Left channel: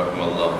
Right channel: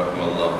رحم اللہ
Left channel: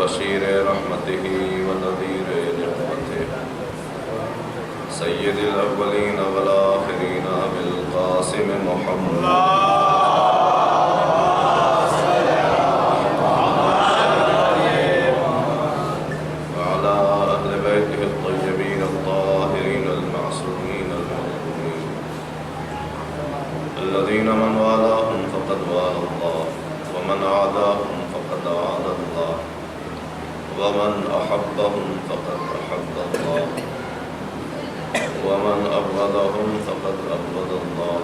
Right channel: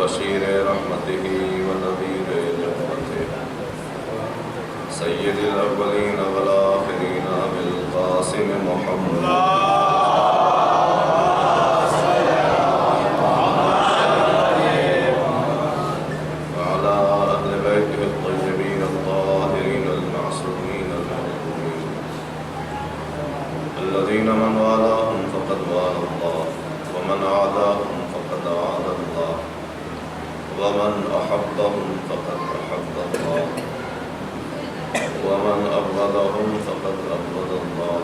بشیر رحمته ونذیر نعمته سید الاولین والآخرین بالقاسم محمد وعلى أهل بيته الطيبين الطاهرين المعصومين المعصومين الذين من والاهم فقد والى الله ومن عاداهم فقد عادى الله ومن أحبهم فقد أحب الله ومن أبغضهم فقد أبغض الله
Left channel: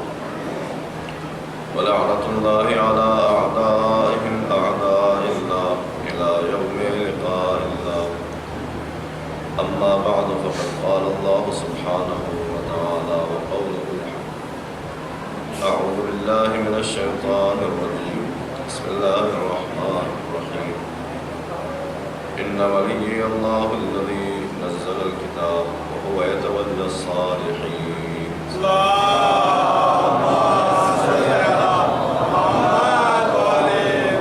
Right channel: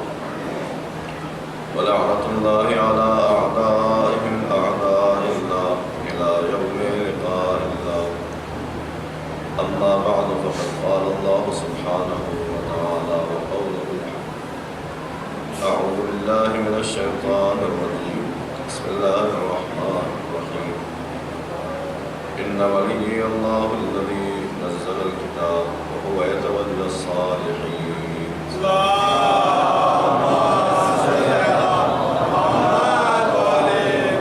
ولعنة الله على أعدائهم أعداء الله إلى يوم لقاء الله أما بعد فقد قال الله سبحانه وتعالى وقوله الحق أعوذ بالله من الشيطان الرجيم بسم الله الرحمن الرحيم إن ولي الله الذي نزل الكتاب وهو يتولى الصالحين اللهم صل على محمد وآل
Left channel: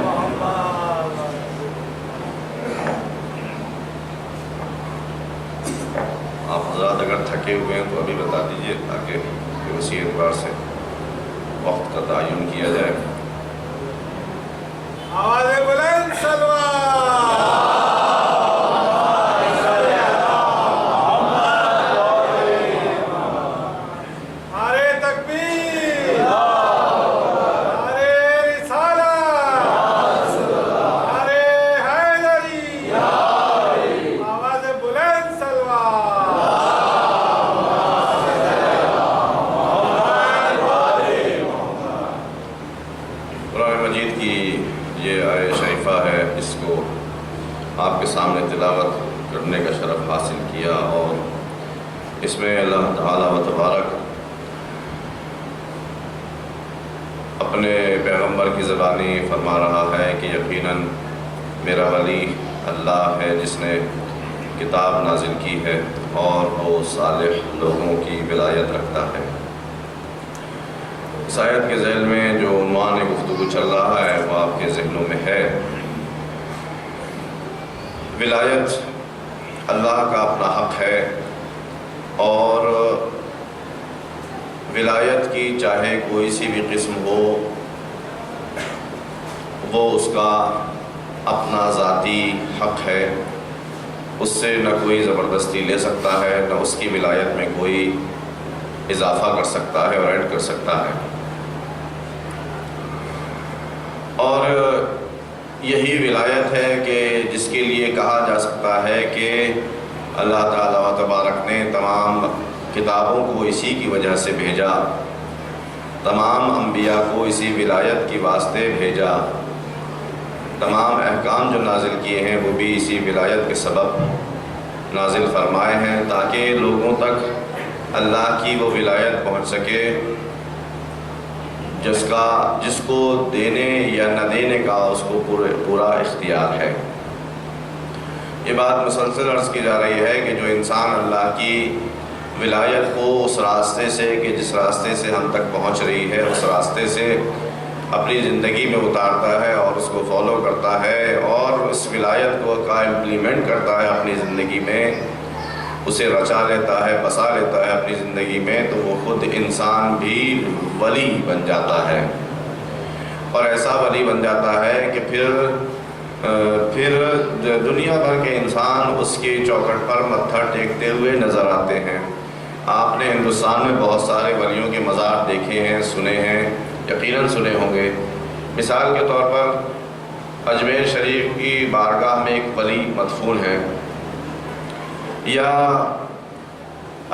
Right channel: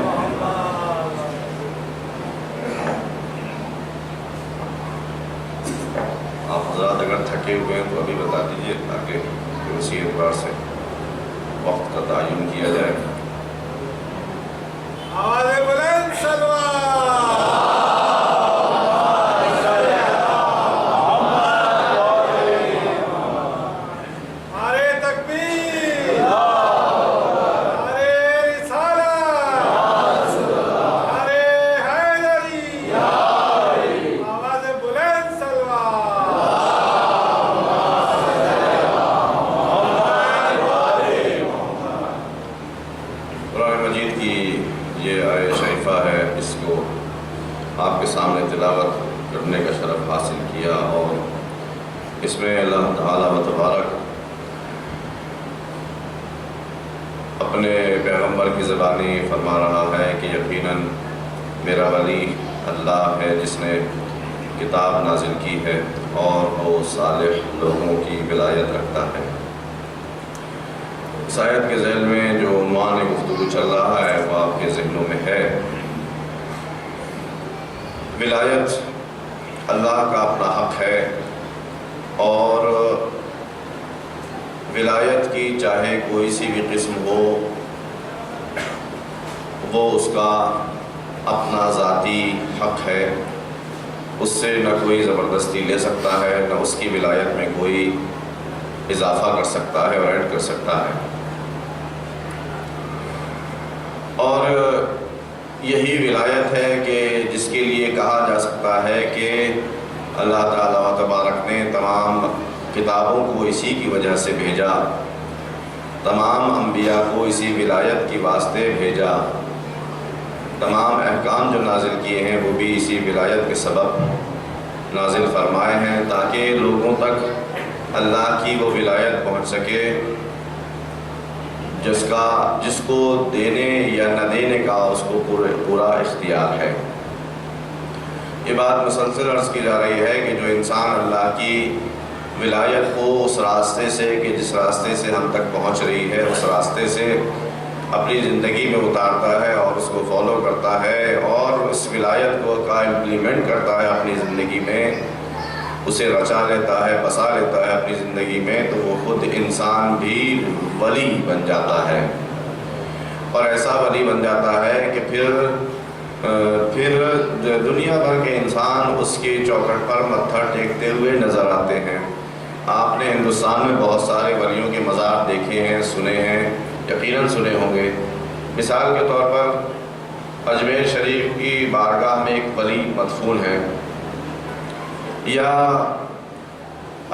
محمد. آپ حضرات اگر تھکے ہوئے ہیں تو ابھی بتا دیجئے تاکہ اسی اعتبار سے وقت کا تعین کیا جائے. آواز بلند سلوات آپ کے سامنے تلاوت کرنے کا شرف حاصل کیا اور اس میں اللہ تعالیٰ و تبارک اپنے پیغمبر کی زبانی فرما رہا ہے کہ یقیناً میرا ولی اللہ ہے جس نے کتاب نازل کی ہے اور وہ صالح لوگوں کی ولایت رکھتا ہے. اس آیت کے ذیل میں جو عنوان گفتگو چل رہا ہے وہ آپ کے ذہنوں میں ہے. ولایت اللہ کا اپنا حق ہے اور ولایت کی چاہے کوئی سی بھی قسم ہو وہ اس کا اپنا ذاتی حق ہے. اس سے نہ کوئی زبردستی لے سکتا ہے نہ اس کی ولایت میں کوئی اضافہ کر سکتا ہے اور ایڈ کر سکتا ہے. اور یہی ولایت ہے کہ جس کے لیے کہا جا سکتا ہے کہ اللہ تعالیٰ و تبارک نے تمام کتابوں کو اسی کی وجہ سے بھیجا تمام انبیاء کو اسی ولایت کی واسطے بھیجا، تمام احکام جو نازل کیے ہیں وہ بھی اسی ولایت کے سبب نازل فرمائے ہیں، تاکہ لوگوں تک اللہ کی وہ ولایت پہنچ سکے جس کو دینے یا نہ دینے کا اس کو پورا اختیار ہے۔ یہ بات مسلسل عرض کی جا رہی ہے کہ جو انسان اللہ کی ولایت کو اس راستے سے کہ جس راستے سے ہم تک پہنچ رہی ہے اس راستے سے اپنی زندگی میں اتارتا ہے اور اس کو فالو کرتا ہے اور اس ولایت کو امپلیمنٹ کرتا ہے اپنی زندگی میں، اسے رچا لیتا ہے، بسا لیتا ہے اپنی زندگی میں، تو وہ خود انسان بھی ولی بن جاتا ہے، اور ایسا ولی بن جاتا ہے کہ پھر دنیا بھر کے انسان اس کی چوکھٹ پر متھر ٹیکتے ہوئے نظر آتے ہیں۔ آپ نے ہندوستان میں بہت سارے ولیوں کے مزار دیکھے ہیں، سنے ہیں، یقیناً سنے ہوں گے۔ مثال کے طور پر اجمیر شریف کی بارگاہ میں ایک ولی مدفون ہے، یا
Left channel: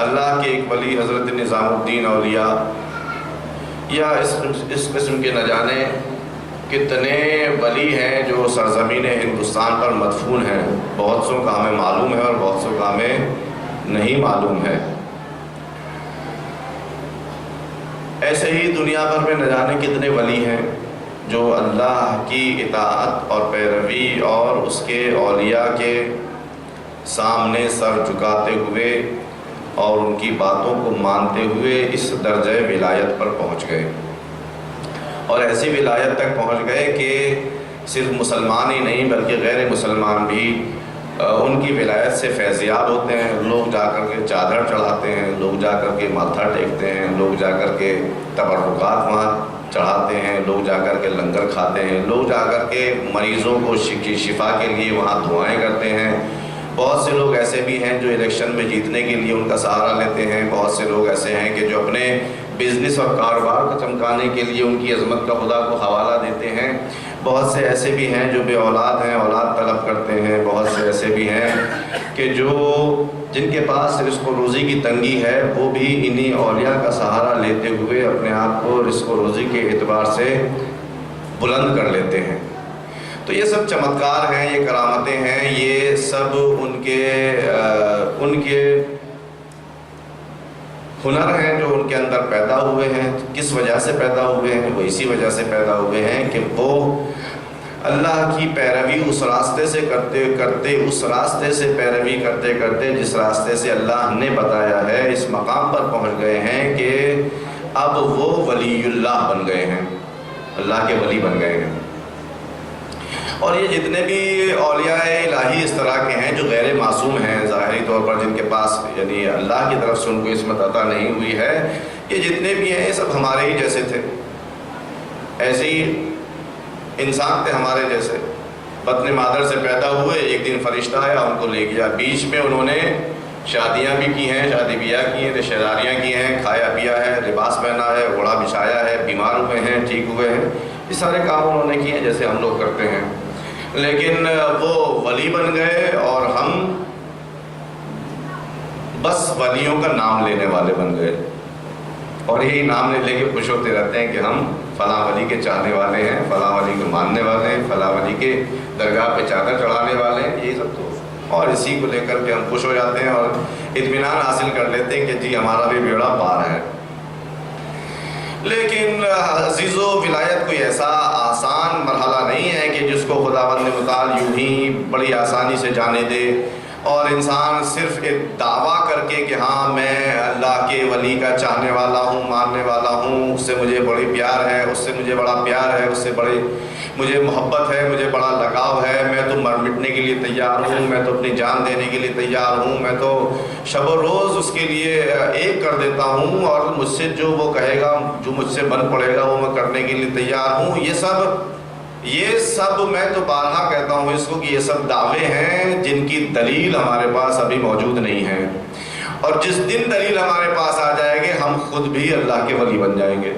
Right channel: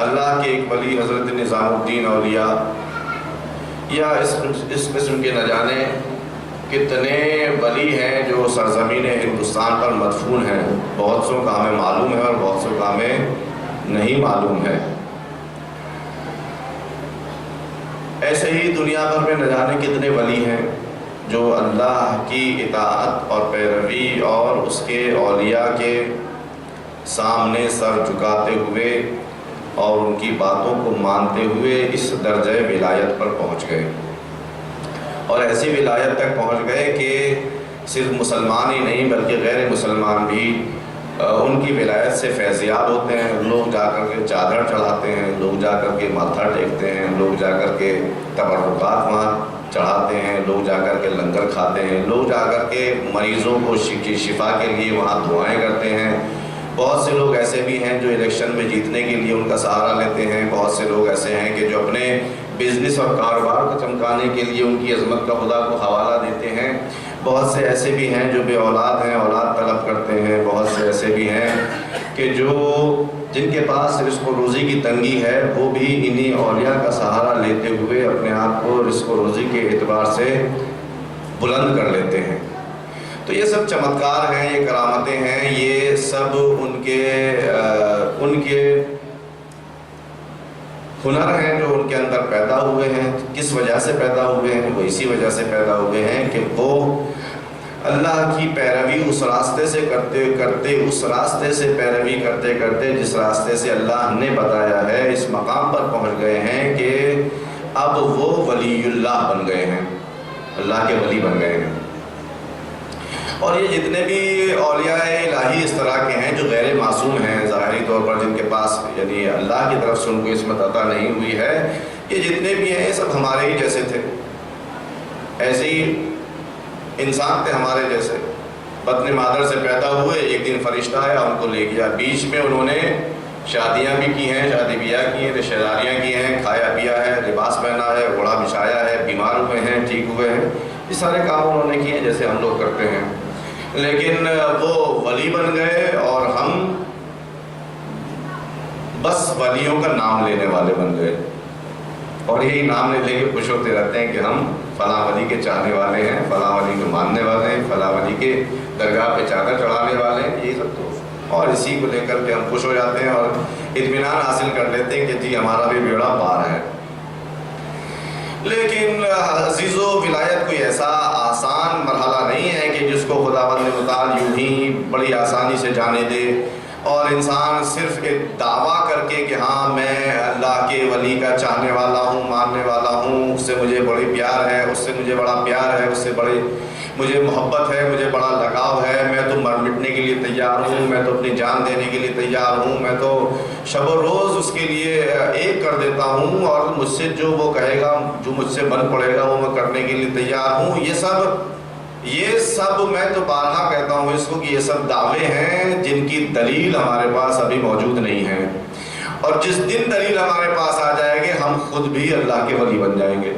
اللہ کے ایک ولی حضرت نظام الدین اولیاء، یا اس قسم کے نہ جانے کتنے ولی ہیں جو سرزمین ہندوستان پر مدفون ہیں، بہت سو کا ہمیں معلوم ہے اور بہت سو کا ہمیں نہیں معلوم ہے۔ ایسے ہی دنیا بھر میں نہ جانے کتنے ولی ہیں جو اللہ کی اطاعت اور پیروی اور اس کے اولیاء کے سامنے سر جھکاتے ہوئے اور ان کی باتوں کو مانتے ہوئے اس درجہ ولایت پر پہنچ گئے، اور ایسی ولایت تک پہنچ گئے کہ صرف مسلمان ہی نہیں بلکہ غیر مسلمان بھی ان کی ولایت سے فیضیاب ہوتے ہیں۔ لوگ جا کر کے چادر چڑھاتے ہیں، لوگ جا کر کے ماتھا ٹیکتے ہیں، لوگ جا کر کے تبرکات وہاں چڑھاتے ہیں، لوگ جا کر کے لنگر کھاتے ہیں، لوگ جا کر کے مریضوں کو شفا کے لیے وہاں دعائیں کرتے ہیں۔ بہت سے لوگ ایسے بھی ہیں جو الیکشن میں جیتنے کے لیے ان کا سہارا لیتے ہیں، بہت سے لوگ ایسے ہیں کہ جو اپنے بزنس اور کاروبار کو چمکانے کے لیے ان کی عظمت کا خدا کو حوالہ دیتے ہیں، بہت سے ایسے بھی ہیں جو بے اولاد ہیں، اولاد طلب کرتے ہیں، بہت سے ایسے بھی ہیں کہ جن کے پاس رزق و روزی کی تنگی ہے وہ بھی انہی اولیاء کا سہارا لیتے ہوئے اپنے آپ کو رزق و روزی کے اعتبار سے بلند کر لیتے ہیں۔ تو یہ سب چمتکار ہیں، یہ کرامتیں ہیں، یہ سب ان کے ہنر ہیں جو ان کے اندر پیدا ہوئے ہیں۔ کس وجہ سے پیدا ہوئے ہیں؟ وہ اسی وجہ سے پیدا ہوئے ہیں کہ وہ اللہ کی پیروی اس راستے سے کرتے کرتے اس راستے سے پیروی کرتے کرتے جس راستے سے اللہ نے بتایا ہے، اس مقام پر پہنچ گئے ہیں کہ اب وہ ولی اللہ بن گئے ہیں، اللہ کے ولی بن گئے ہیں۔ اور یہ جتنے بھی اولیاء الہی اس طرح کے ہیں جو غیر معصوم ہیں ظاہری طور پر، جن کے پاس یعنی اللہ کی طرف سے ان کو عصمت عطا نہیں ہوئی ہے، یہ جتنے بھی ہیں یہ سب ہمارے ہی جیسے تھے، ایسے ہی انسان تھے ہمارے جیسے، بطن مادر سے پیدا ہوئے، ایک دن فرشتہ آیا ان کو لے گیا، بیچ میں انہوں نے شادیاں بھی کی ہیں، شادی بیاہ کی ہیں، رشتہ داریاں کی ہیں، کھایا پیا ہے، لباس پہنا ہے، گھوڑا بچھایا ہے، بیمار ہوئے ہیں، ٹھیک ہوئے ہیں، یہ سارے کام انہوں نے کیے ہیں جیسے ہم لوگ کرتے ہیں، لیکن وہ ولی بن گئے اور ہم بس ولیوں کا نام لینے والے بن گئے، اور یہی نام لے کے خوش ہوتے رہتے ہیں کہ ہم فلاں ولی کے چاہنے والے ہیں، فلاں ولی کو ماننے والے ہیں، فلاں ولی کے درگاہ پہ چادر چڑھانے والے ہیں، یہ سب تو، اور اسی کو لے کر کے ہم خوش ہو جاتے ہیں اور اطمینان حاصل کر لیتے ہیں کہ جی ہمارا بھی بیڑا پار ہے۔ لیکن عزیزو، ولایت کوئی ایسا آسان مرحلہ نہیں ہے کہ جس کو خداوند متعال یوں ہی بڑی آسانی سے جانے دے، اور انسان صرف ایک دعویٰ کر کے کہ ہاں میں اللہ کے ولی کا چاہنے والا ہوں، ماننے والا ہوں، اس سے مجھے بڑی پیار ہے، اس سے مجھے بڑا پیار ہے، اس سے بڑی مجھے محبت ہے، مجھے بڑا لگاؤ ہے، میں تو مر مٹنے کے لیے تیار ہوں، میں تو اپنی جان دینے کے لیے تیار ہوں، میں تو شب و روز اس کے لیے ایک کر دیتا ہوں، اور مجھ سے جو وہ کہے گا، جو مجھ سے بن پڑے گا وہ میں کرنے کے لیے تیار ہوں۔ یہ سب میں تو بارہا کہتا ہوں اس کو کہ یہ سب دعوے ہیں جن کی دلیل ہمارے پاس ابھی موجود نہیں ہے، اور جس دن دلیل ہمارے پاس آ جائے گی ہم خود بھی اللہ کے ولی بن جائیں گے،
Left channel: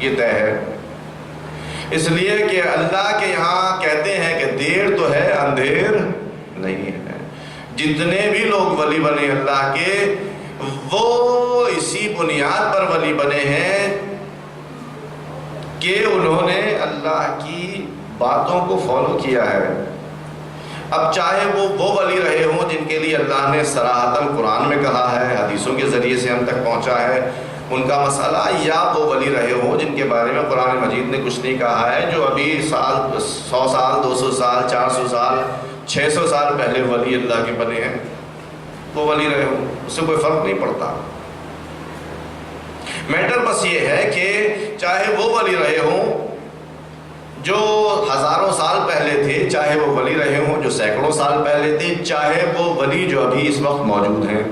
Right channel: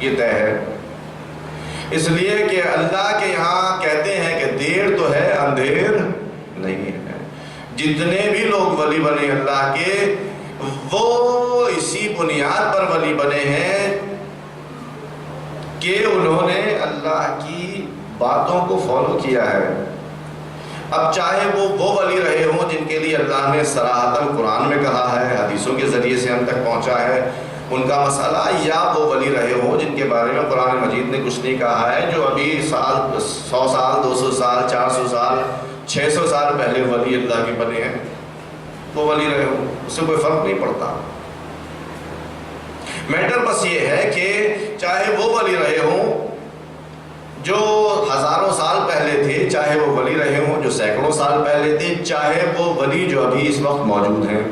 یہ طے ہے۔ اس لیے کہ اللہ کے یہاں کہتے ہیں کہ دیر تو ہے اندھیر نہیں ہے۔ جتنے بھی لوگ ولی بنے اللہ کے، وہ اسی بنیاد پر ولی بنے ہیں کہ انہوں نے اللہ کی باتوں کو فالو کیا ہے۔ اب چاہے وہ ولی رہے ہوں جن کے لیے اللہ نے صراحتاً قرآن میں کہا ہے، حدیثوں کے ذریعے سے ہم تک پہنچا ہے ان کا مسئلہ، یا وہ ولی رہے ہوں جن کے بارے میں قرآن مجید نے کچھ نہیں کہا ہے، جو ابھی 100 سال 200 سال 400 سال 600 سال پہلے ولی اللہ کے بنے ہیں، وہ ولی رہے ہوں، اس سے کوئی فرق نہیں پڑتا۔ میٹر بس یہ ہے کہ چاہے وہ ولی رہے ہوں جو ہزاروں سال پہلے تھے، چاہے وہ ولی رہے ہوں جو سینکڑوں سال پہلے تھے، چاہے وہ ولی جو ابھی اس وقت موجود ہیں،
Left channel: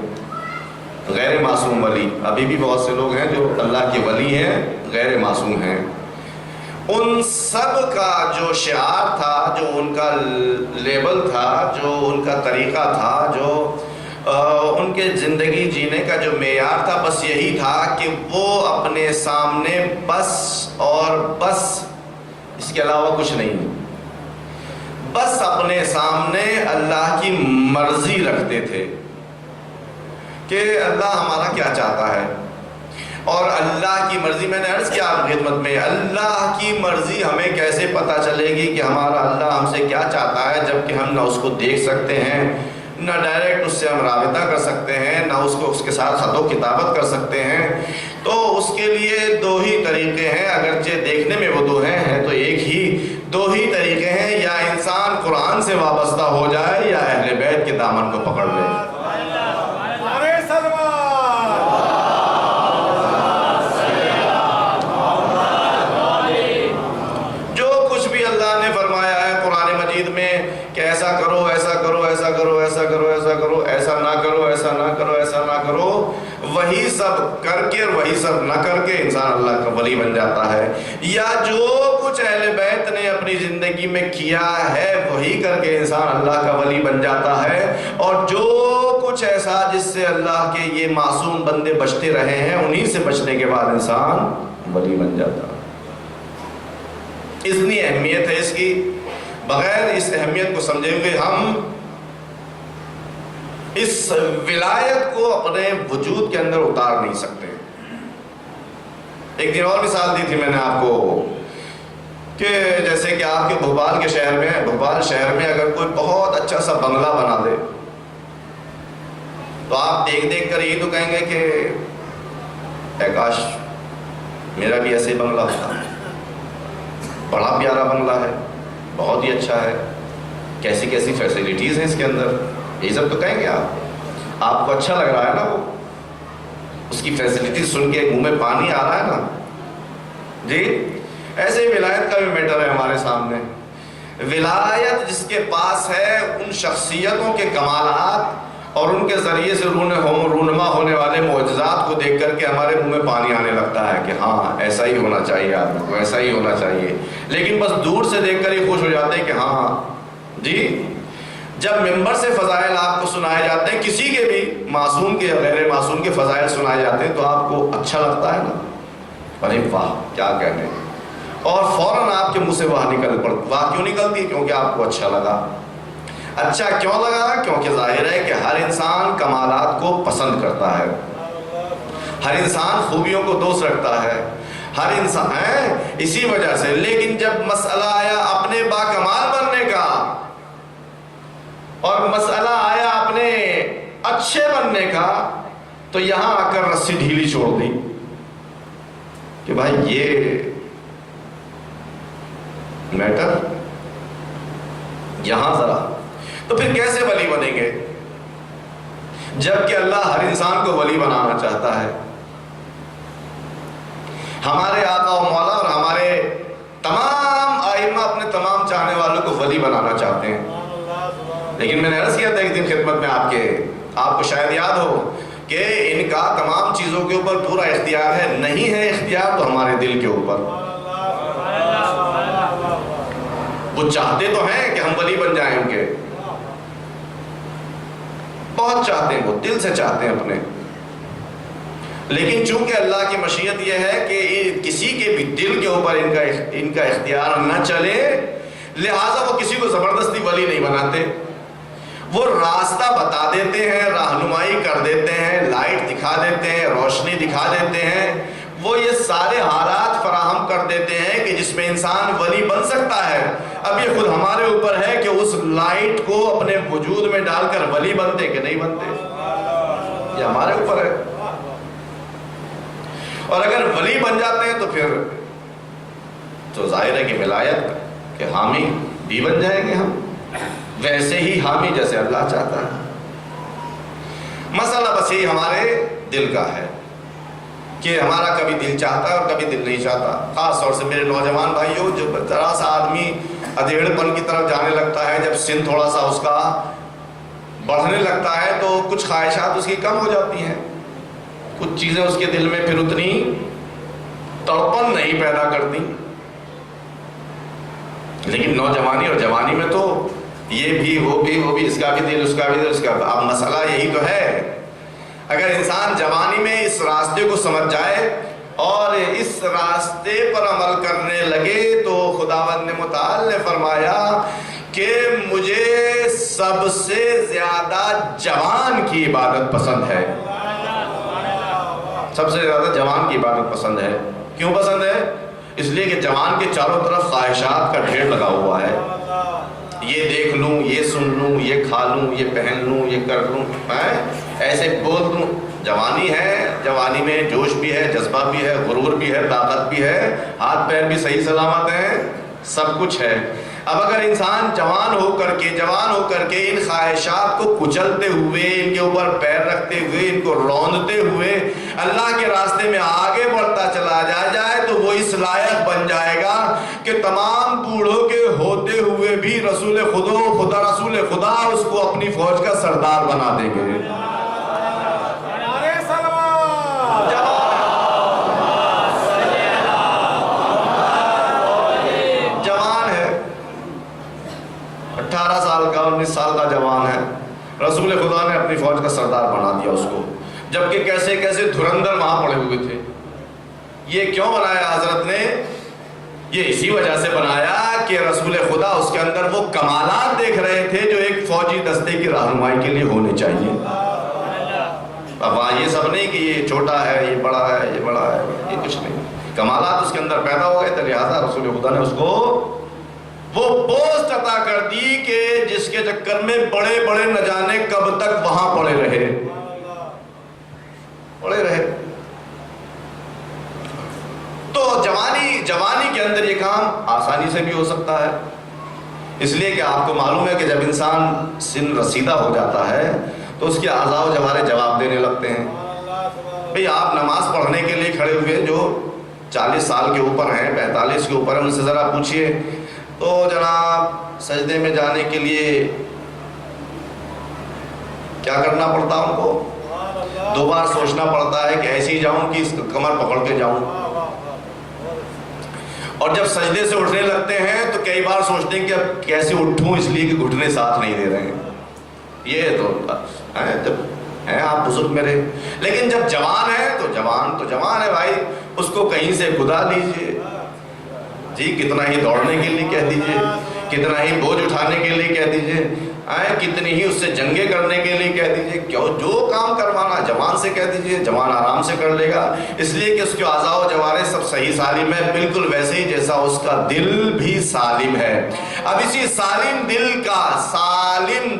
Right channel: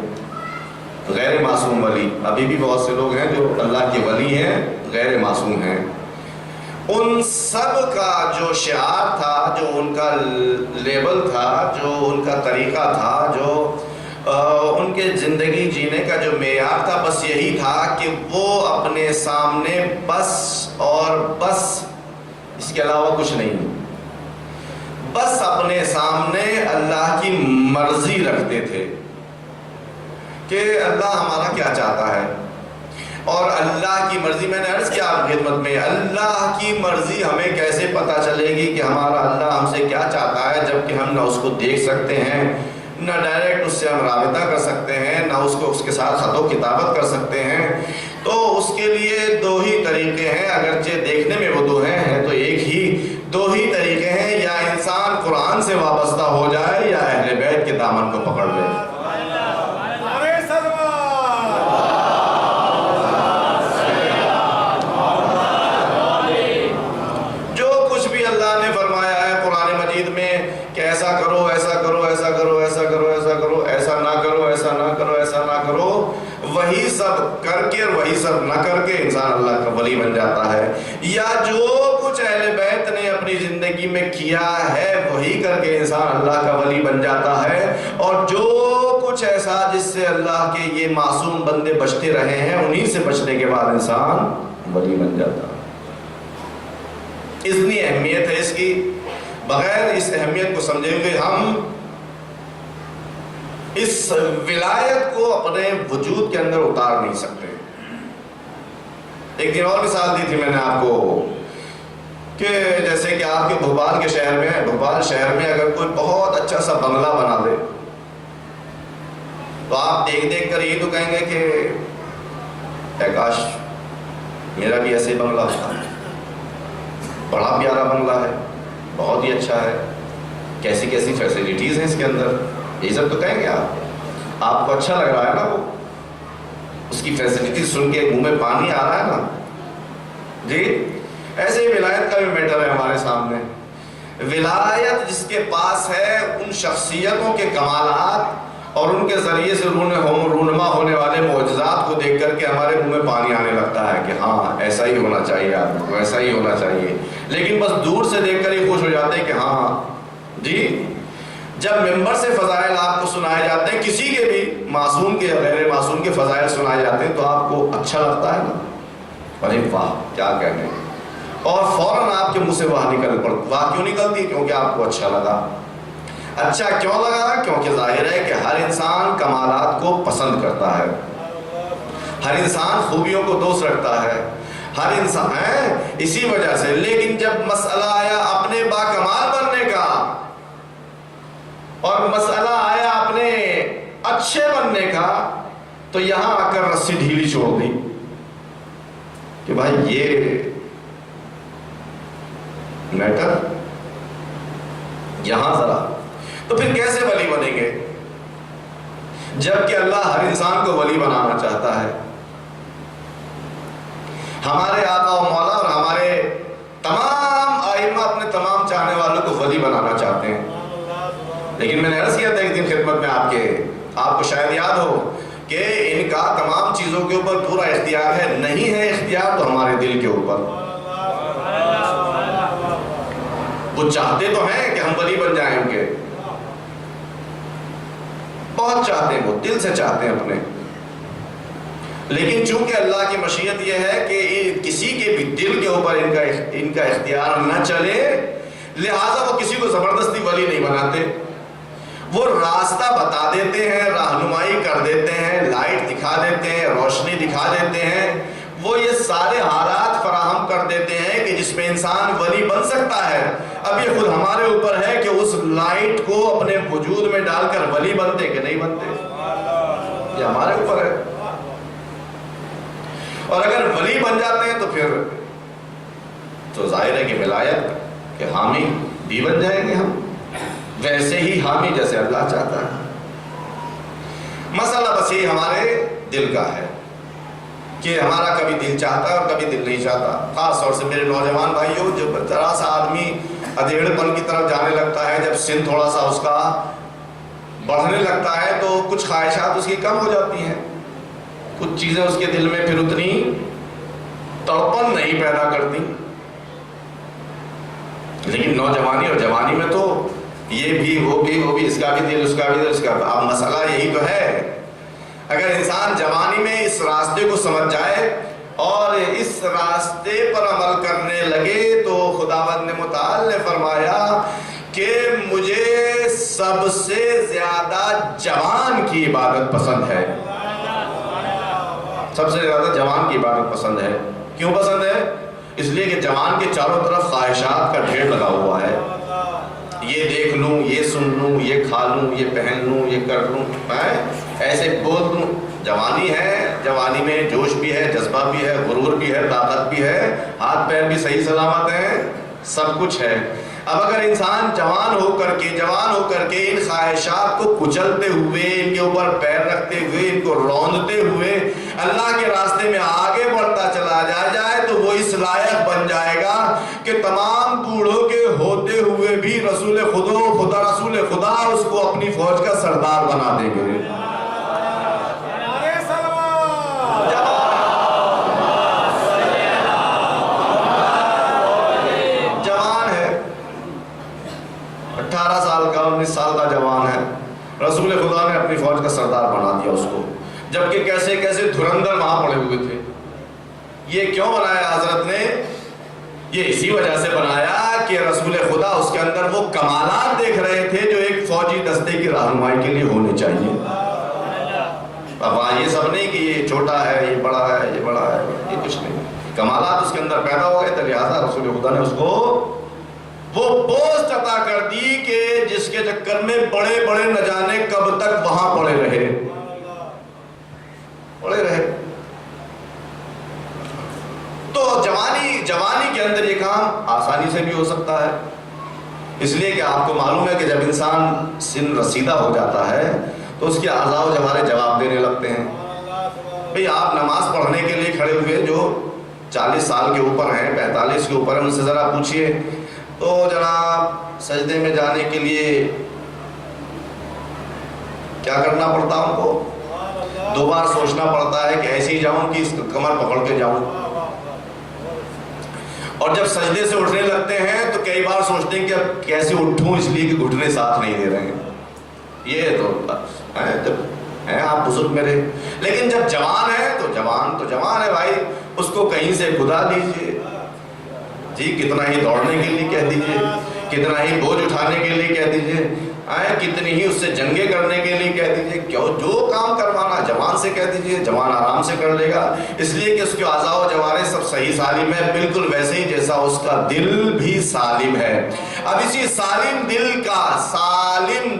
غیر معصوم ولی، ابھی بھی بہت سے لوگ ہیں جو اللہ کے ولی ہیں غیر معصوم ہیں، ان سب کا جو شعار تھا، جو ان کا لیبل تھا، جو ان کا طریقہ تھا، جو ان کے زندگی جینے کا جو معیار تھا، بس یہی تھا کہ وہ اپنے سامنے بس اور بس، اس کے علاوہ کچھ نہیں، بس اپنے سامنے اللہ کی مرضی رکھتے تھے کہ اللہ ہمارا کیا چاہتا ہے، اور اللہ کی مرضی، میں نے عرض کیا آپ خدمت میں، اللہ کی مرضی ہمیں کیسے پتہ چلے گی کہ ہمارا اللہ ہم سے کیا چاہتا ہے، جبکہ ہم نہ اس کو دیکھ سکتے ہیں، نہ ڈائریکٹ اس سے ہم رابطہ کر سکتے ہیں، نہ اس کے ساتھ خط و کتابت کر سکتے ہیں۔ تو اس کے لیے دو ہی طریقے ہیں، اگرچہ دیکھنے میں وہ دو ہیں تو ایک ہی، دو ہی طریقے ہیں، یا انسان قرآن سے وابستہ ہو جائے یا اہل بیت کے دامن کو پکڑ لے۔ جو کچھ بھی اللہ نے فرمایا ہے قرآن مجید میں کہ ایسا کرو، ایسا کرو، ایسا کرو، ایسا کرو، ایسا کرو، ایسا نہ کرو، ایسا نہ کرو، ایسا نہ کرو، وہی سب کر کے اور وہی سب نہ کر کے انسان اللہ کا ولی بن جاتا ہے، یا جو کچھ اہل بیت نے اپنی زندگی میں کیا ہے وہی کر کے انسان اللہ کا ولی بن جاتا ہے، اور جو کچھ ایسا جس سے اللہ کے یہ معصوم بندے بچتے رہے ہیں انہی سے بچنے کے بعد انسان ولی بن جاتا ہے۔ اتنی اہمیت ہے اس کی، بغیر اس اہمیت کو سمجھے ہوئے ہم اس ولایت کو اپنے وجود کے اندر اتار نہیں سکتے۔ ایک دن اور مثال دی تھی میں نے آپ کو کہ جیسے کہ آپ کے بھوپال کے شہر میں، بھوپال شہر میں اگر کوئی بہت اچھا سا بنگلہ بنا دے تو آپ دیکھ دیکھ کر یہ تو کہیں گے کہ اے کاش میرا بھی ایسے بنگلہ ہوتا، بڑا پیارا بنگلہ ہے، بہت ہی اچھا ہے، کیسی کیسی فیسلٹیز ہیں اس کے اندر، یہ سب تو کہیں گے آپ کو اچھا لگ رہا ہے نا، وہ اس کی فیسلٹیز سن کے منہ میں پانی آ رہا ہے نا جی۔ ایسے ہی ولایت کا بھی میٹر ہے ہمارے سامنے۔ ولایت جس کے پاس ہے، ان شخصیتوں کے کمالات اور ان کے ذریعے سے رونما ہونے والے معجزات کو دیکھ کر کے ہمارے منہ میں پانی آنے لگتا ہے کہ ہاں ایسا ہی ہونا چاہیے، آدمی کو ایسا ہی ہونا چاہیے، لیکن بس دور سے دیکھ کر ہی خوش ہو جاتے ہیں کہ ہاں جی۔ جب ممبر سے فضائل آپ کو سنائے جاتے ہیں، کسی کے بھی معصوم کے غیر معصوم کے فضائل سنائے جاتے ہیں تو آپ کو اچھا لگتا ہے نا، ارے واہ کیا کہنے، اور فوراً آپ کے منہ سے واہ نکل پڑتی۔ واہ کیوں نکلتی؟ کیونکہ آپ کو اچھا لگا۔ اچھا کیوں لگا؟ کیونکہ ظاہر ہے کہ ہر انسان کمالات کو پسند کرتا ہے، ہر انسان خوبیوں کو دوست رکھتا ہے، ہر انسان ہے اسی وجہ سے۔ لیکن جب مسئلہ آیا اپنے باکمال بننے کا اور مسئلہ آیا اپنے اچھے بننے کا، تو یہاں آ کر رسی ڈھیلی چھوڑ دی کہ بھائی یہ میٹر یہاں ذرا، تو پھر کیسے ولی بنیں گے جبکہ اللہ ہر انسان کو ولی بنانا چاہتا ہے؟ ہمارے آقا و مولا اور ہمارے تمام ائمہ اپنے تمام چاہنے والوں کو ولی بنانا چاہتے ہیں، لیکن میں نے عرض کیا تھا ایک دن خدمت میں آپ کو شاید یاد ہو کہ ان کا تمام چیزوں کے اوپر پورا اختیار ہے، نہیں ہے اختیار تو ہمارے دل کے اوپر۔ وہ چاہتے تو ہیں کہ ہم ولی بن جائیں ان کے، بہت چاہتے ہیں، وہ دل سے چاہتے ہیں اپنے، لیکن چونکہ اللہ کی مشیت یہ ہے کہ کسی کے بھی دل کے اوپر ان کا اختیار نہ چلے، لہٰذا وہ کسی کو زبردستی ولی نہیں بناتے، وہ راستہ بتا دیتے ہیں، رہنمائی کر دیتے ہیں، لائٹ دکھا دیتے ہیں، روشنی دکھا دیتے ہیں، وہ یہ سارے حالات فراہم کر دیتے ہیں کہ جس میں انسان ولی بن سکتا ہے۔ اب یہ خود ہمارے اوپر ہے کہ اس لائٹ کو اپنے وجود میں ڈال کر ولی بنتے کہ نہیں بنتے، یہ ہمارے اوپر ہے۔ اور اگر ولی بن جاتے ہیں تو پھر تو ظاہر ہے کہ ولایت کے حامی بھی بن جائیں گے ہم، ویسے ہی حامی جیسے اللہ چاہتا ہے۔ مسئلہ بس یہ ہمارے دل کا ہے کہ ہمارا کبھی دل چاہتا ہے اور کبھی دل نہیں چاہتا۔ خاص طور سے میرے نوجوان بھائیوں، جب ذرا سا آدمی ادھیڑ پن کی طرف جانے لگتا ہے، جب سن تھوڑا سا اس کا بڑھنے لگتا ہے تو کچھ خواہشات اس کی کم ہو جاتی ہیں، کچھ چیزیں اس کے دل میں پھر اتنی تڑپن نہیں پیدا کرتی۔ لیکن نوجوانی اور جوانی میں تو یہ بھی وہ بھی اس کا بھی دل، اس کا بھی دل، اس کا۔ اب مسئلہ یہی تو ہے، اگر انسان جوانی میں اس راستے کو سمجھ جائے اور اس راستے پر عمل کرنے لگے تو خداوند نے متعال نے فرمایا کہ مجھے سب سے زیادہ جوان کی عبادت پسند ہے۔ سب سے زیادہ جوان کی عبادت پسند ہے۔ کیوں پسند ہے؟ اس لیے کہ جوان کے چاروں طرف خواہشات کا ڈھیر لگا ہوا ہے، یہ دیکھ لوں، یہ سن لوں، یہ کھا لوں، یہ پہن لوں، یہ کر لوں، ایسے بول دوں۔ جوانی ہے، جوانی میں جوش بھی ہے، جذبہ بھی ہے، غرور بھی ہے، طاقت بھی ہے، ہاتھ پیر بھی صحیح سلامت ہیں، سب کچھ ہے۔ اب اگر انسان جوان ہو کر کے ان خواہشات کو کچلتے ہوئے، ان کے اوپر پیر رکھتے ہوئے، ان کو روندتے ہوئے اللہ کے راستے میں آگے بڑھتا چلا جائے تو وہ اس لائق بن جائے گا کہ تمام بوڑھوں کے ہوتے ہوئے بھی رسول خدا اس کو اپنی فوج کا سردار بنا دیں گے۔ جوان ہے، 18 سال کا 19 سال کا جوان ہے، رسول خدا نے اپنی فوج کا سردار بنا دیا اس کو، جبکہ کیسے کیسے دھرندر وہاں پڑے ہوئے تھے۔ یہ کیوں بنایا حضرت نے؟ یہ اسی وجہ سے بنایا کہ رسول خدا اس کے اندر وہ کمالات دیکھ رہے تھے جو ایک فوجی دستے کی رہنمائی کے لیے ہونے چاہیے۔ اب وہاں یہ سب نہیں کہ یہ چھوٹا ہے، یہ بڑا ہے، یہ بڑا ہے، یہ کچھ نہیں، کمالات اس کے اندر پیدا ہو گئے تھے، لہٰذا رسول خدا نے اس کو وہ پوسٹ عطا کر دی کہ جس کے چکر میں بڑے بڑے نہ جانے کب تک وہاں پڑے رہے۔ تو جوانی کے اندر یہ کام آسانی سے بھی ہو سکتا ہے، اس لیے کہ آپ کو معلوم ہے کہ جب انسان سن رسیدہ ہو جاتا ہے تو اس کے اعضاء و جوارح جواب دینے لگتے ہیں۔ بھئی آپ نماز پڑھنے کے لیے کھڑے ہوئے جو 40 سال کے اوپر ہیں، 45 کے اوپر ہیں، ان سے ذرا پوچھئے تو جناب سجدے میں جانے کے لیے کیا کرنا پڑتا ان کو؟ 2 بار سوچنا پڑتا ہے کہ ایسے ہی جاؤں کہ اس کمر پکڑ کے جاؤں، اور جب سجدے سے اٹھنے لگتے ہیں تو کئی بار سوچتے ہیں کہ اب کیسے اٹھوں، اس لیے کہ گھٹنے ساتھ نہیں دے رہے ہیں۔ یہ تو جب ہیں آپ بزرگ میرے، لیکن جب جوان ہے تو جوان ہے بھائی، اس کو کہیں سے خدا دیجئے جی، کتنا ہی دوڑنے کے لیے کہہ دیجئے، کتنا ہی بوجھ اٹھانے کے لیے کہہ دیجئے، کتنی ہی اس سے جنگیں کرنے کے لیے کہہ دیجئے، جو کام کروانا جوان سے کہہ دیجئے، جوان آرام سے کر لے گا، اس لیے کہ اس کے اعضاء و جوارح سب صحیح سالم ہے، بالکل ویسے ہی جیسا اس کا دل بھی سالم ہے۔ اب اسی سالم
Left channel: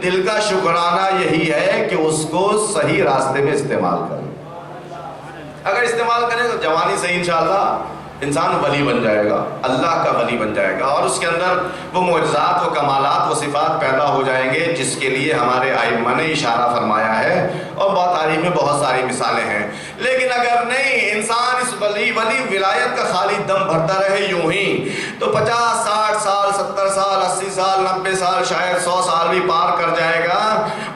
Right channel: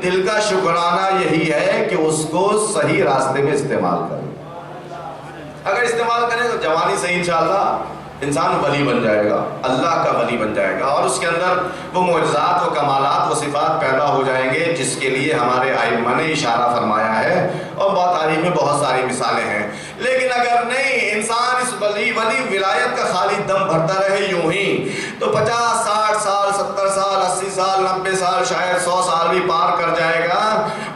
دل کا شکرانہ یہی ہے کہ اس کو صحیح راستے میں استعمال کریں۔ اگر استعمال کریں تو جوانی سے انشاءاللہ انسان ولی بن جائے گا، اللہ کا ولی بن جائے گا، اور اس کے اندر وہ معجزات و کمالات و صفات پیدا ہو جائیں گے جس کے لیے ہمارے ائمہ نے اشارہ فرمایا ہے، اور تاریخ میں بہت ساری مثالیں ہیں۔ لیکن اگر نہیں، انسان اس ولی ولایت کا خالی دم بھرتا رہے یوں ہی، تو 50 60 سال 70 سال 80 سال 90 سال شاید 100 سال بھی پار کر جائے گا،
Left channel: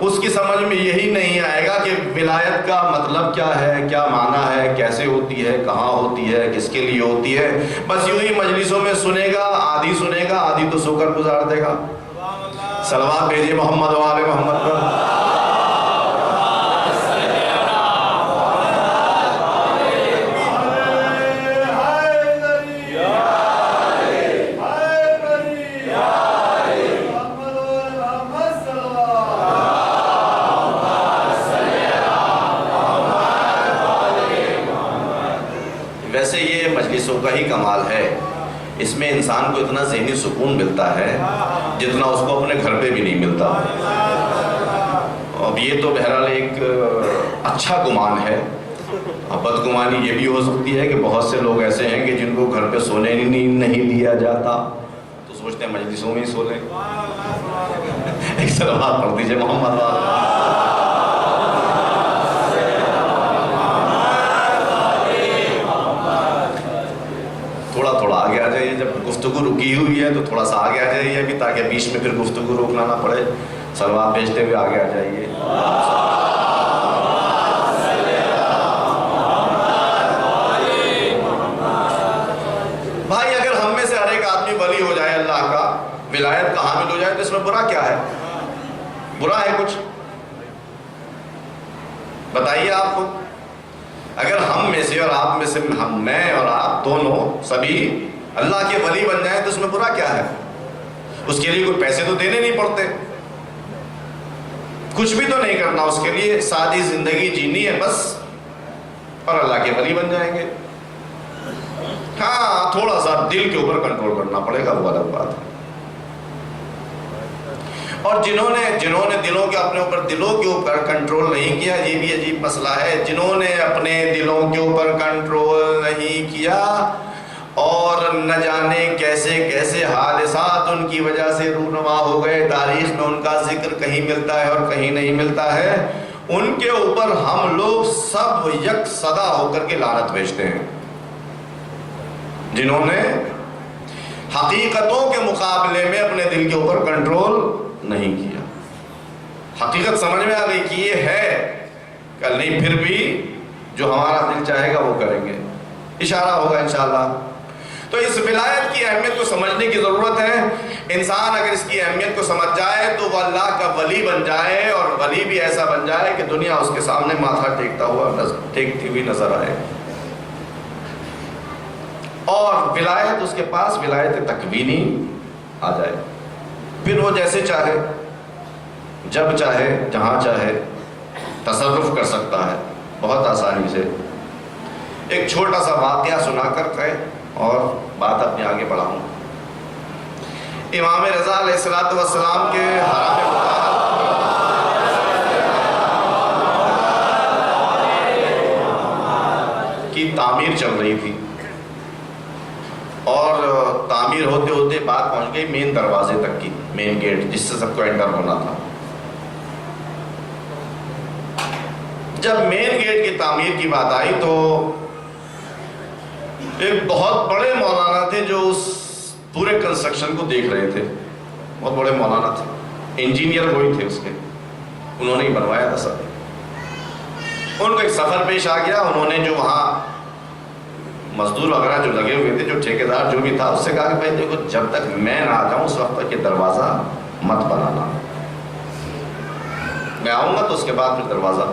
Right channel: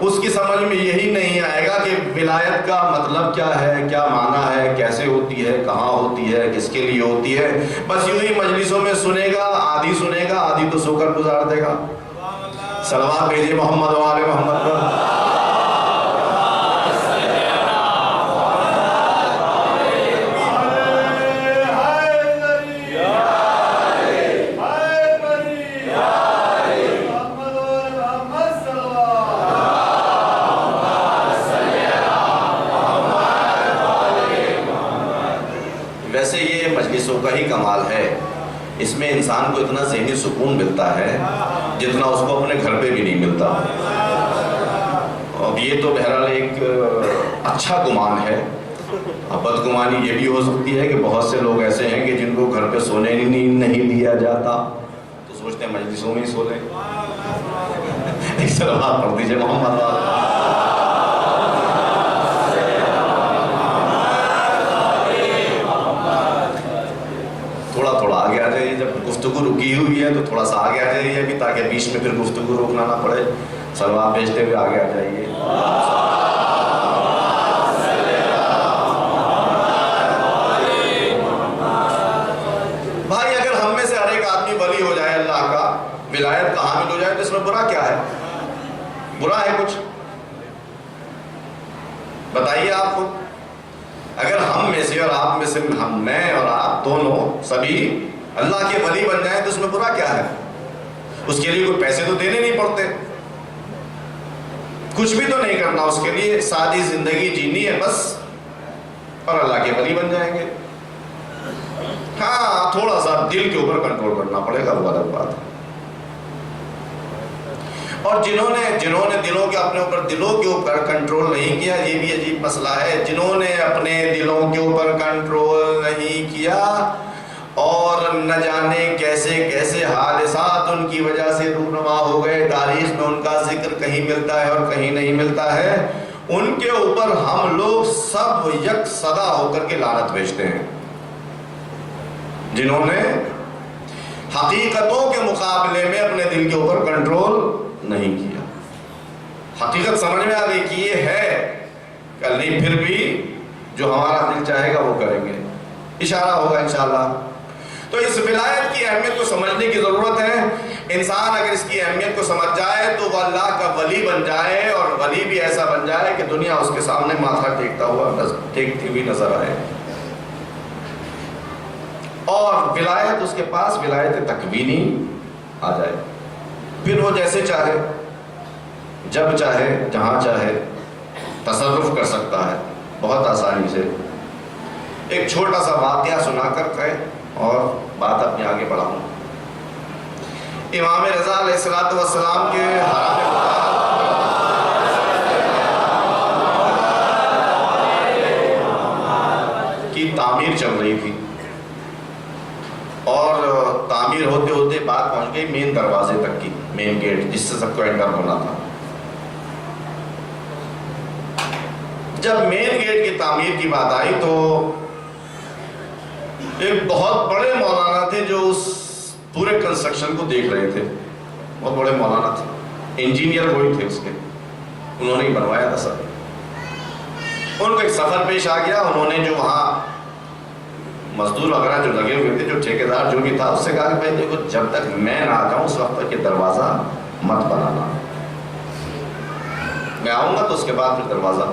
اس کی سمجھ میں یہی نہیں آئے گا کہ ولایت کا مطلب کیا ہے، کیا معنی ہے، کیسے ہوتی ہے، کہاں ہوتی ہے، کس کے لیے ہوتی ہے۔ بس یوں ہی مجلسوں میں سنے گا، آدھی تو سو کر گزار دے گا۔ صلوات بھیجیے محمد و آل محمد پر۔ کا ہی کمال ہے. اس میں انسان کو اتنا ذہنی سکون ملتا ہے جتنا اس کو اپنے گھر پہ بھی نہیں ملتا. اب یہ تو بہرحال ایک اچھا گمان ہے. بدگمانی یہ بھی ہو سکتی ہے کہ بہت سے لوگ ایسے ہیں کہ جن کو گھر پہ سونے نہیں دیا جاتا تو سوچتے ہیں مجلسوں میں ہی سو لیں. ایک صلوات پڑھ دیجیے محمد. تھوڑا تھوڑا آگے آ جائیے. جب گفتگو رکی ہوئی ہے تو تھوڑا سا آگے آ جائیے ابھی, تاکہ بیچ میں پھر گفتگو روکنا نہ پڑے. صلوات بھیجتے ہوئے آگے آ جائیے. بھائی اگر ہم میں سے ہر ایک آدمی ولی ہو جائے اللہ کا, ولایت کا حامل ہو جائے, تو اس میں برا کیا ہے؟ برا ہے کچھ؟ بتائیے آپ کو. اگر ہم میں سے اور آپ میں سے, میں اور آپ دونوں سبھی اللہ کے ولی بن جائیں تو اس میں برا کیا ہے؟ اس کے لیے کوئی پیسے تو دینے نہیں پڑتے, کچھ بھی تو نہیں کرنا, اس کے لیے سادی زندگی جینی ہے بس, اور اللہ کے ولی بن جائیں گے. ہاں تھوڑا سا دل کے اوپر کنٹرول کرنا پڑے گا, وہ الگ بات ہے. اور جنہوں نے دلوں کے اپنے اوپر دلوں کے اوپر کنٹرول نہیں کیا, یہ بھی عجیب مسئلہ ہے. جنہوں نے اپنے دلوں کے اوپر کنٹرول نہیں کیا اور نہ جانے کیسے کیسے حادثات ان کی وجہ سے رونما ہو گئے, تاریخ میں ان کا ذکر کہیں ملتا ہے اور کہیں نہیں ملتا ہے, ان کے اوپر ہم لوگ سب یک صدا ہو کر کے لعنت بھیجتے ہیں. جنہوں نے حقیقتوں کے مقابلے میں اپنے دل کے اوپر کنٹرول نہیں کیا. حقیقت سمجھ میں آ گئی کہ یہ ہے, کل نہیں پھر بھی جو ہمارا دل چاہے گا وہ کریں گے, اشارہ ہوگا انشاءاللہ. تو اس ولایت کی اہمیت کو سمجھنے کی ضرورت ہے. انسان اگر اس کی اہمیت کو سمجھ جائے تو وہ اللہ کا ولی بن جائے, اور ولی بھی ایسا بن جائے کہ دنیا اس کے سامنے ماتھا ٹیکتی ہوئی نظر آئے. اور ولایت اس کے پاس ولایت تکوینی آ جائے, پھر وہ جیسے چاہے, جب چاہے, جہاں چاہے تصرف کر سکتا ہے بہت آسانی سے. ایک چھوٹا سا واقعہ سنا کر کے اور بات اپنے آگے بڑھاؤں. امام رضا علیہ السلام کے حرم کی تعمیر چل رہی تھی, اور تعمیر ہوتے ہوتے بات پہنچ گئی مین دروازے تک کی, مین گیٹ جس سے سب کو انٹر ہونا تھا. جب مین گیٹ کی تعمیر کی بات آئی تو ایک بہت بڑے مولانا تھے جو اس پورے کنسٹرکشن کو دیکھ رہے تھے. بہت بڑے مولانا تھے, انجینئر وہی تھے اس کے, انہوں نے ہی بنوایا تھا سب. ان کو ایک سفر پیش آ گیا. انہوں نے جو وہاں مزدور وغیرہ جو لگے ہوئے تھے, جو ٹھیکیدار جو بھی تھا, اس سے کہا کہ بھائی دیکھو جب تک میں نہ آ جاؤں اس وقت تک یہ دروازہ مت بنانا, میں آؤں گا تو اس کے بعد پھر دروازہ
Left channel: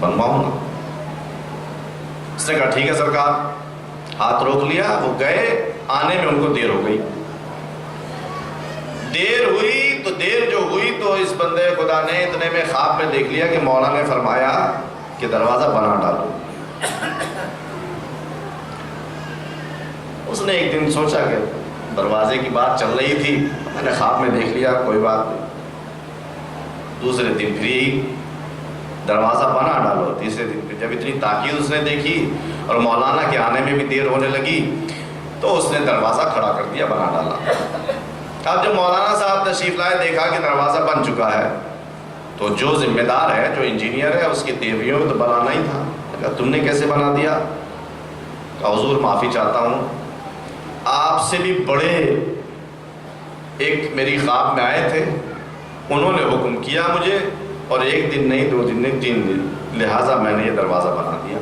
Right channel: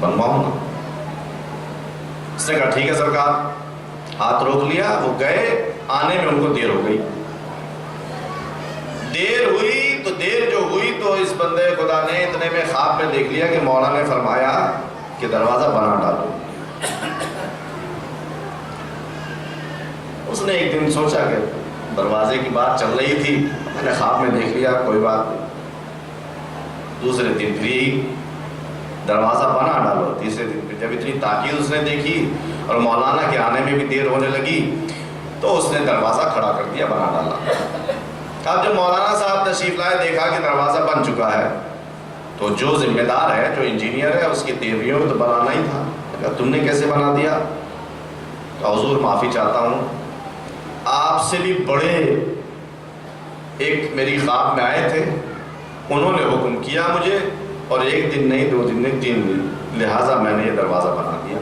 بنواؤں گا. اس نے کہا ٹھیک ہے سرکار. ہاتھ روک لیا. وہ گئے, آنے میں ان کو دیر ہو گئی. دیر جو ہوئی تو اس بندے خدا نے اتنے میں خواب میں دیکھ لیا کہ مولا نے فرمایا کہ دروازہ بنا ڈالو. اس نے ایک دن سوچا کہ دروازے کی بات چل رہی تھی, میں نے خواب میں دیکھ لیا, کوئی بات نہیں. دوسرے دن پھر یہی دروازہ بنا ڈالو. تیسرے دن پھر جب اتنی تاکید اس نے دیکھی اور مولانا کے آنے میں بھی دیر ہونے لگی تو اس نے دروازہ کھڑا کر دیا, بنا ڈالا. اب جب مولانا صاحب تشریف لائے, دیکھا کہ دروازہ بن چکا ہے, تو جو ذمہ دار ہے, جو انجینئر ہے, اس کی دیویوں میں تو بنانا ہی تھا. کہا تم نے کیسے بنا دیا؟ کہا حضور معافی چاہتا ہوں, آپ سے بھی بڑے ایک میری خواب میں آئے تھے, انہوں نے حکم کیا مجھے, اور ایک دن نہیں, 2 دن نہیں, 3 دن, لہٰذا میں نے یہ دروازہ بنا دیا.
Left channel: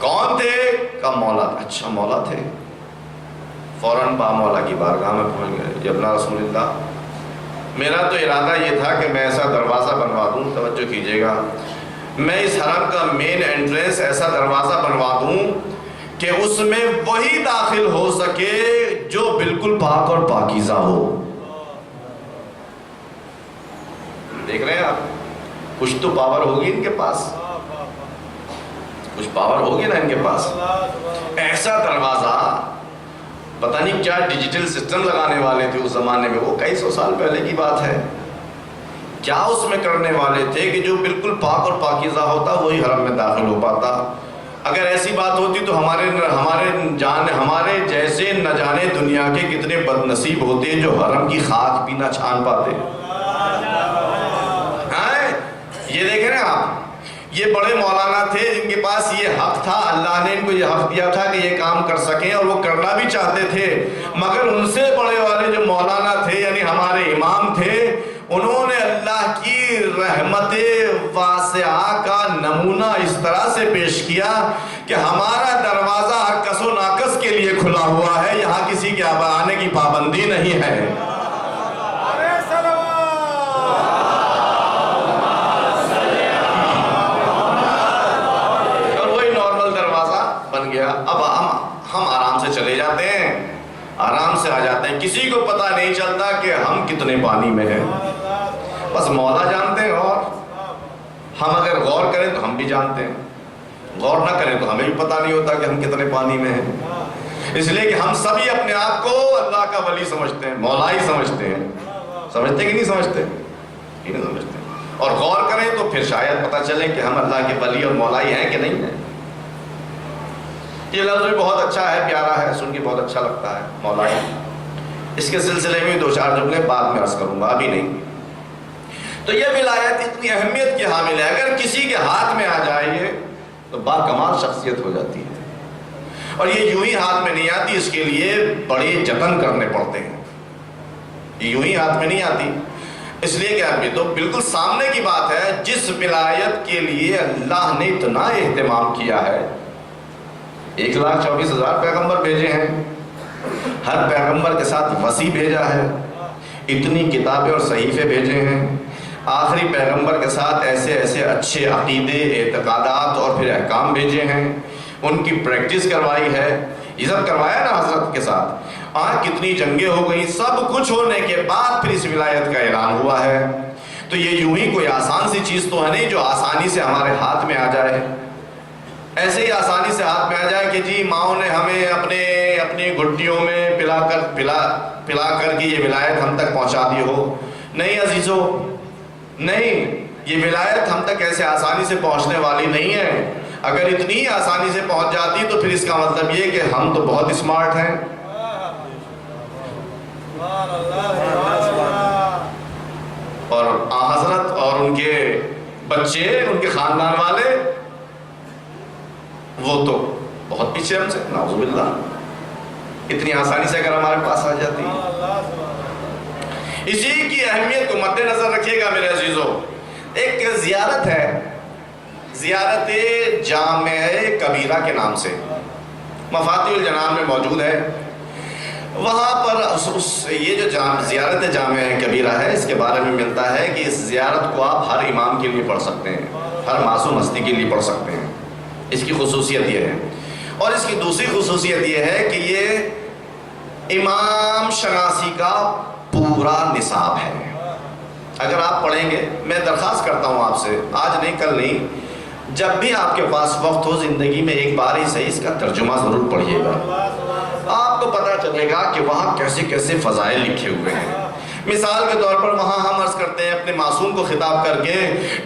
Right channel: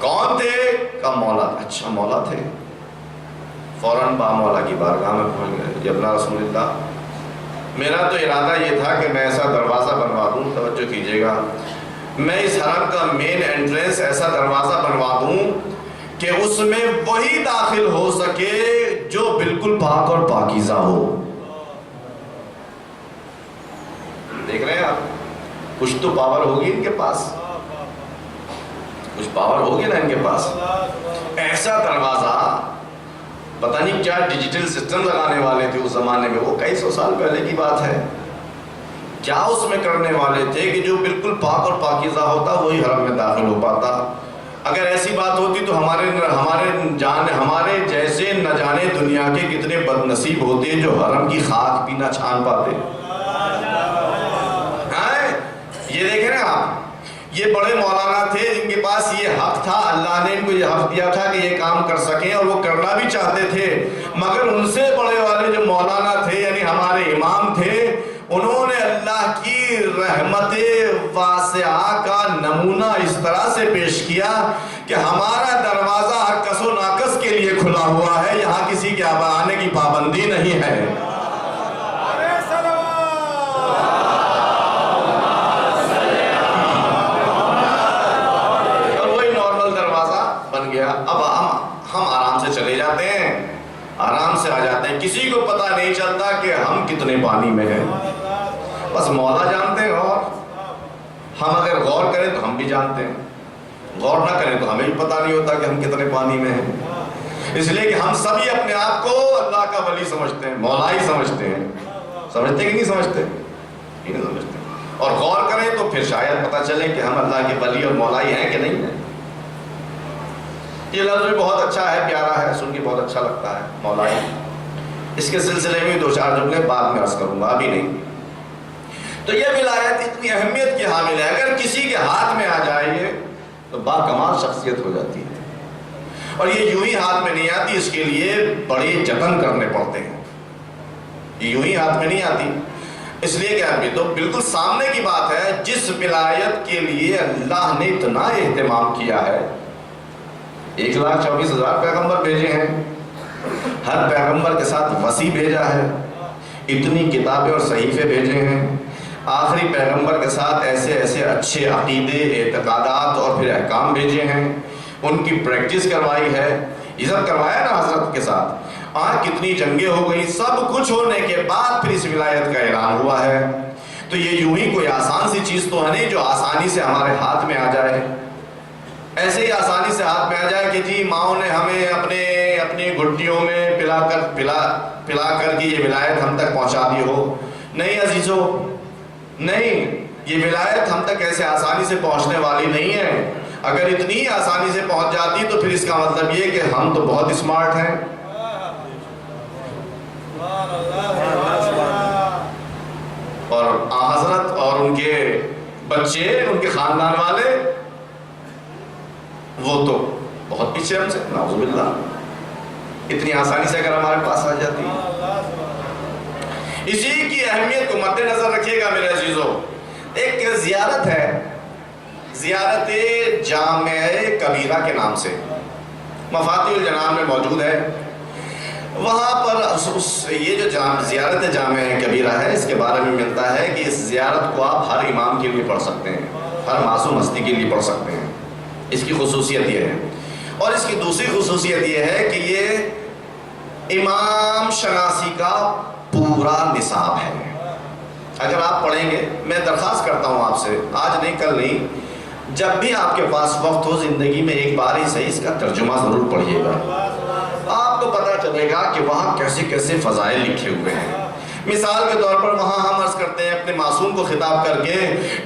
کون تھے؟ کہا مولا. اچھا مولا تھے. فوراً با مولا کی بارگاہ میں پہنچ گئے. جب نا رسول اللہ, میرا تو ارادہ یہ تھا کہ میں ایسا دروازہ بنوا دوں, توجہ کیجیے گا, میں اس حرم کا مین انٹرنس ایسا دروازہ بنوا دوں کہ اس میں وہی داخل ہو سکے جو بالکل پاک اور پاکیزہ ہو. دیکھ رہے ہیں آپ, کچھ تو پاور ہوگی ان کے پاس, کچھ پاور ہوگی نا ان کے پاس. ایسا دروازہ پتہ نہیں کیا ڈیجیٹل سسٹم لگانے والے تھے اس زمانے میں, وہ کئی سو سال پہلے کی بات ہے. کیا اس میں کرنے والے تھے کہ جو بالکل پاک اور پاکیزہ ہوتا وہی حرم میں داخل ہو پاتا. اگر ایسی بات ہوتی تو ہمارے جیسے نہ جانے دنیا کے کتنے بد نصیب ہوتے جو حرم کی خاک بھی نہ چھان پاتے. یہ دیکھیں نا آپ, یہ بڑے مولانا تھے جن کے پاس یہ حق تھا, اللہ نے ان کو یہ حق دیا تھا کہ یہ کام کر سکیں, اور وہ کرنا بھی چاہتے تھے. مگر ان سے بڑے والے جو مولانا تھے یعنی ہمارے امام تھے, انہوں نے اللہ کی رحمت واسعہ کا نمونہ اس طرح سے پیش کیا کہ ہمارا دروازہ ہر کس و ناقص کے لیے کھلا ہوا ہے, یہاں کسی کے آنے کی پابندی نہیں ہے. اور وہی نارمل دروازہ بن گیا. اب ہم آرام سے چلے جاتے ہیں, آرام سے آ جاتے ہیں, کسی کو پتہ نہیں چلتا کہ ہم کتنے پانی میں ہیں. بس مولا جانتے ہیں, اور ہم اگر غور کریں تو ہم بھی جانتے ہیں, غور نہ کریں تو ہمیں بھی پتہ نہیں ہوتا کہ ہم کتنے پانی میں ہیں. اس لیے کہ ہم سبھی اپنے آپ کو اللہ کا ولی سمجھتے ہیں, مولا ہی سمجھتے ہیں. سمجھتے کہ نہیں سمجھتے؟ نہیں سمجھتے. اور غور کریں تو پھر شاید پتہ چلے کہ ہم اللہ کے ولی اور مولا ہی ہیں کہ نہیں ہیں. یہ لفظ بھی بہت اچھا ہے, پیارا ہے, سن کے بہت اچھا لگتا ہے, مولا ہی. اس کے سلسلے میں 2-4 جملے بعد میں عرض کروں گا, ابھی نہیں. تو یہ ولایت اتنی اہمیت کی حامل ہے, اگر کسی کے ہاتھ میں آ جائے یہ تو با کمال شخصیت ہو جاتی ہے. اور یہ یوں ہی ہاتھ میں نہیں آتی, اس کے لیے بڑے جتن کرنے پڑتے ہیں. یہ یوں ہی ہاتھ میں نہیں آتی, اس لیے کہ ابھی تو بالکل سامنے کی بات ہے. جس ولایت کے لیے اللہ نے اتنا اہتمام کیا ہے, 1,24,000 پیغمبر بھیجے ہیں, ہر پیغمبر کے ساتھ وصی بھیجا ہے, اتنی کتابیں اور صحیفے بھیجے ہیں, آخری پیغمبر کے ساتھ ایسے ایسے اچھے عقیدے, اعتقادات اور پھر احکام بھیجے ہیں, ان کی پریکٹس کروائی ہے. یہ سب کروایا نا حضرت کے ساتھ. کتنی جنگیں ہو گئی, سب کچھ ہونے کے بعد پھر اس ولایت کا اعلان ہوا ہے. تو یہ یوں ہی کوئی آسان سی چیز تو ہے نہیں جو آسانی سے ہمارے ہاتھ میں آ جائے. ایسے ہی آسانی سے ہاتھ میں آ جائے کہ جی ماؤں نے ہمیں اپنی گھٹیوں میں پلا کر کے یہ ولایت ہم تک پہنچا دی ہو. نہیں عزیزو, نہیں, یہ ولایت ہم تک ایسے آسانی سے پہنچنے والی نہیں ہے. اگر اتنی آسانی سے پہنچ جاتی تو پھر اس کا مطلب یہ کہ ہم تو بہت اسمارٹ ہیں. اور حضرت اور ان کے بچے, ان کے خاندان والے, وہ تو بہت پیچھے ہم سے, نعوذ باللہ. اتنی آسانی سے اگر ہمارے پاس آ جاتی. اسی کی اہمیت کو مد نظر رکھیے گا میرے عزیزو. ایک زیارت ہے, زیارت جامع کبیرہ کے نام سے, مفاتیح الجنان میں موجود ہے. وہاں پر یہ جو زیارت جامع کبیرہ ہے, اس کے بارے میں ملتا ہے کہ اس زیارت کو آپ ہر امام کے لیے پڑھ سکتے ہیں, ہر معصوم ہستی کے لیے پڑھ سکتے ہیں. اس کی خصوصیت یہ ہے. اور اس کی دوسری خصوصیت یہ ہے کہ یہ امام شناسی کا پورا نصاب ہے. اگر آپ پڑھیں گے, میں درخواست کرتا ہوں آپ سے, آج نہیں کل نہیں, جب بھی آپ کے پاس وقت ہو زندگی میں ایک بار ہی صحیح اس کا ترجمہ ضرور پڑھیے گا. آپ کو پتہ چلے گا کہ وہاں کیسے کیسے فضائل لکھے ہوئے ہیں. مثال کے طور پر وہاں ہم عرض کرتے ہیں اپنے معصوم کو خطاب کر کے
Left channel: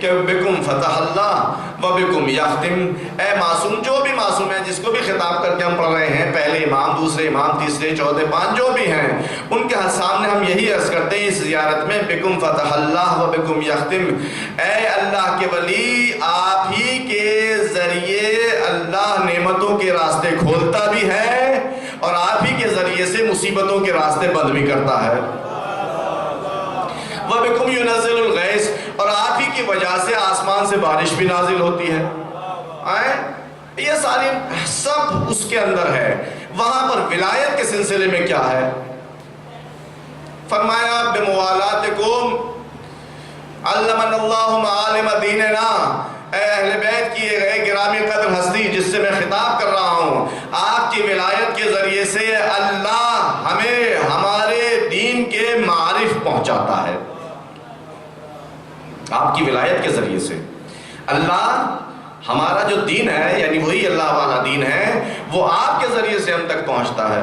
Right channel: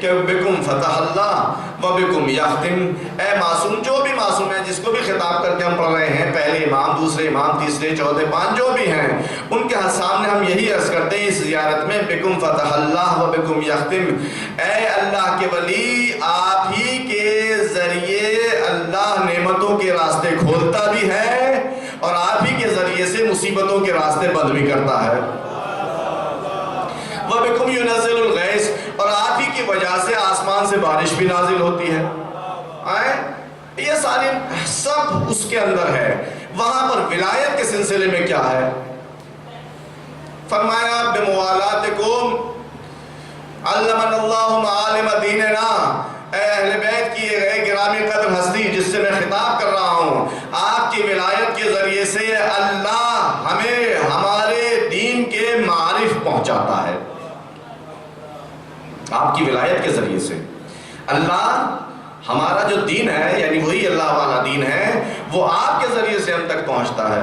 کہ بکم فتح اللہ و بکم یختم. اے معصوم, جو بھی معصوم ہے جس کو بھی خطاب کر کے ہم پڑھ رہے ہیں, پہلے امام, دوسرے امام, تیسرے, چوتھے, 5 جو بھی ہیں, ان کے سامنے ہم یہی عرض کرتے ہیں اس زیارت میں, بکم فتح اللہ و بکم یختم. اے اللہ کے ولی, آپ ہی کے ذریعے اللہ نعمتوں کے راستے کھولتا بھی ہے اور آپ ہی کے ذریعے سے مصیبتوں کے راستے بند بھی کرتا ہے. وَبِكُمْ يُنَزِّلُ الْغَيْثَ, اور آپ ہی کی وجہ سے آسمان سے بارش بھی نازل ہوتی ہے. یہ ساری سب اس کے اندر ہے. وہاں پر ولایت کے سلسلے میں کیا ہے؟ فرمایا بِمُوَالَاتِكُمْ عَلَّمَنَ اللَّهُ مَعَالِمَ دِينِنَا. اے اہل بیت کی یہ گرامی قدر ہستی جس سے میں خطاب کر رہا ہوں, آپ کی ولایت کے ذریعے سے اللہ ہمیں ہمارے دین کے معارف پہنچاتا ہے. آپ کی ولایت کے ذریعے سے اللہ ہمارا جو دین ہے یعنی وہی اللہ والا دین ہے وہ آپ کے ذریعے سے ہم تک پہنچتا ہے۔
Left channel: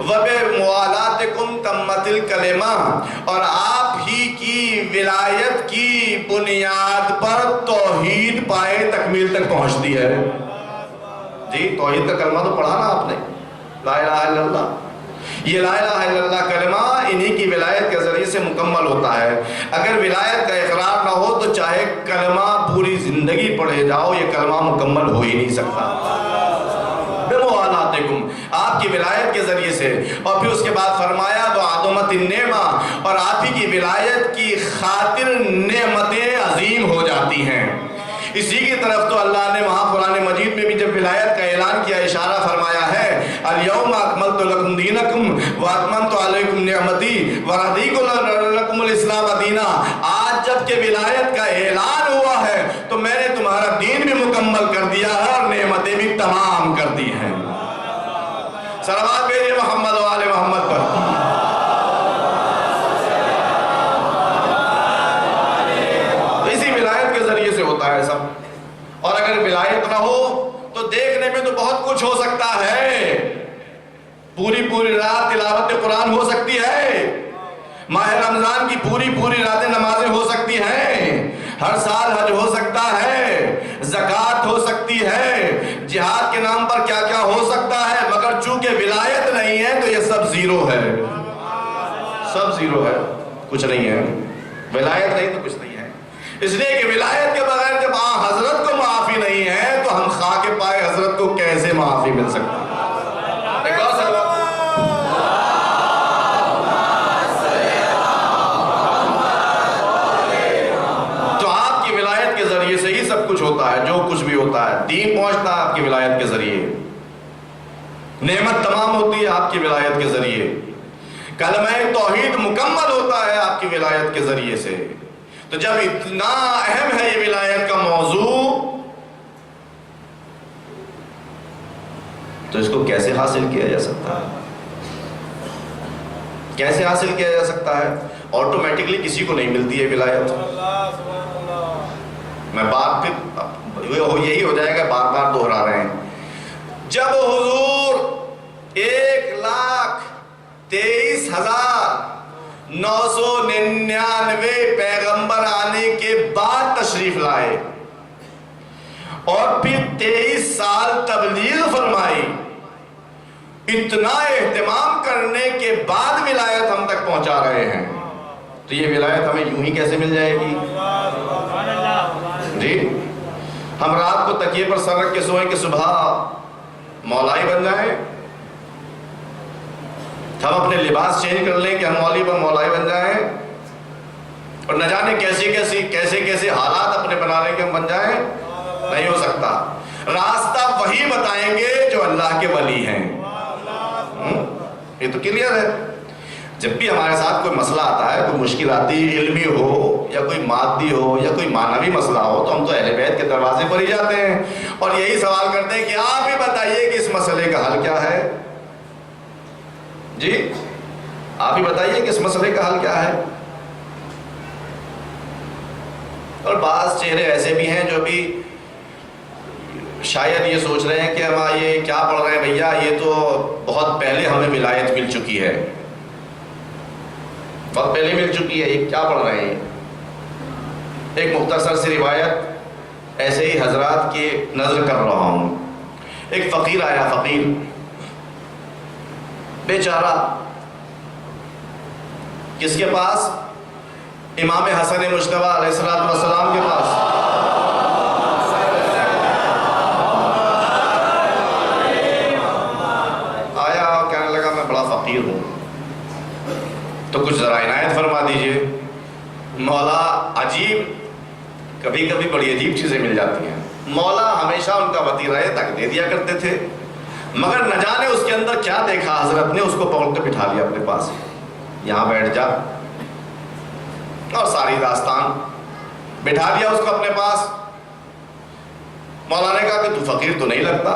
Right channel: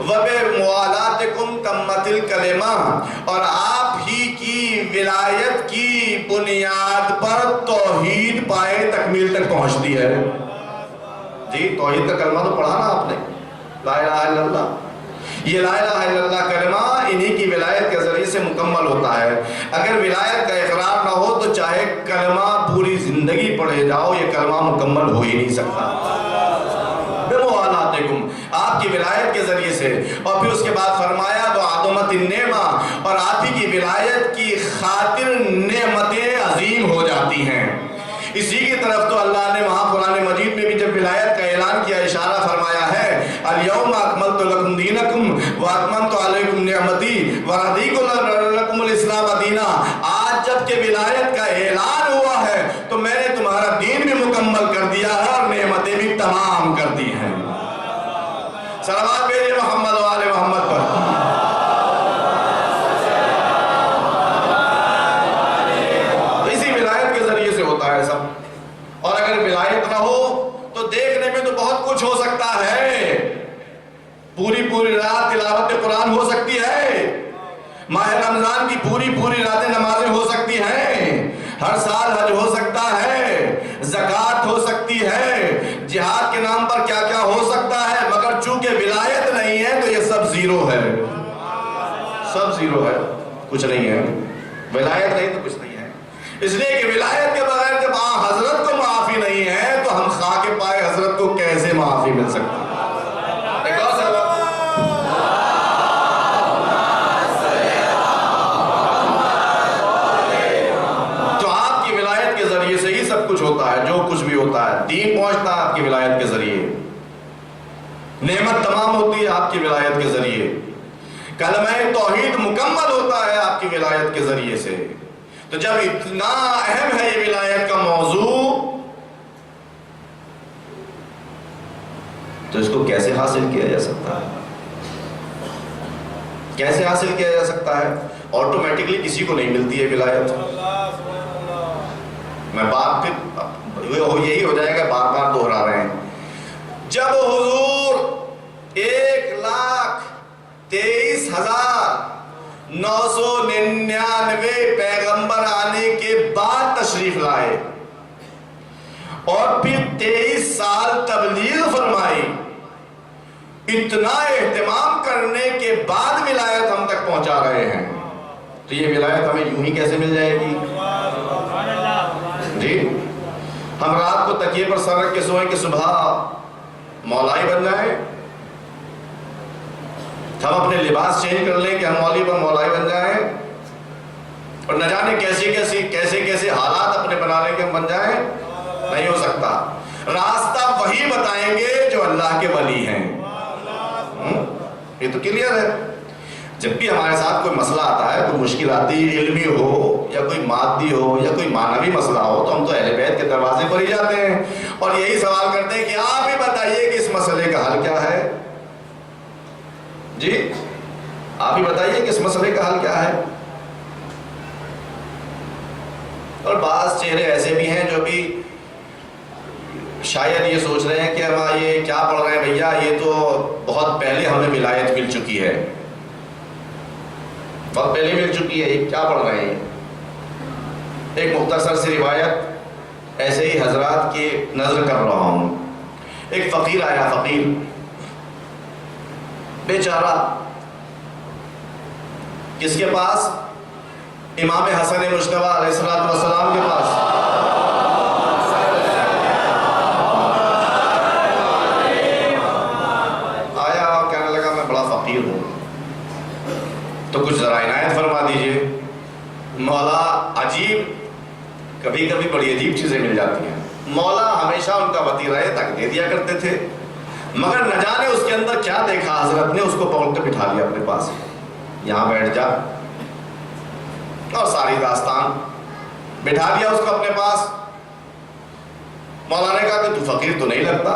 وَبِمُوَالَاتِكُمْ تَمَّتِ الْكَلِمَةُ، اور آپ ہی کی ولایت کی بنیاد پر توحید پائے تکمیل تک پہنچتی ہے۔ جی توحید کا کلمہ تو پڑھا نا آپ نے، لا الہ الا اللہ۔ یہ لا الہ الا اللہ کلمہ انہی کی ولایت کے ذریعے سے مکمل ہوتا ہے۔ اگر ولایت کا اقرار نہ ہو تو چاہے کلمہ پوری زندگی پڑھے جاؤ یہ کلمہ مکمل ہو ہی نہیں سکتا۔ بِمُوَالَاتِكُمْ، آپ کی ولایت کے ذریعے سے، اور پھر اس کے بعد فرمایا وَعَظُمَتِ النِّعْمَةِ، اور آپ ہی کی ولایت کی خاطر نعمتیں عظیم ہو جاتی ہیں۔ اسی کی طرف تو اللہ نے وہاں قرآن مجید میں بھی جب ولایت کا اعلان کیا اشارہ فرمایا ہے الْيَوْمَ أَكْمَلْتُ لَكُمْ دِينَكُمْ وَأَتْمَمْتُ عَلَيْكُمْ نِعْمَتِي وَرَضِيتُ لَكُمُ الْإِسْلَامَ دِينًا۔ آج جب کہ ولایت کا اعلان ہوا ہے تو میں نے تمہارا دین بھی مکمل کر دیا ہے اور نعمتیں بھی تمام کر دی ہیں۔ صلوات بھیجئے محمد و آل محمد پر۔ ہوتا ہے سب، اور اگر ولایت نہ ہو تو دیکھنے میں تو بہت کچھ ہو سکتا ہے، پوری رات تلاوت قرآن ہو سکتی ہے، ماہ رمضان کی پوری راتیں نمازیں ہو سکتی ہیں، ہر سال حج ہو سکتا ہے، زکوٰۃ ہو سکتی ہے، جہاد کے نام پر کیا کیا ہو سکتا ہے، مگر چونکہ ولایت نہیں ہے تو یہ سب زیرو ہے، سب زیرو ہے، کچھ نہیں ہے۔ ولایت نہیں تو کچھ نہیں ہے، اس لیے کہ ولایت کے بغیر جب حضرت کو معافی نہیں ہے تو ہم خاک پائے حضرت کو کیسے معافی مل سکتی؟ تو آپ کی ولایت کے ذریعے سے ہی سب کچھ ہوتا ہے، جو کچھ بھی ہوتا ہے دین پہنچتا ہے آپ کی ولایت کے ذریعے، نعمت تمام ہوتی ہے آپ کی ولایت کے ذریعے، کلمہ توحید مکمل ہوتا ہے آپ کی ولایت کے ذریعے سے۔ تو جب اتنا اہم ہے یہ ولایت کا موضوع تو اس کو کیسے حاصل کیا جا سکتا ہے؟ کیسے حاصل کیا جا سکتا ہے؟ آٹومیٹکلی کسی کو نہیں ملتی ہے ولایت۔ میں بات پھر یہی ہو جائے گا، بار بار دہرا رہے ہیں۔ جب حضور 1,23,999 پیغمبر آنے کے بعد تشریف لائے اور پھر 23 سال تبلیغ فرمائی، اتنا اہتمام کرنے کے بعد ولایت ہم تک پہنچا رہے ہیں، تو یہ ولایت ہمیں یوں ہی کیسے مل جائے گی؟ جی ہم رات کو تکیے پر سر رکھ کے سوئیں کہ صبح مولائی بن جائیں، ہم اپنے لباس چینج کر لیں کہ ہم مولوی پر مولائی بن جائیں، اور نہ جانے کیسے حالات اپنے بنا لیں کہ ہم بن جائیں؟ نہیں ہو سکتا۔ راستہ وہی بتائیں گے جو اللہ کے ولی ہیں۔ یہ تو کلیئر ہے۔ جب بھی ہمارے ساتھ کوئی مسئلہ آتا ہے، کوئی مشکل آتی ہے، علمی ہو یا کوئی مادی ہو یا کوئی معنوی مسئلہ ہو، تو ہم تو اہل بیت کے دروازے پر ہی جاتے ہیں اور یہی سوال کرتے ہیں کہ آپ ہی بتائیے کہ اس مسئلے کا حل کیا ہے؟ جی آپ ہی بتائیے کہ اس مسئلے کا حل کیا ہے؟ اور بعض چہرے ایسے بھی ہیں جو بھی شاید یہ سوچ رہے ہیں کہ ہم یہ کیا پڑھ رہے ہیں بھیا، یہ تو بہت پہلے ہمیں ولایت مل چکی ہے، بہت پہلے مل چکی ہے، یہ کیا پڑھ رہے ہیں؟ ایک مختصر سی روایت ایسے ہی حضرات کی نظر کر رہا ہوں۔ ایک فقیر آیا، فقیر بیچارہ، کس کے پاس؟ امام حسن مجتبیٰ علیہ السلام کے پاس۔ آیا اور کہنے لگا میں بڑا فقیر ہوں، تو کچھ ذرا عنایت فرما دیجئے۔ مولا عجیب، کبھی کبھی بڑی عجیب چیزیں مل جاتی ہیں۔ مولا ہمیشہ ان کا وطیرہ تک دے دیا کرتے تھے، مگر نہ جانے اس کے اندر کیا دیکھا، حضرت نے اس کو پکڑ کے بٹھا لیا اپنے پاس، یہاں بیٹھ جا، اور ساری داستان بٹھا دیا اس کو اپنے پاس۔ مولا نے کہا کہ تو فقیر تو نہیں لگتا؟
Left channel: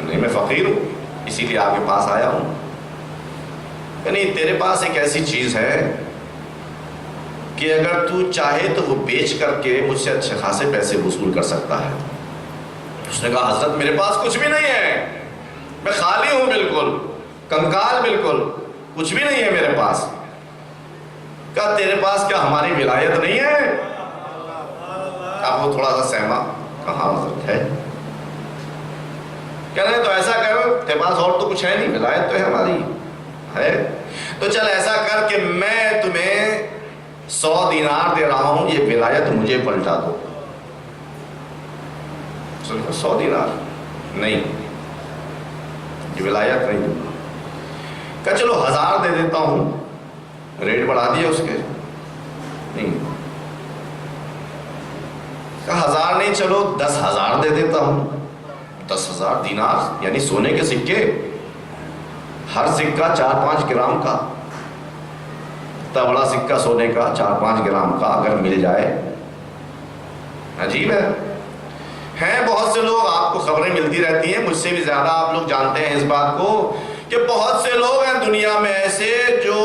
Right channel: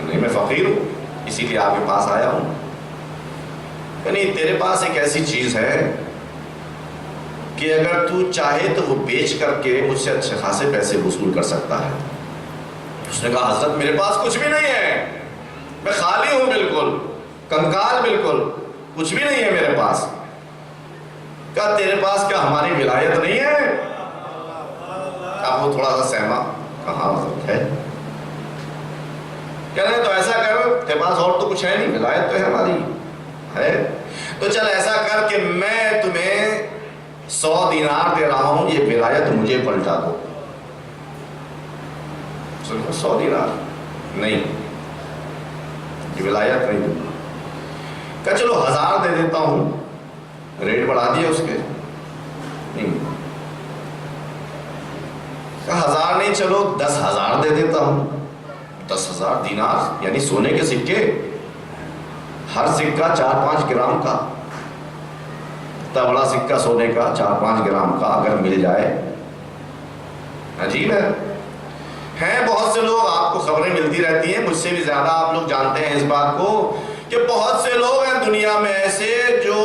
نہیں میں فقیر ہوں، اسی لیے آپ کے پاس آیا ہوں۔ نہیں تیرے پاس ایک ایسی چیز ہے کہ اگر تو چاہے تو وہ بیچ کر کے مجھ سے اچھے خاصے پیسے وصول کر سکتا ہے۔ اس نے کہا حضرت میرے پاس کچھ بھی نہیں ہے، میں خالی ہوں، بالکل کنکال، بالکل کچھ بھی نہیں ہے میرے پاس۔ کہا تیرے پاس کیا ہماری ولایت نہیں ہے؟ اب وہ تھوڑا سا سہما، کہا حضرت ہے۔ کہہ رہے تو ایسا کر، تیرے پاس اور تو کچھ ہے نہیں، ولایت تو ہے ہماری ہے، تو چل ایسا کر کہ میں تمہیں 100 دینار دے رہا ہوں، یہ ولایت مجھے پلٹا دو۔ 100 دینار نہیں، یہ ولایت نہیں دوں گا۔ کہا چلو 1000 دے دیتا ہوں، ریٹ بڑھا دیا اس کے، نہیں۔ کہا 1000 نہیں، چلو 10,000 دے دیتا ہوں۔ 10,000 دینار یعنی سونے کے سکے، ہر سکہ 4-5 گرام کا، اتنا بڑا سکہ سونے کا 4-5 گرام کا اگر مل جائے، عجیب ہے۔ ہیں بہت سے لوگ، آپ کو خبریں ملتی رہتی ہیں، مجھ سے بھی زیادہ آپ لوگ جانتے ہیں اس بات کو، کہ بہت سے لوگ ہیں دنیا میں ایسے جو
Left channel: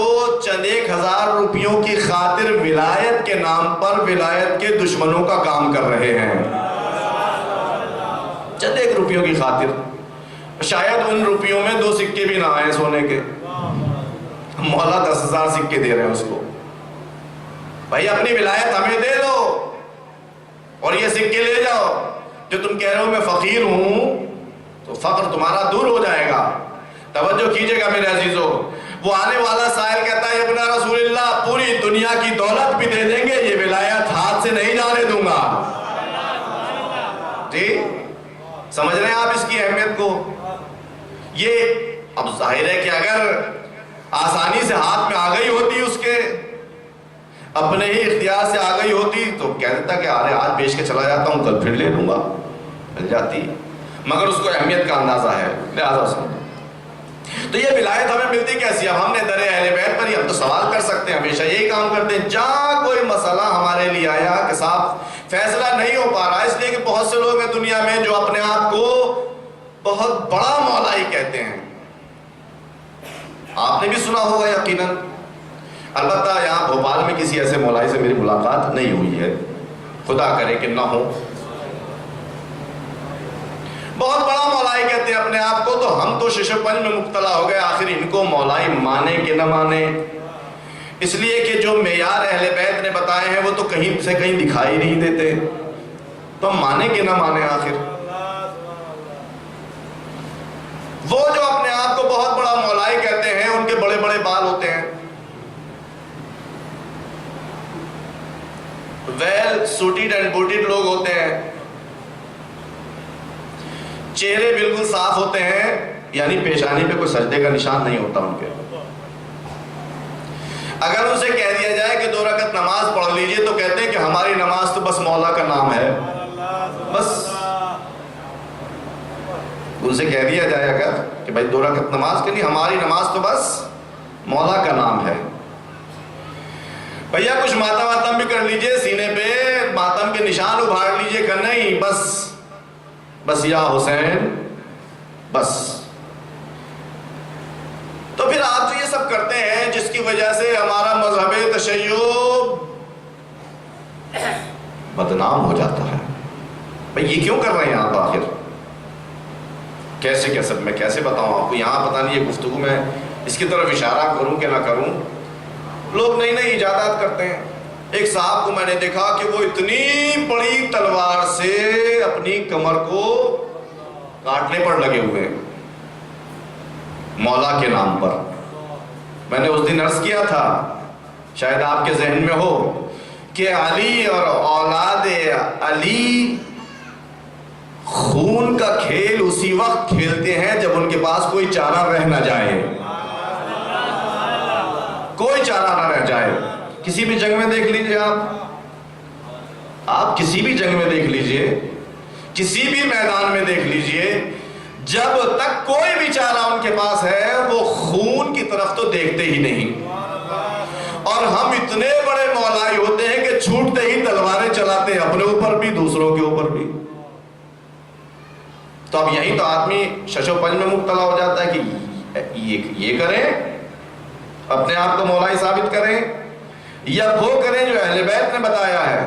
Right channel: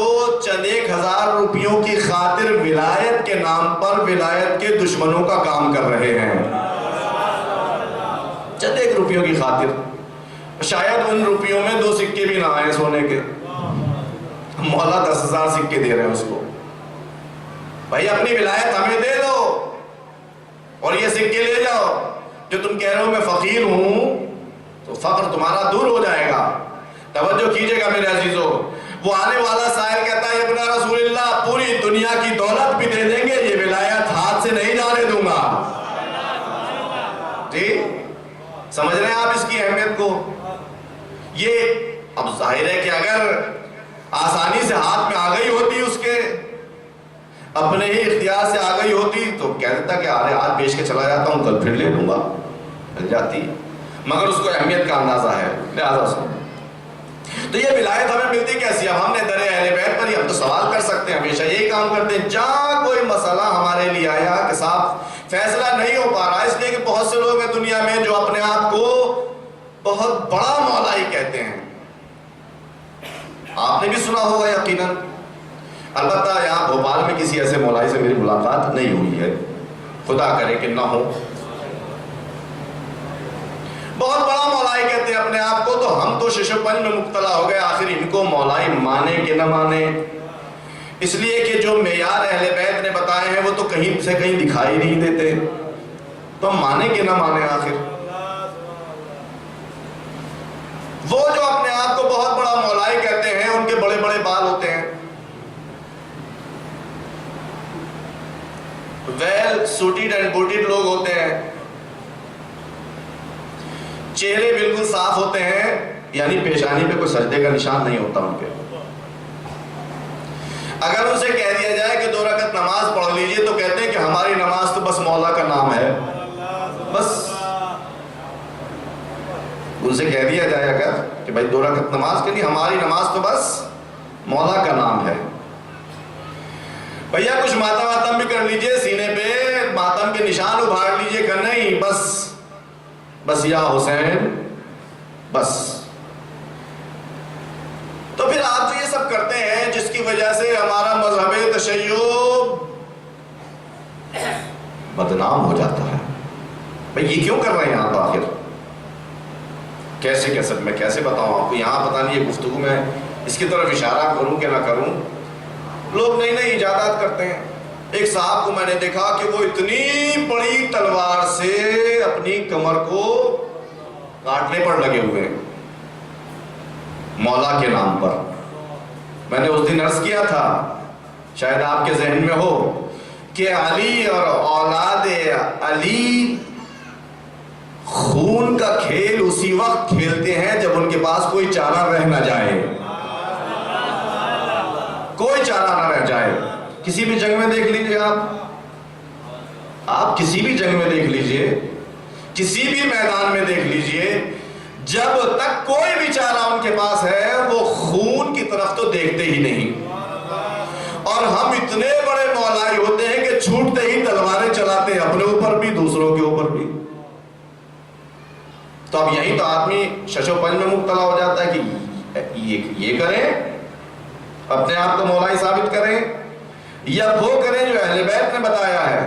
چند 1,000 روپیوں کی خاطر ولایت کے نام پر ولایت کے دشمنوں کا کام کر رہے ہیں۔ چند 1 روپیوں کی خاطر، شاید ان روپیوں میں 2 سکے بھی نہ آئے سونے کے، مولا 10,000 سکے دے رہے ہیں اس کو۔ بھائی اپنی ولایت ہمیں دے دو اور یہ سکے لے جاؤ، جو تم کہہ رہے ہو میں فقیر ہوں، تو فقر تمہارا دور ہو جائے گا۔ توجہ کیجئے گا میرے عزیزو، وہ آنے والا سائل کہتا ہے ابن رسول اللہ پوری دنیا کی دولت بھی دے دیں گے، یہ ولایت ہاتھ سے نہیں جانے دوں گا۔ جی سمجھ رہے ہیں آپ اس کی اہمیت کو؟ یہ اب ظاہر ہے کہ اگر آسانی سے ہاتھ میں آ گئی ہوتی، اس کے اپنے ہی اختیار سے آ گئی ہوتی، تو کہہ دیتا کہ آرے آج بیچ کے چلا جاتا ہوں، کل پھر لے لوں گا، مل جاتی، مگر اس کو اہمیت کا اندازہ ہے، لہذا سمجھ۔ تو یہ ولایت ہمیں ملتی کیسی؟ اب ہم نے در اہل بیت پر ہی، ہم تو سوال کر سکتے ہیں، ہمیشہ یہی کام کرتے ہیں، جہاں کوئی مسئلہ ہمارے لیے آیا کہ صاحب فیصلہ نہیں ہو پا رہا، اس لیے کہ بہت سے لوگ ہیں دنیا میں جو اپنے آپ کو بہت بڑا مولائی کہتے ہیں۔ آپ نے بھی سنا ہوگا یقیناً، البتہ یہاں بھوپال میں کسی ایسے مولائی سے میری ملاقات نہیں ہوئی ہے، خدا کرے کہ نہ ہو۔ بہت بڑا مولائی کہتے ہیں اپنے آپ کو، تو ہم تو شش و پنج میں مبتلا ہو گئے، آخر ان کو مولائی مانے کہ نہ مانے، اس لیے کہ جو معیار اہل بیت نے بتائے ہیں وہ تو کہیں سے کہیں دکھائی نہیں دیتے، تو ہم مانے کہ نہ مانے آخر۔ وہ جو اپنے آپ کو بہت بڑا مولائی کہتے ہیں، ان کے بڑے بڑے بال ہوتے ہیں، ویل سوٹیڈ اینڈ بوٹیڈ لوگ ہوتے ہیں، چہرے بالکل صاف ہوتے ہیں، یعنی پیشانی پہ کوئی سجدے کا نشان نہیں ہوتا ان کے۔ اگر ان سے کہہ دیا جائے کہ 2 رکعت نماز پڑھ لیجئے، تو کہتے ہیں کہ ہماری نماز تو بس مولا کا نام ہے، بس ان سے کہہ دیا جائے اگر کہ بھائی 2 رکعت نماز کے لیے، ہماری نماز تو بس مولا کا نام ہے۔ بھیا کچھ ماتم واتم بھی کر لیجئے، سینے پہ ماتم کے نشان ابھار لیجئے، کہ نہیں بس یا حسین بس۔ تو پھر آپ جو یہ سب کرتے ہیں، جس کی وجہ سے ہمارا مذہب تشیع بدنام ہو جاتا ہے، بھئی یہ کیوں کر رہے ہیں آپ آخر؟ کیسے میں کیسے بتاؤں آپ کو؟ یہاں پتہ نہیں یہ گفتگو میں اس کی طرف اشارہ کروں کہ نہ کروں، لوگ نئی نئی ایجادات کرتے ہیں۔ ایک صاحب کو میں نے دیکھا کہ وہ اتنی بڑی تلوار سے اپنی کمر کو کاٹنے پر لگے ہوئے ہیں مولا کے نام پر۔ میں نے اس دن عرض کیا تھا، شاید آپ کے ذہن میں ہو، کہ علی اور اولاد علی خون کا کھیل اسی وقت کھیلتے ہیں جب ان کے پاس کوئی چارہ رہ نہ جائے، کوئی چارہ نہ رہ جائے۔ کسی بھی جنگ میں دیکھ لیجئے، آپ کسی بھی جنگ میں دیکھ لیجئے، کسی بھی میدان میں دیکھ لیجئے، جب تک کوئی بھی چارہ ان کے پاس ہے وہ خون کی طرف تو دیکھتے ہی نہیں۔ اور ہم اتنے بڑے مولائی ہوتے ہیں کہ چھوٹتے ہی تلواریں چلاتے ہیں، اپنے اوپر بھی دوسروں کے اوپر بھی۔ تو اب یہی تو آدمی شش و پنج میں مبتلا ہو جاتا ہے کہ یہ کریں، اپنے آپ کو مولائی ثابت کریں، یا وہ کریں جو جو اہل بیت نے بتایا ہے.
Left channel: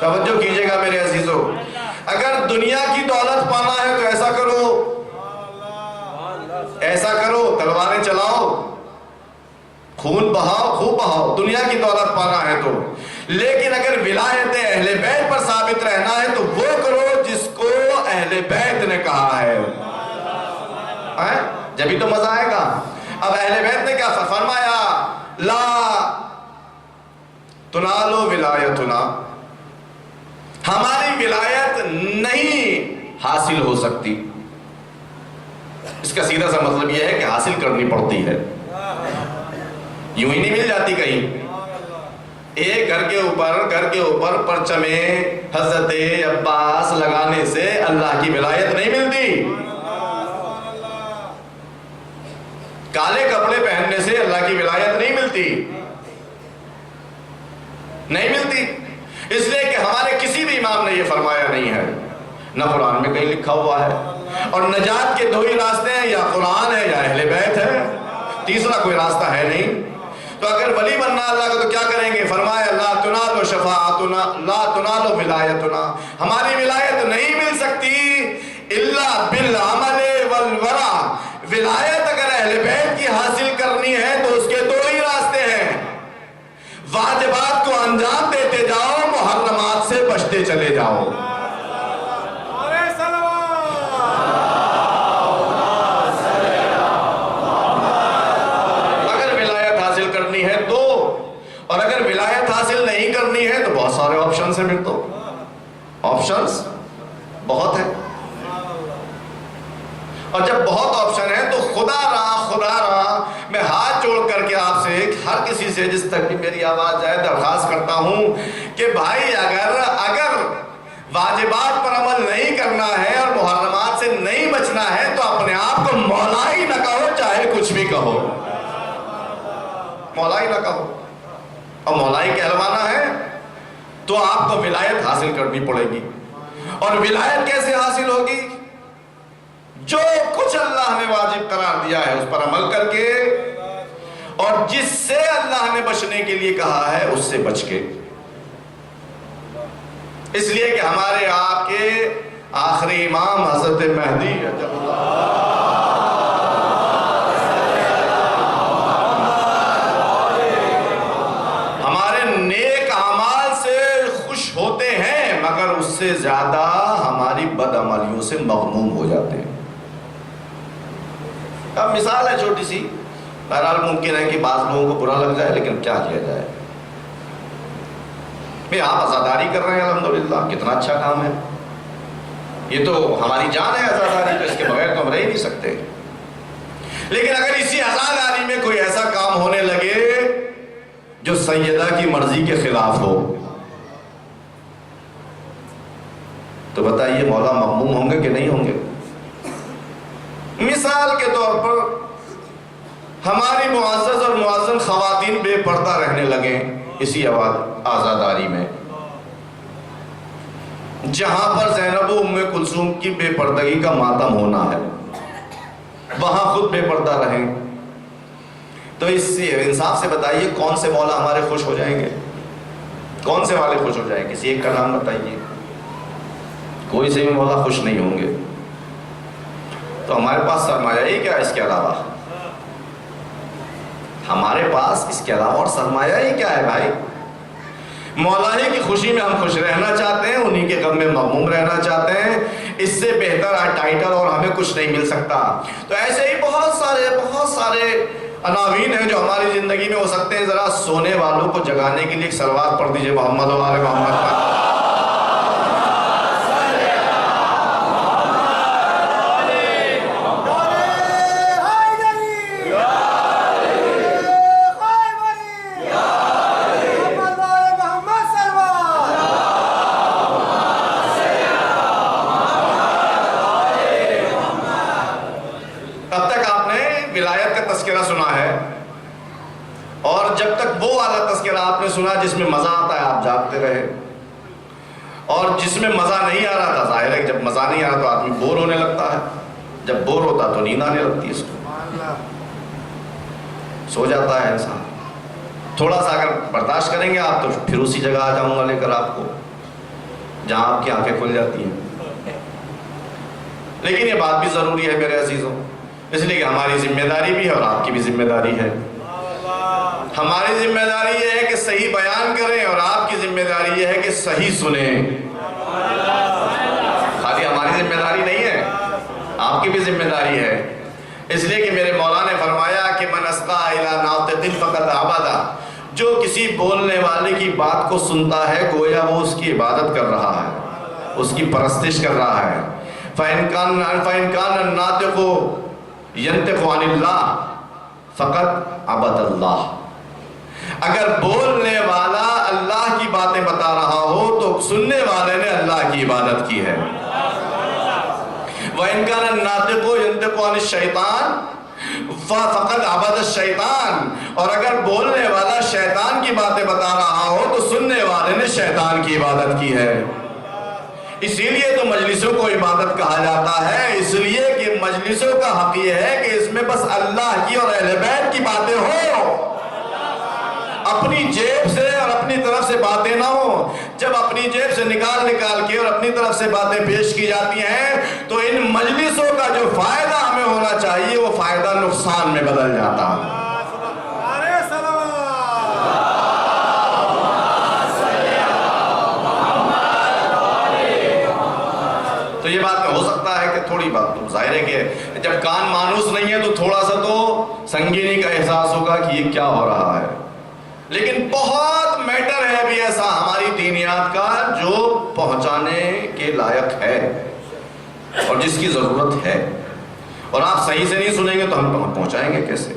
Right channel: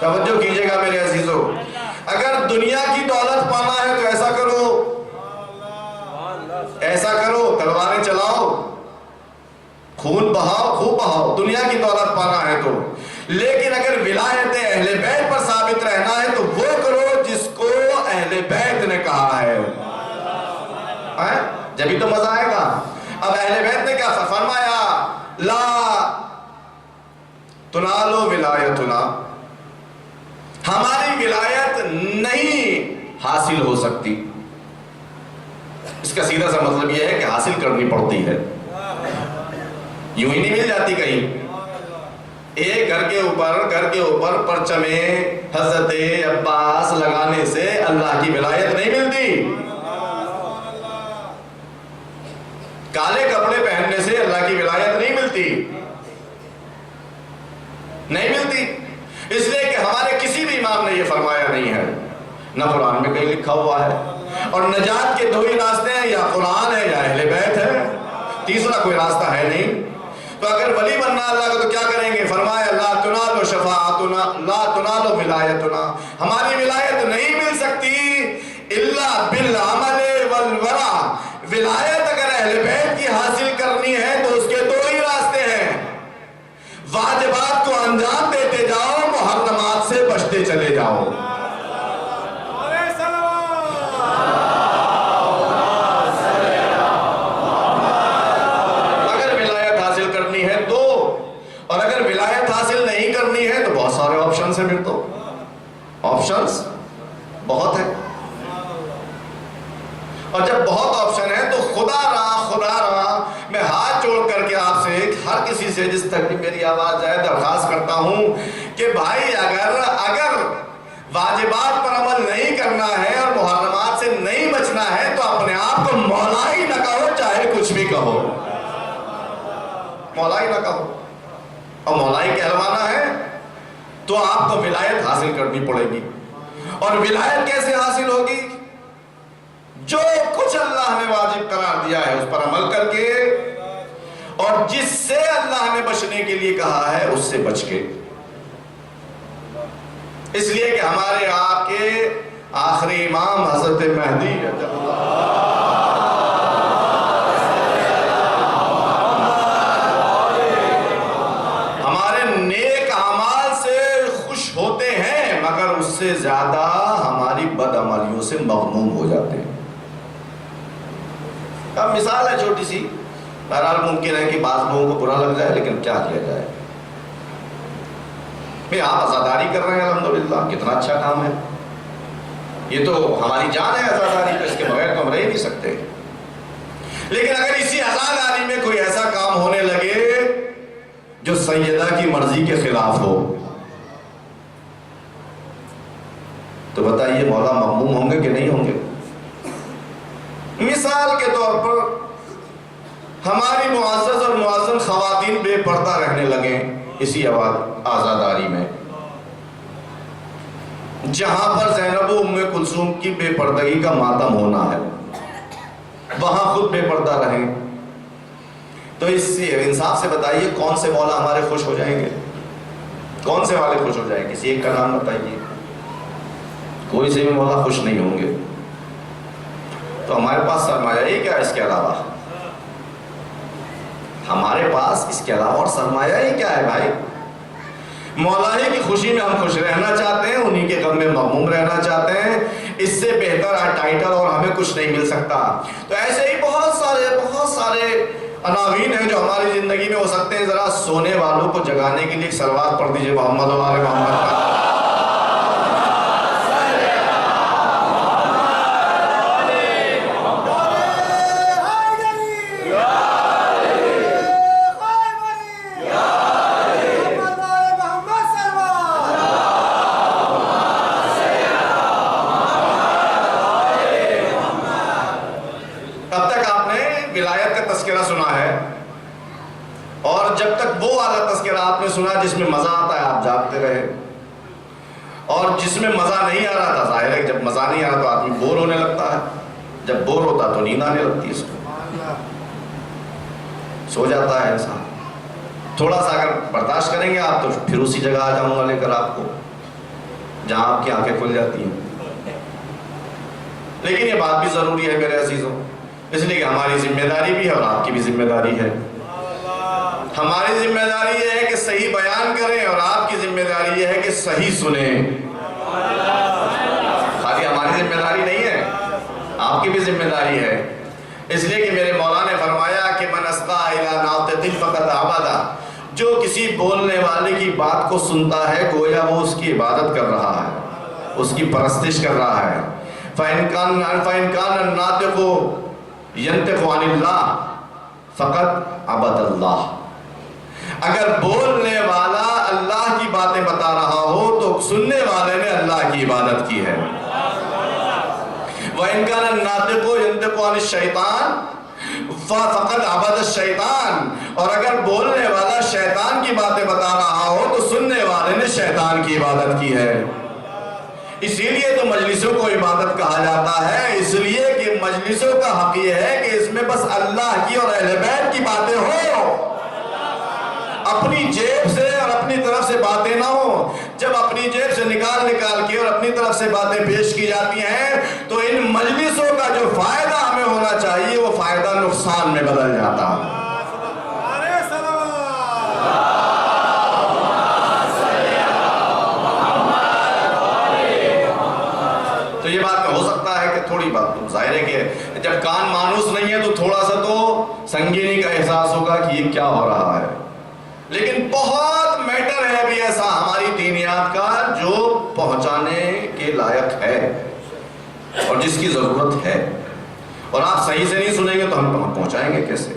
توجہ کیجئے گا میرے عزیزو، اگر دنیا کی دولت پانا ہے تو ایسا کرو، تلواریں چلاؤ، خون بہاؤ، خوب بہاؤ، دنیا کی دولت پانا ہے تو. لیکن اگر ولایت اہل بیت پر ثابت رہنا ہے تو وہ کرو جس کو اہل بیت نے کہا ہے. جبھی تو مزہ آئے گا. اب اہل بیت نے کیا فرمایا؟ لا تنالو ولایتنا، ہماری ولایت نہیں حاصل ہو سکتی. اس کا سیدھا سا مطلب یہ ہے کہ حاصل کرنی پڑتی ہے، یوں ہی نہیں مل جاتی کہیں. ایک گھر کے اوپر پرچم حضرت عباس لگانے سے اللہ کی ولایت نہیں ملتی. کالے کپڑے پہننے سے اللہ کی ولایت نہیں ملتی. اس لیے کہ ہمارے کسی بھی امام نے یہ فرمایا نہیں ہے، نہ قرآن میں کہیں لکھا ہوا ہے. اور نجات کے دو ہی راستے ہیں، یا قرآن ہے یا اہل بیت ہے، تیسرا کوئی راستہ ہے نہیں. تو اگر ولی بننا اللہ کا تو کیا کریں گے؟ فرمایا لا تنالو شفاعتنا لا تنالو ولایتنا، ہماری ولایت نہیں مل سکتی الا بالعمل والورع. ولایت اگر اہل بیت کی حاصل کرنی ہے تو اس کے دو ہی راستے ہیں، واجبات کو انجام دیتے جاؤ، محرمات سے بچتے چلے جاؤ. اگر ولایت حاصل کرنی ہے تو، اور اگر ولایت حاصل نہیں کرنی ہے تو بہت سارے آپشنز ہیں. پھر تو آپشنز بہت ہیں، اور جب بہت آپشن ہے تو خدا رہا میں ہاتھ جوڑ کر کے آپ سے ہر کسی سے جس تک بھی میری آواز جائے درخواست کرتا ہوں کہ بھائی اگر واجبات پر عمل نہیں کرنا ہے اور محرمات سے نہیں بچنا ہے تو اپنے آپ کو مولا ہی نہ کہو، چاہے کچھ بھی کہو، مولا ہی نہ کہو. اور مولا ہی کہلوانا ہے تو آپ کو ولایت حاصل کرنی پڑے گی. اور ولایت کیسے حاصل ہوگی؟ جو کچھ اللہ نے واجب قرار دیا ہے اس پر عمل کر کے، اور جس سے اللہ نے بچنے کے لیے کہا ہے اس سے بچ کے. اس لیے کہ ہمارے آپ کے آخری امام حضرت مہدی ہمارے نیک اعمال سے خوش ہوتے ہیں، مگر اس سے زیادہ ہماری بد عملیوں سے مغموم ہو جاتے ہیں. اب مثال ہے چھوٹی سی، بہرحال ممکن ہے کہ بعض لوگوں کو برا لگ جائے، لیکن کیا کیا جائے. آپ عزاداری کر رہے ہیں، الحمدللہ کتنا اچھا کام ہے. یہ تو ہماری جان ہے عزاداری، تو اس کے بغیر تو ہم رہ ہی نہیں سکتے. لیکن اگر اسی عزاداری میں کوئی ایسا کام ہونے لگے جو سیدہ کی مرضی کے خلاف ہو تو بتائیے مولا مغموم ہوں گے کہ نہیں ہوں گے؟ مثال کے طور پر ہماری معزز اور معزن خواتین بے پردہ رہنے لگے اسی عزاداری میں، جہاں پر زینب و ام کلثوم کی بے پردگی کا ماتم ہونا ہے، وہاں خود بے پردہ رہیں. تو اس انصاف سے بتائیے کون سے مولا ہمارے خوش ہو جائیں گے؟ کون سے والے خوش ہو جائیں گے؟ کسی ایک کا نام بتائیے. کوئی سے بھی مولا خوش نہیں ہوں گے. تو ہمارے پاس سرمایہ ہی کیا ہے اس کے علاوہ؟ ہمارے پاس اس کے علاوہ اور سرمایہ ہی کیا ہے بھائی؟ مولا ہی کی خوشی میں ہم خوش رہنا چاہتے ہیں، انہی کے غم میں مغموم رہنا چاہتے ہیں. اس سے بہتر ٹائٹل اور ہمیں کچھ نہیں مل سکتا. تو ایسے ہی بہت سارے عناوین ہیں جو ہماری زندگی میں ہو سکتے ہیں. ذرا سونے والوں کو جگانے کے لیے ایک صلوات پڑھ دیجئے محمد و آل محمد کا. سنا ہے، اور جب تک وہ والا تذکرہ آپ نے سنا جس میں مزہ آتا ہے آپ جاگتے رہے، اور جس میں مزہ نہیں آ رہا تھا، ظاہر ہے جب مزہ نہیں آ رہا تو آدمی بور ہونے لگتا ہے. جب بور ہوتا تو نیند آنے لگتی ہے، اس کو سو جاتا ہے انسان. تھوڑا سا اگر برداشت کریں گے آپ تو پھر اسی جگہ آ جاؤں گا لے کر آپ کو جہاں آپ کی آنکھیں کھل جاتی ہیں. لیکن یہ بات بھی ضروری ہے میرے عزیزوں، اس لیے کہ ہماری ذمہ داری بھی ہے اور آپ کی بھی ذمہ داری ہے. ہماری ذمہ داری یہ ہے کہ صحیح بیان کریں اور آپ کی ذمہ داری یہ ہے کہ صحیح سنیں. خالی ہماری ذمہ داری نہیں ہے، آپ کی بھی ذمہ داری ہے. اس لیے کہ میرے مولا نے فرمایا کہ من اسقا الی ناطق فقد عبدا، جو کسی بولنے والے کی بات کو سنتا ہے گویا وہ اس کی عبادت کر رہا ہے، اس کی پرستش کر رہا ہے. فَإِن كَانَ النَّاطِقُ يَنطِقُ عَنِ اللَّهِ فَقَدْ عَبَدَ اللَّهِ، اگر بولنے والا اللہ کی باتیں بتا رہا ہو تو سننے والے نے اللہ کی عبادت کی ہے. وَإِن كَانَ النَّاطِقُ يَنطِقُ عَنِ الشَّيْطَانِ فَقَدْ عَبَدَ الشَّيْطَانِ، اور اگر بولنے والا شیطان کی باتیں بتا رہا ہو تو سننے والے نے شیطان کی عبادت کی ہے. اسی لیے تو مجلسوں کو عبادت کہا جاتا ہے، اس لیے کہ مجلسوں کا حق یہ ہے کہ اس میں بس اللہ کی اور اہل بیت کی باتیں ہوں، اپنی جیب سے اور اپنی طرف سے باتیں نہ ہوں. جب اپنی جیب سے نکال کے اور اپنی طرف سے باتیں پیش کی جاتی ہیں تو ان مجلسوں کا جو فائدہ ہمیں ہونا چاہیے وہ فائدہ نقصان میں بدل جاتا ہے. تو یہ بات میں ہو سکتا ہے کہ تھوڑی بات تو ظاہر ہے کہ جب کان مانوس نہیں ہے تو تھوڑا سا تو سنگینی کا احساس ہوگا کہ یہ کیا ہو رہا ہے. لیکن بہت میٹر ہے بھی ایسا ہماری دینیات کا جو پہنچانے کے لائق ہے اور جس کی ضرورت ہے، اور آپ صحیح سے نہیں سنیں گے تو ہم پہنچائیں گے کیسے؟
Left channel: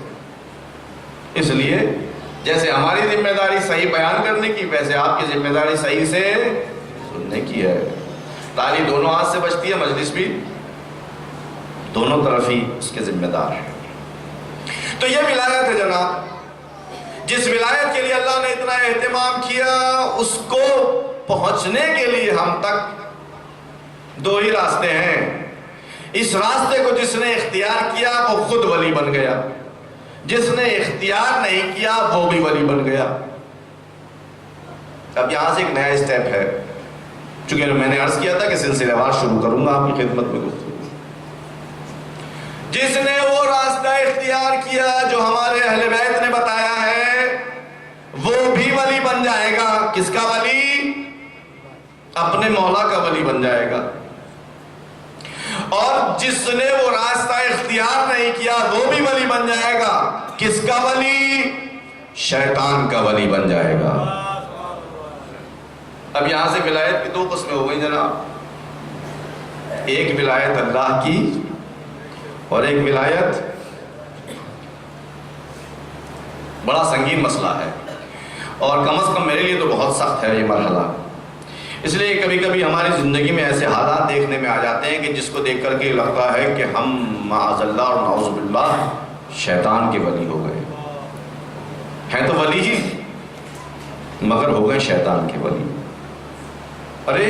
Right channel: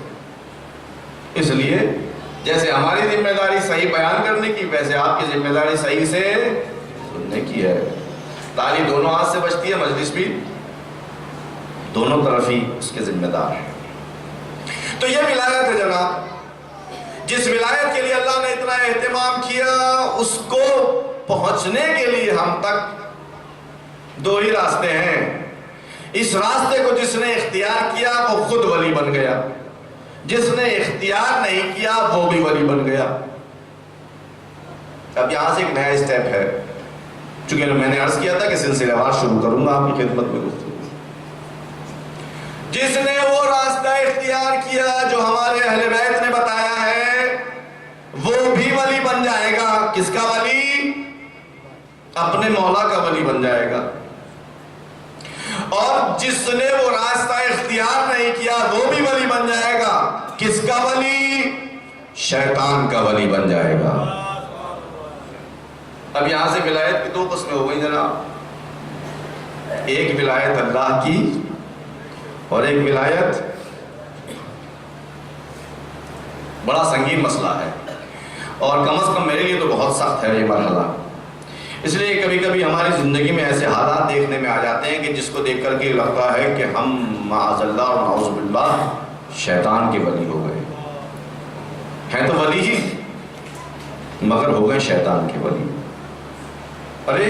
اس لیے جیسے ہماری ذمہ داری صحیح بیان کرنے کی، ویسے آپ کی ذمہ داری صحیح سے سننے کی ہے. تالی دونوں ہاتھ سے بچتی ہے، مجلس بھی دونوں طرف ہی اس کے ذمہ دار ہے. تو یہ ولایت ہے جناب، جس ولایت کے لیے اللہ نے اتنا اہتمام کیا، اس کو پہنچنے کے لیے ہم تک دو ہی راستے ہیں. اس راستے کو جس نے اختیار کیا وہ خود ولی بن گیا، جس نے اختیار نہیں کیا وہ بھی ولی بن گیا. اب یہاں سے ایک نیا اسٹیپ ہے، چونکہ میں نے عرض کیا تھا کہ سلسلہ وار شروع کروں گا آپ کی خدمت میں گفتگو. جس نے وہ راستہ اختیار کیا جو ہمارے اہل بیت نے بتایا ہے وہ بھی ولی بن جائے گا. کس کا ولی؟ اپنے مولا کا ولی بن جائے گا. اور جس نے وہ راستہ اختیار نہیں کیا وہ بھی ولی بن جائے گا. کس کا ولی؟ شیطان کا ولی بن جائے گا. اب یہاں سے ولایت کی دو قسمیں ہو گئی جناب، ایک ولایت اللہ کی اور ایک ولایت. بڑا سنگین مسئلہ ہے اور کم از کم میرے لیے تو بہت سخت ہے یہ مرحلہ. اس لیے کبھی کبھی ہماری زندگی میں ایسے حالات دیکھنے میں آ جاتے ہیں کہ جس کو دیکھ کر کے لگتا ہے کہ ہم معاذ اللہ اور نعوذ باللہ شیطان کے ولی ہو گئے ہیں. تو ولی ہی مگر ہو گئے شیطان کے ولی. ارے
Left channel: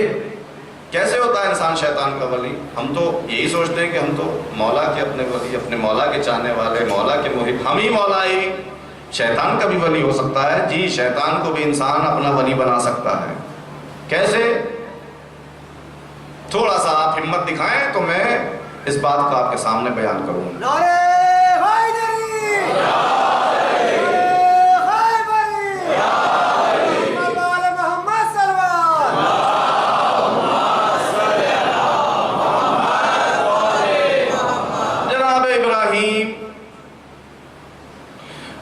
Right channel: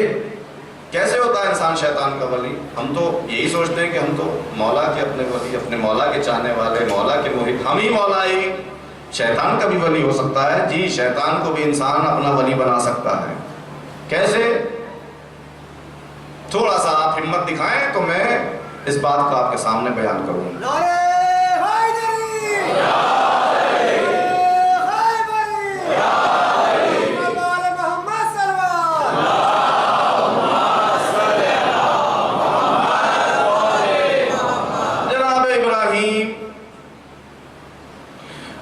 کیسے ہوتا ہے انسان شیطان کا ولی؟ ہم تو یہی سوچتے ہیں کہ ہم تو مولا کے اپنے ولی، اپنے مولا کے چاہنے والے، مولا کے محب، ہم ہی مولا ہی. شیطان کا بھی ولی ہو سکتا ہے. جی، شیطان کو بھی انسان اپنا ولی بنا سکتا ہے. کیسے؟ تھوڑا سا آپ ہمت دکھائیں تو میں اس بات کو آپ کے سامنے بیان کروں.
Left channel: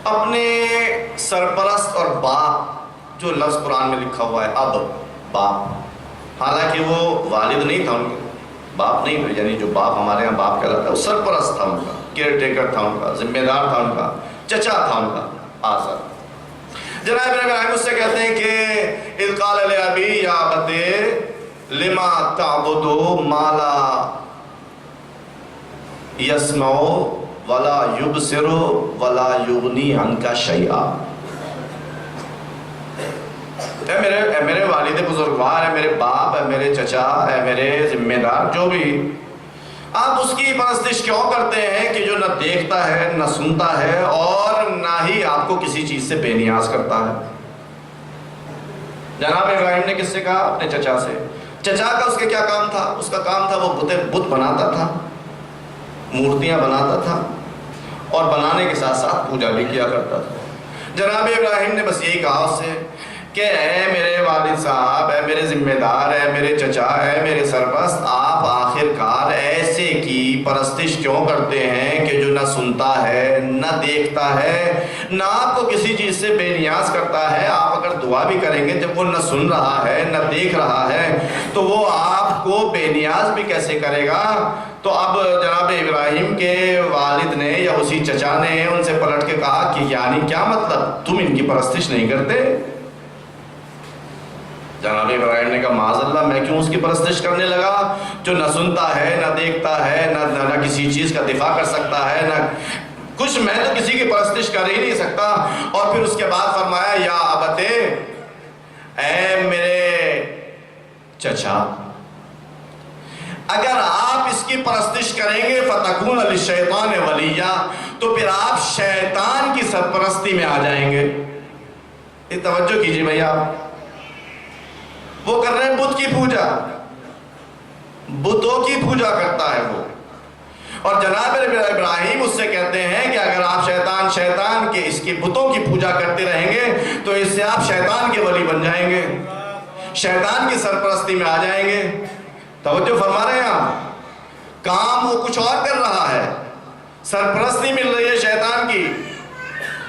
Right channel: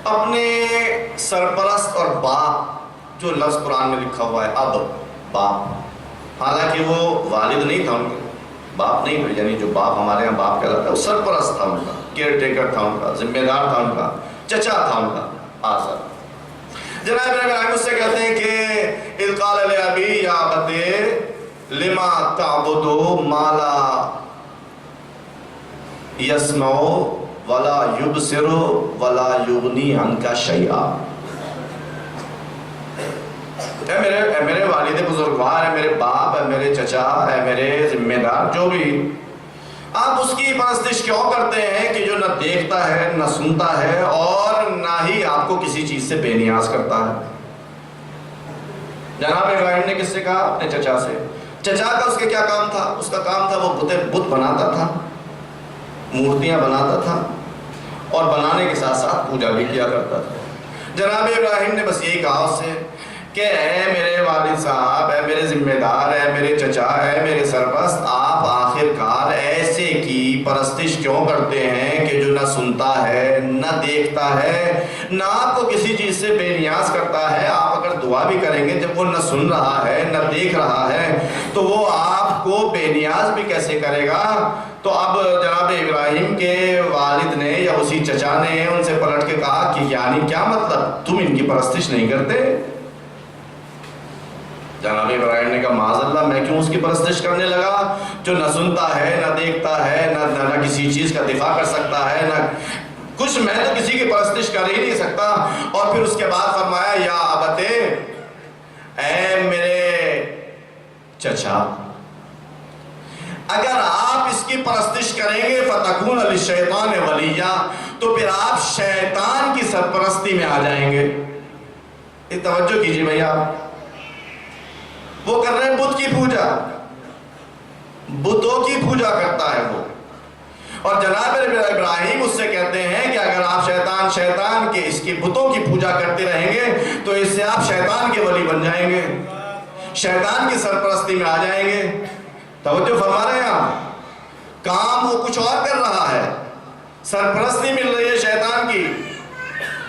اپنے سرپرست اور باپ، جو لفظ قرآن میں لکھا ہوا ہے اب، باپ، حالانکہ وہ والد نہیں تھا ان کا، باپ نہیں تھا، یعنی جو باپ ہمارے یہاں باپ کہلاتا ہے وہ سرپرست تھا ان کا، کیئر ٹیکر تھا ان کا، ذمہ دار تھا ان کا، چچا تھا ان کا، آزر. جناب ابراہیم اس سے کہتے ہیں کہ اذ قال لأبی یا ابت لما تعبد ما لا یسمع ولا یبصر ولا یغنی عنک شیئا. اے میرے والد بزرگوار، ہے میرے باپ، ہے میرے چچا، ہے میرے ذمہ دار، جو بھی آپ اس کی پرستش کیوں کرتے ہیں کہ جو نہ دیکھتا ہے نہ سنتا ہے اور نہ ہی آپ کو کسی چیز سے بے نیاز کرتا ہے؟ جناب ابراہیم نے کس سے کہا؟ اپنے چچا سے۔ چچا کا اس کے کیا کام تھا؟ اس کا کام تھا وہ بت بناتا تھا، مورتیاں بناتا تھا اور بنانے کے ساتھ ساتھ پوجا بھی کیا کرتا تھا۔ جناب ابراہیم نے بس یہی کہا اس سے کہ اے میرے والد صاحب، اے میرے ذمہ دار، اے میرے چچا، اے میرے سرپرست، آپ آخر کار ایسے کی پرستش کیوں کرتے ہیں کہ جو نہ سنتا ہے نہ دیکھتا ہے نہ آپ کو کسی چیز سے بے نیاز کرتا ہے؟ آپ اگر دعا بھی کریں گے، جب وہ نہ سن رہا ہے نہ دیکھ رہا ہے تو وہ آپ کو بے نیاز بھی کیسے کرے گا؟ تو اب جناب ابراہیم کے والد نے یا اسی چچا نے ان سے پلٹ کے کہا کہ یعنی کیا مطلب، تم ان کی پرستش نہیں کرتے؟ جناب ابراہیم نے کہا معاذ اللہ، میں کیوں اس کی پرستش کرنے لگا جو نہ سنتا ہے نہ دیکھتا ہے نہ کسی چیز کا دفاع کر سکتا ہے نہ کچھ، میں تو کسی کی پرستش کر ہی نہیں سکتا۔ اور پھر اس کے بعد فرمایا یا ابتے، اے میرے چچا، اگر آپ اس کی پرستش کریں گے فَتَكُونَ لِلشَّيْطَانِ وَلِيًّا، تو پھر آپ شیطان کی سرپرستی میں آ جائیں گے۔ یہ توجہ کیجئے بھیا، وہ کر رہے ہیں بت کی پوجا، بتوں کی پوجا کرتا ہے وہ، اور جناب ابراہیم اس سے کہتے ہیں کہ اگر آپ شیطان کے اس کی بتوں کی پوجا کرتے رہیں گے تو اس سے آپ شیطان کے ولی بن جائیں گے، شیطان کی سرپرستی میں آ جائیں گے۔ توجہ فرما رہے ہیں آپ، کام وہ کچھ اور کر رہا ہے، سرپرستی مل رہی ہے شیطان کی،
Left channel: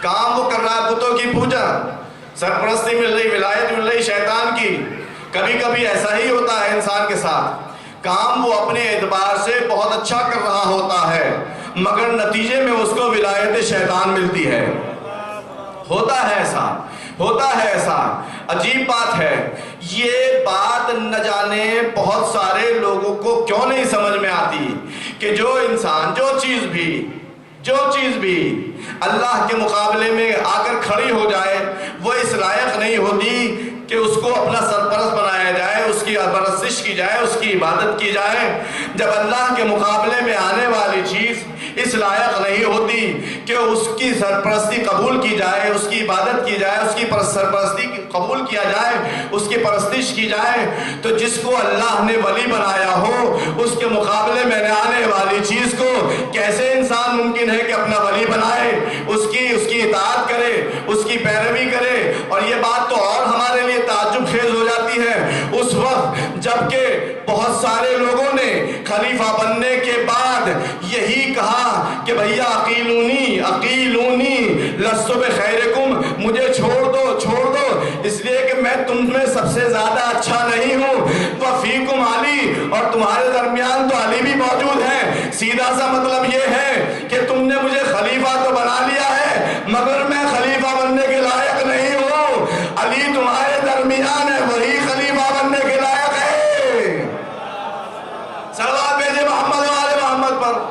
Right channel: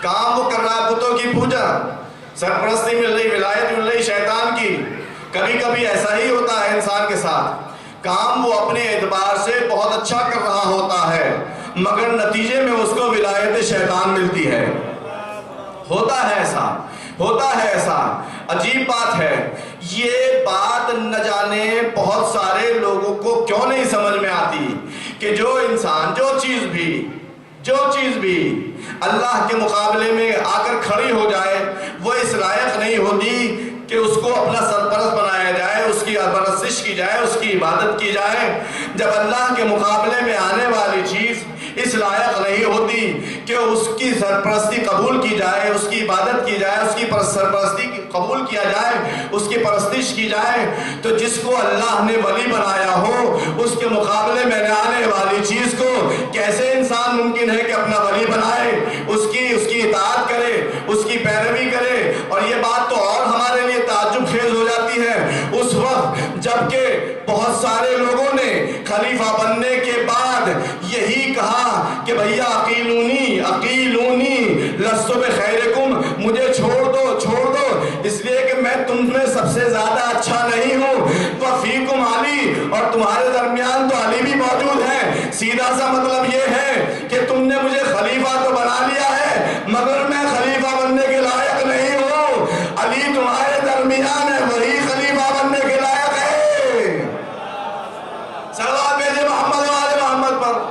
کام وہ کر رہا ہے بتوں کی پوجا، سرپرستی مل رہی، ولایت مل رہی شیطان کی۔ کبھی کبھی ایسا ہی ہوتا ہے انسان کے ساتھ، کام وہ اپنے اعتبار سے بہت اچھا کر رہا ہوتا ہے مگر نتیجے میں اس کو ولایت شیطان ملتی ہے۔ ہوتا ہے ایسا، ہوتا ہے ایسا، عجیب بات ہے۔ یہ بات نہ جانے بہت سارے لوگوں کو کیوں نہیں سمجھ میں آتی کہ جو انسان جو چیز بھی اللہ کے مقابلے میں آ کر کھڑی ہو جائے وہ اس لائق نہیں ہوتی کہ اس کو اپنا سرپرست بنایا جائے، اس کی پرستش کی جائے، اس کی عبادت کی جائے۔ جب اللہ کے مقابلے میں آنے والی چیز اس لائق نہیں ہوتی کہ اس کی سرپرستی قبول کی جائے، اس کی عبادت کی جائے، اس کی سرپرستی قبول کیا جائے، اس کی پرستش کی جائے، تو جس کو اللہ نے ولی بنایا ہو اس کے مقابلے میں آنے والی چیز کو کیسے انسان ممکن ہے کہ اپنا ولی بنائے، اس کی اطاعت کرے، اس کی پیروی کرے؟ اور یہ بات تو اور ہمارے لیے تعجب خیز ہو جاتی ہے اس وقت جبکہ بہت سارے لوگوں نے خلیفہ بننے کے بعد یہی کہا کہ بھیا عقیلونی لست بخیرکم، مجھے چھوڑ دو اس لیے کہ میں تم میں سب سے زیادہ اچھا نہیں ہوں، وفیکم علی، اور تمہارے درمیان تو علی بھی موجود ہے۔ سیدھا سا مطلب یہ ہے کہ تم نے مجھے خلیفہ تو بنا لیا ہے مگر میں خلیفہ بننے کے لائق نہیں ہوں، علی تمہارے درمیان ہے، وہی خلیفہ بننے کے لائق ہے۔ صلوات بھیجے محمد و آل محمد پر۔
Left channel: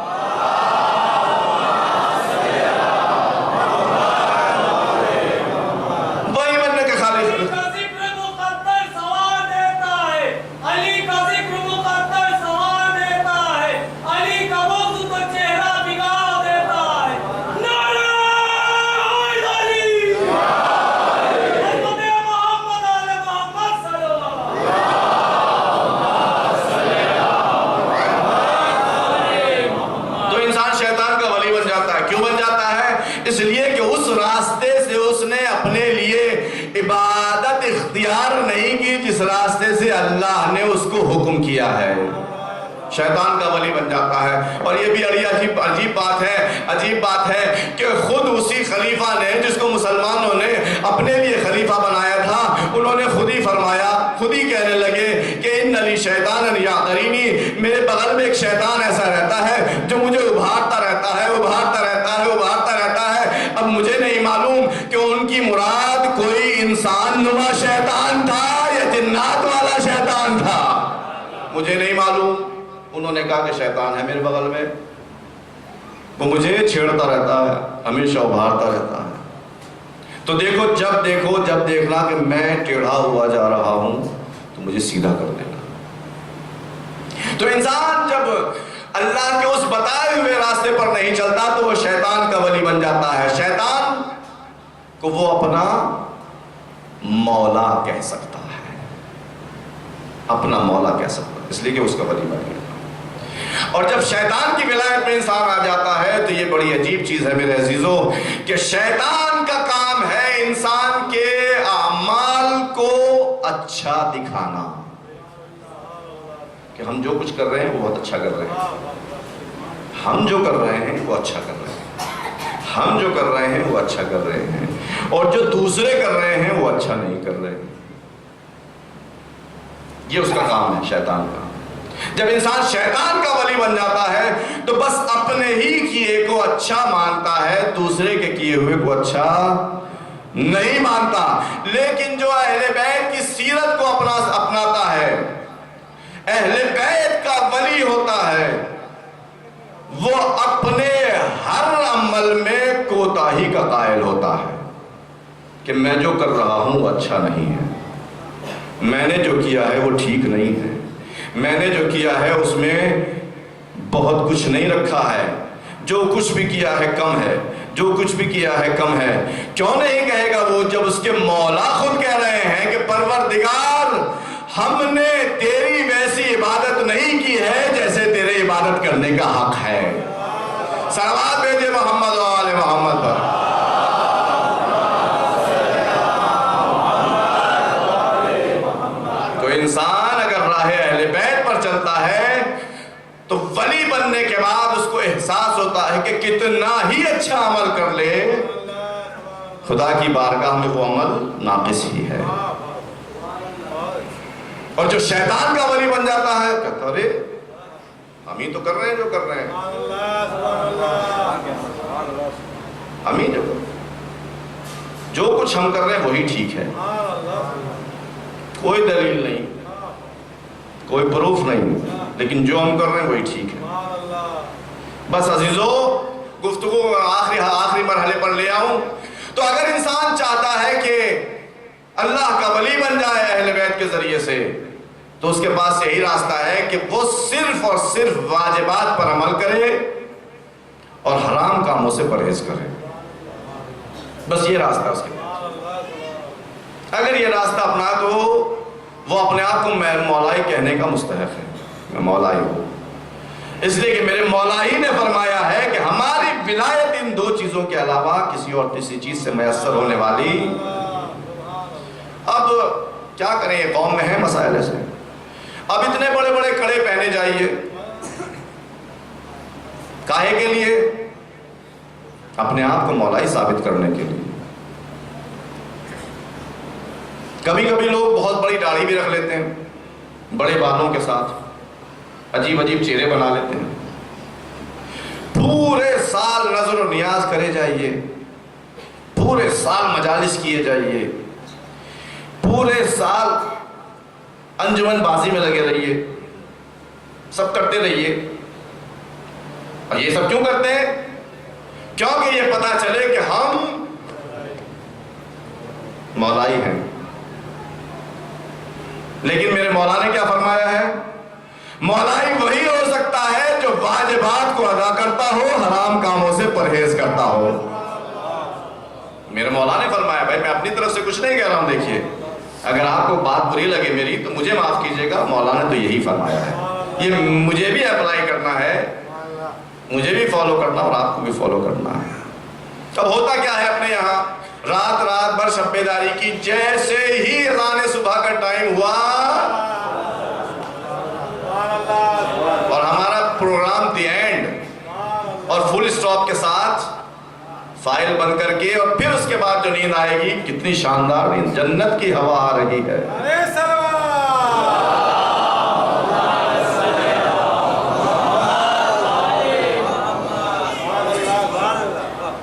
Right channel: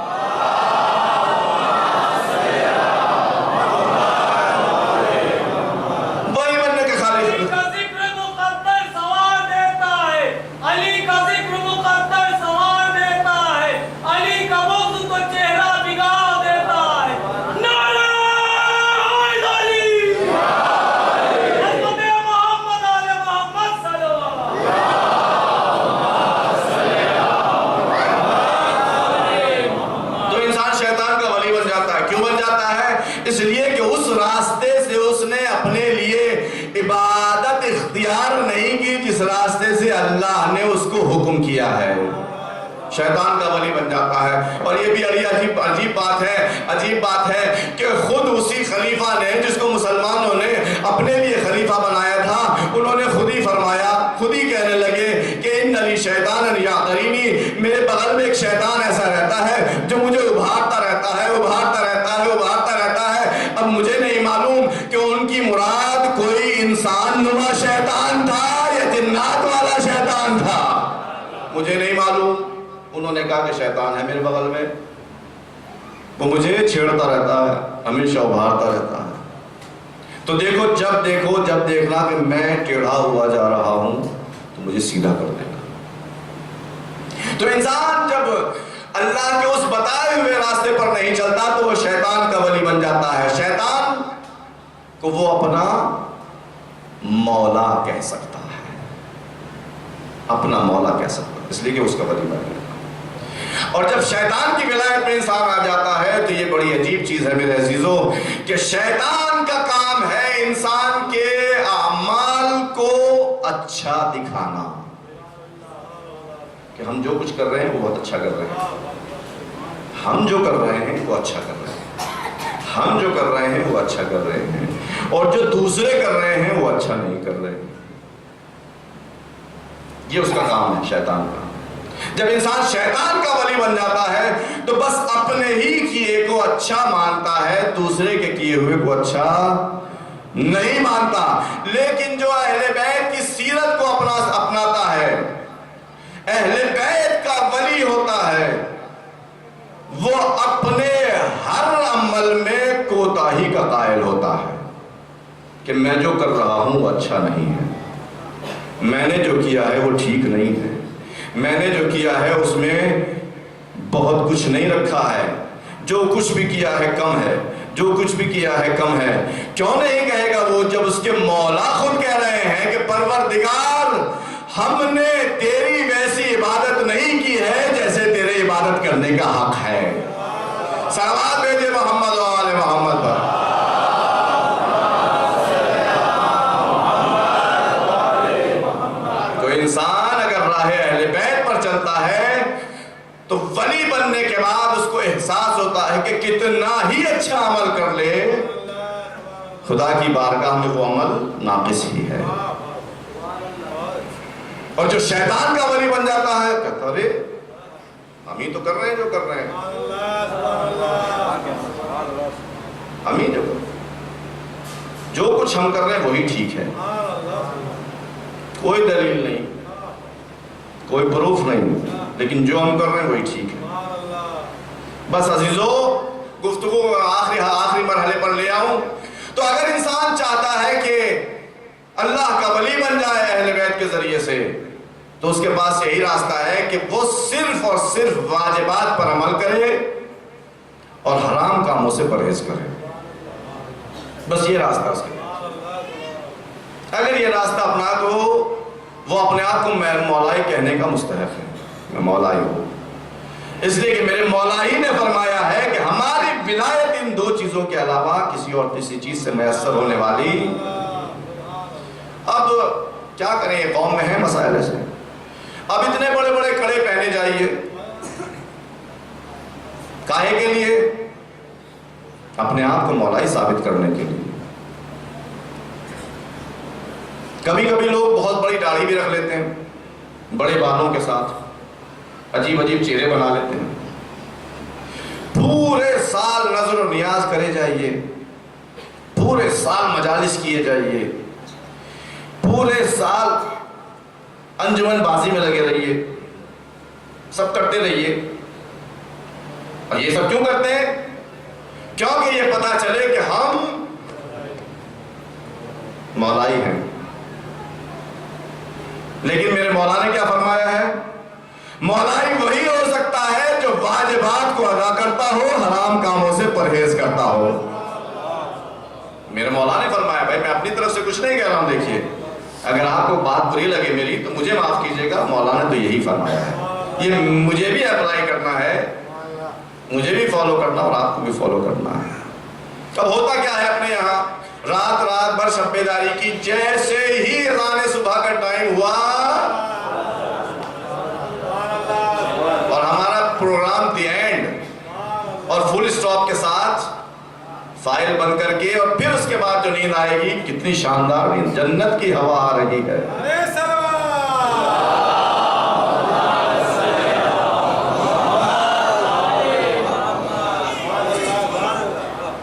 وہی بننے کے خالق۔ علی کا ذکر مقدر سوار دیتا ہے، علی کا ذکر مقدر سوار دیتا ہے، علی کا موضوع تو چہرہ بگاڑ دیتا ہے۔ نعرہ علی، حضرت محمد آل محمد صلی اللہ علیہ وسلم۔ تو انسان شیطان کا ولی بن جاتا ہے۔ کیوں بن جاتا ہے؟ اس لیے کہ اس راستے سے اس نے اپنے لیے عبادت اختیار نہیں کی جس راستے سے اللہ نے اس کو حکم کیا ہے، شیطان کا ولی بن جاتا ہے۔ اور یہ بھی عجیب بات ہے کہ خود اسی خلیفہ نے جس کو مسلمانوں نے اپنے لیے خلیفہ بنایا تھا، انہوں نے خود ہی فرمایا، خود ہی کہنے لگے کہ ان علی شیطان یعترینی، میرے بغل میں ایک شیطان ایسا رہتا ہے جو مجھے ابھارتا رہتا ہے۔ اب مجھے نہیں معلوم کہ ان کی مراد کوئی انسان نما شیطان تھا یا جنات والا شیطان تھا، مجھے نہیں معلوم۔ انہوں نے کہا کہ شیطان ہے میرے بغل میں، وہ مجھے چھیڑتا رہتا ہے، ہمیشہ ابھارتا رہتا ہے۔ تو جب دیکھنا کہ میں ٹیڑھا ہوا جا رہا ہوں تو مجھے سیدھا کر دینا۔ تو انسان جب اللہ کے اس بتائے ہوئے راستے پر نہیں چلتا تو وہ شیطان کا ولی بن جاتا ہے. شیطان کو وہ اپنا مولا کہہ سکتا ہے, اپنا مولا کہہ سکتا ہے, اس لیے کہ اس کا ولی بن گیا. اور جب شیطان کی ولایت میں انسان آ جاتا ہے تو یہ بڑی عجیب چیز ہے میرے عزیزوں, کہ شیطان کا کام ہے انسان کے اعمال کو اچھا دکھانا, کہ ہم جو کچھ کر رہے ہیں وہ بہت اچھا کر رہے ہیں, ہم جو کر رہے ہیں وہ اچھا کر رہے ہیں, ہم جو کر رہے ہیں وہ اچھا کر رہے ہیں, اور جو دوسرے کر رہے ہیں وہ اچھا نہیں کر رہے. یہ اس کا کام ہے شیطان کا. جب انسان شیطان کا ولی بن جاتا ہے تو بس اپنے ہی کیے کو اچھا مانتا ہے, دوسرے کے کیے ہوئے کو اچھا نہیں مانتا. لیکن جو اہل بیت کی سیرت کو اپناتا ہے, اہل بیت کا ولی ہوتا ہے, وہ اپنے ہر عمل میں کوتاہی کا قائل ہوتا ہے کہ میں جو کر رہا ہوں وہ اچھا نہیں ہے, میں نے جو کیا ہے وہ ٹھیک نہیں ہے, میں نے جو کیا ہے اس میں بہت کچھ نہیں رکھا ہے, جو کچھ بھی کیا ہے کم ہے, جو کچھ بھی کیا ہے کم ہے. کیوں نہیں کہے گا وہ, جب اس کے مولا خود کہہ رہے ہیں کہ پروردگار ہم نے تیری ویسی عبادت نہیں کی ہے جیسے تیرے عبادت کرنے کا حق ہے. صلوات بھیجے محمد و آل محمد پر. کوئی انسان اگر راہ اہل بیت پر چلتا ہے تو ولی بننے کے بعد اس کو احساس ہوتا ہے کہ کتنا ہی اچھا عمل کر لے, خدا کی بارگاہ میں وہ عمل ناقص ہی ہے. اور جو شیطان کا ولی بن جاتا ہے کہتا ارے ہم ہی تو کر رہے ہیں جو کر رہے ہیں, ہم ہی جو کچھ ہم کر رہے ہیں وہی ٹھیک ہے, کوئی دلیل نہیں, کوئی پروف نہیں, لیکن جو ہم کر رہے ہیں وہی ٹھیک ہے. بس عزیزو گفتگو آخری مرحلے پر لے آؤں تو اگر انسان چاہتا ہے کہ اللہ کا ولی بن جائے اہل بیت کے ذریعے سے تو اس کے پاس یہی راستہ ہے کہ وہ صرف اور صرف واجبات پر عمل کرے اور حرام کاموں سے پرہیز کرے. بس یہ راستہ اس کے پاس. اگر یہ راستہ اپنا تو وہ اپنے آپ کو میں مولا ہی کہنے کا مستحق ہے, میں مولا ہی ہوں, اس لیے کہ میرے مولا ہی نے فرمایا ہے کہ ہماری ولایت ان دو چیزوں کے علاوہ کسی اور تیسری چیز سے میسر ہونے والی. اب کیا کریں, یہ قوم میں ہے مسائل ایسے. اب اتنے بڑے بڑے کڑے پہنے جائیے, کاہے کے لیے؟ اپنے آپ کو مولا ہی ثابت کرنے کے لیے. کبھی کبھی لوگ بہت بڑی داڑھی بھی رکھ لیتے ہیں, بڑے بالوں کے ساتھ عجیب عجیب چہرے بنا لیتے ہیں. پورے سال نظر و نیاز کرے جائیے, پورے سال مجالس کیے جائیے, پورے سال انجمن بازی میں لگے رہیے, سب کرتے رہیے. اور یہ سب کیوں کرتے ہیں؟ کیونکہ یہ پتا چلے کہ ہم مولا ہی ہیں. لیکن میرے مولا نے کیا فرمایا ہے؟ مولا ہی وہی ہو سکتا ہے جو واجبات کو ادا کرتا ہو, حرام کاموں سے پرہیز کرتا ہو. میرے مولا نے فرمایا, بھائی میں اپنی طرف سے کچھ نہیں کہہ رہا ہوں, دیکھیے اگر آپ کو بات بری لگے میری تو مجھے معاف کیجیے گا, مولا نے تو یہی فرمایا ہے. یہ مجھے بھی اپلائی کرنا ہے, مجھے بھی فالو کرنا اور آپ کو بھی فالو کرنا ہے. اب ہوتا کیا ہے اپنے یہاں, رات بھر شب بیداری کی, جیسے ہی اذان صبح کا ٹائم ہوا اور ہمارا پروگرام دی اینڈ اور فل اسٹاپ کے ساتھ فائل بند کر کے, اور پھر اس کے بعد جو نیند آئے گی, کتنی شاندار جنت کی ہوا آ رہی ہے.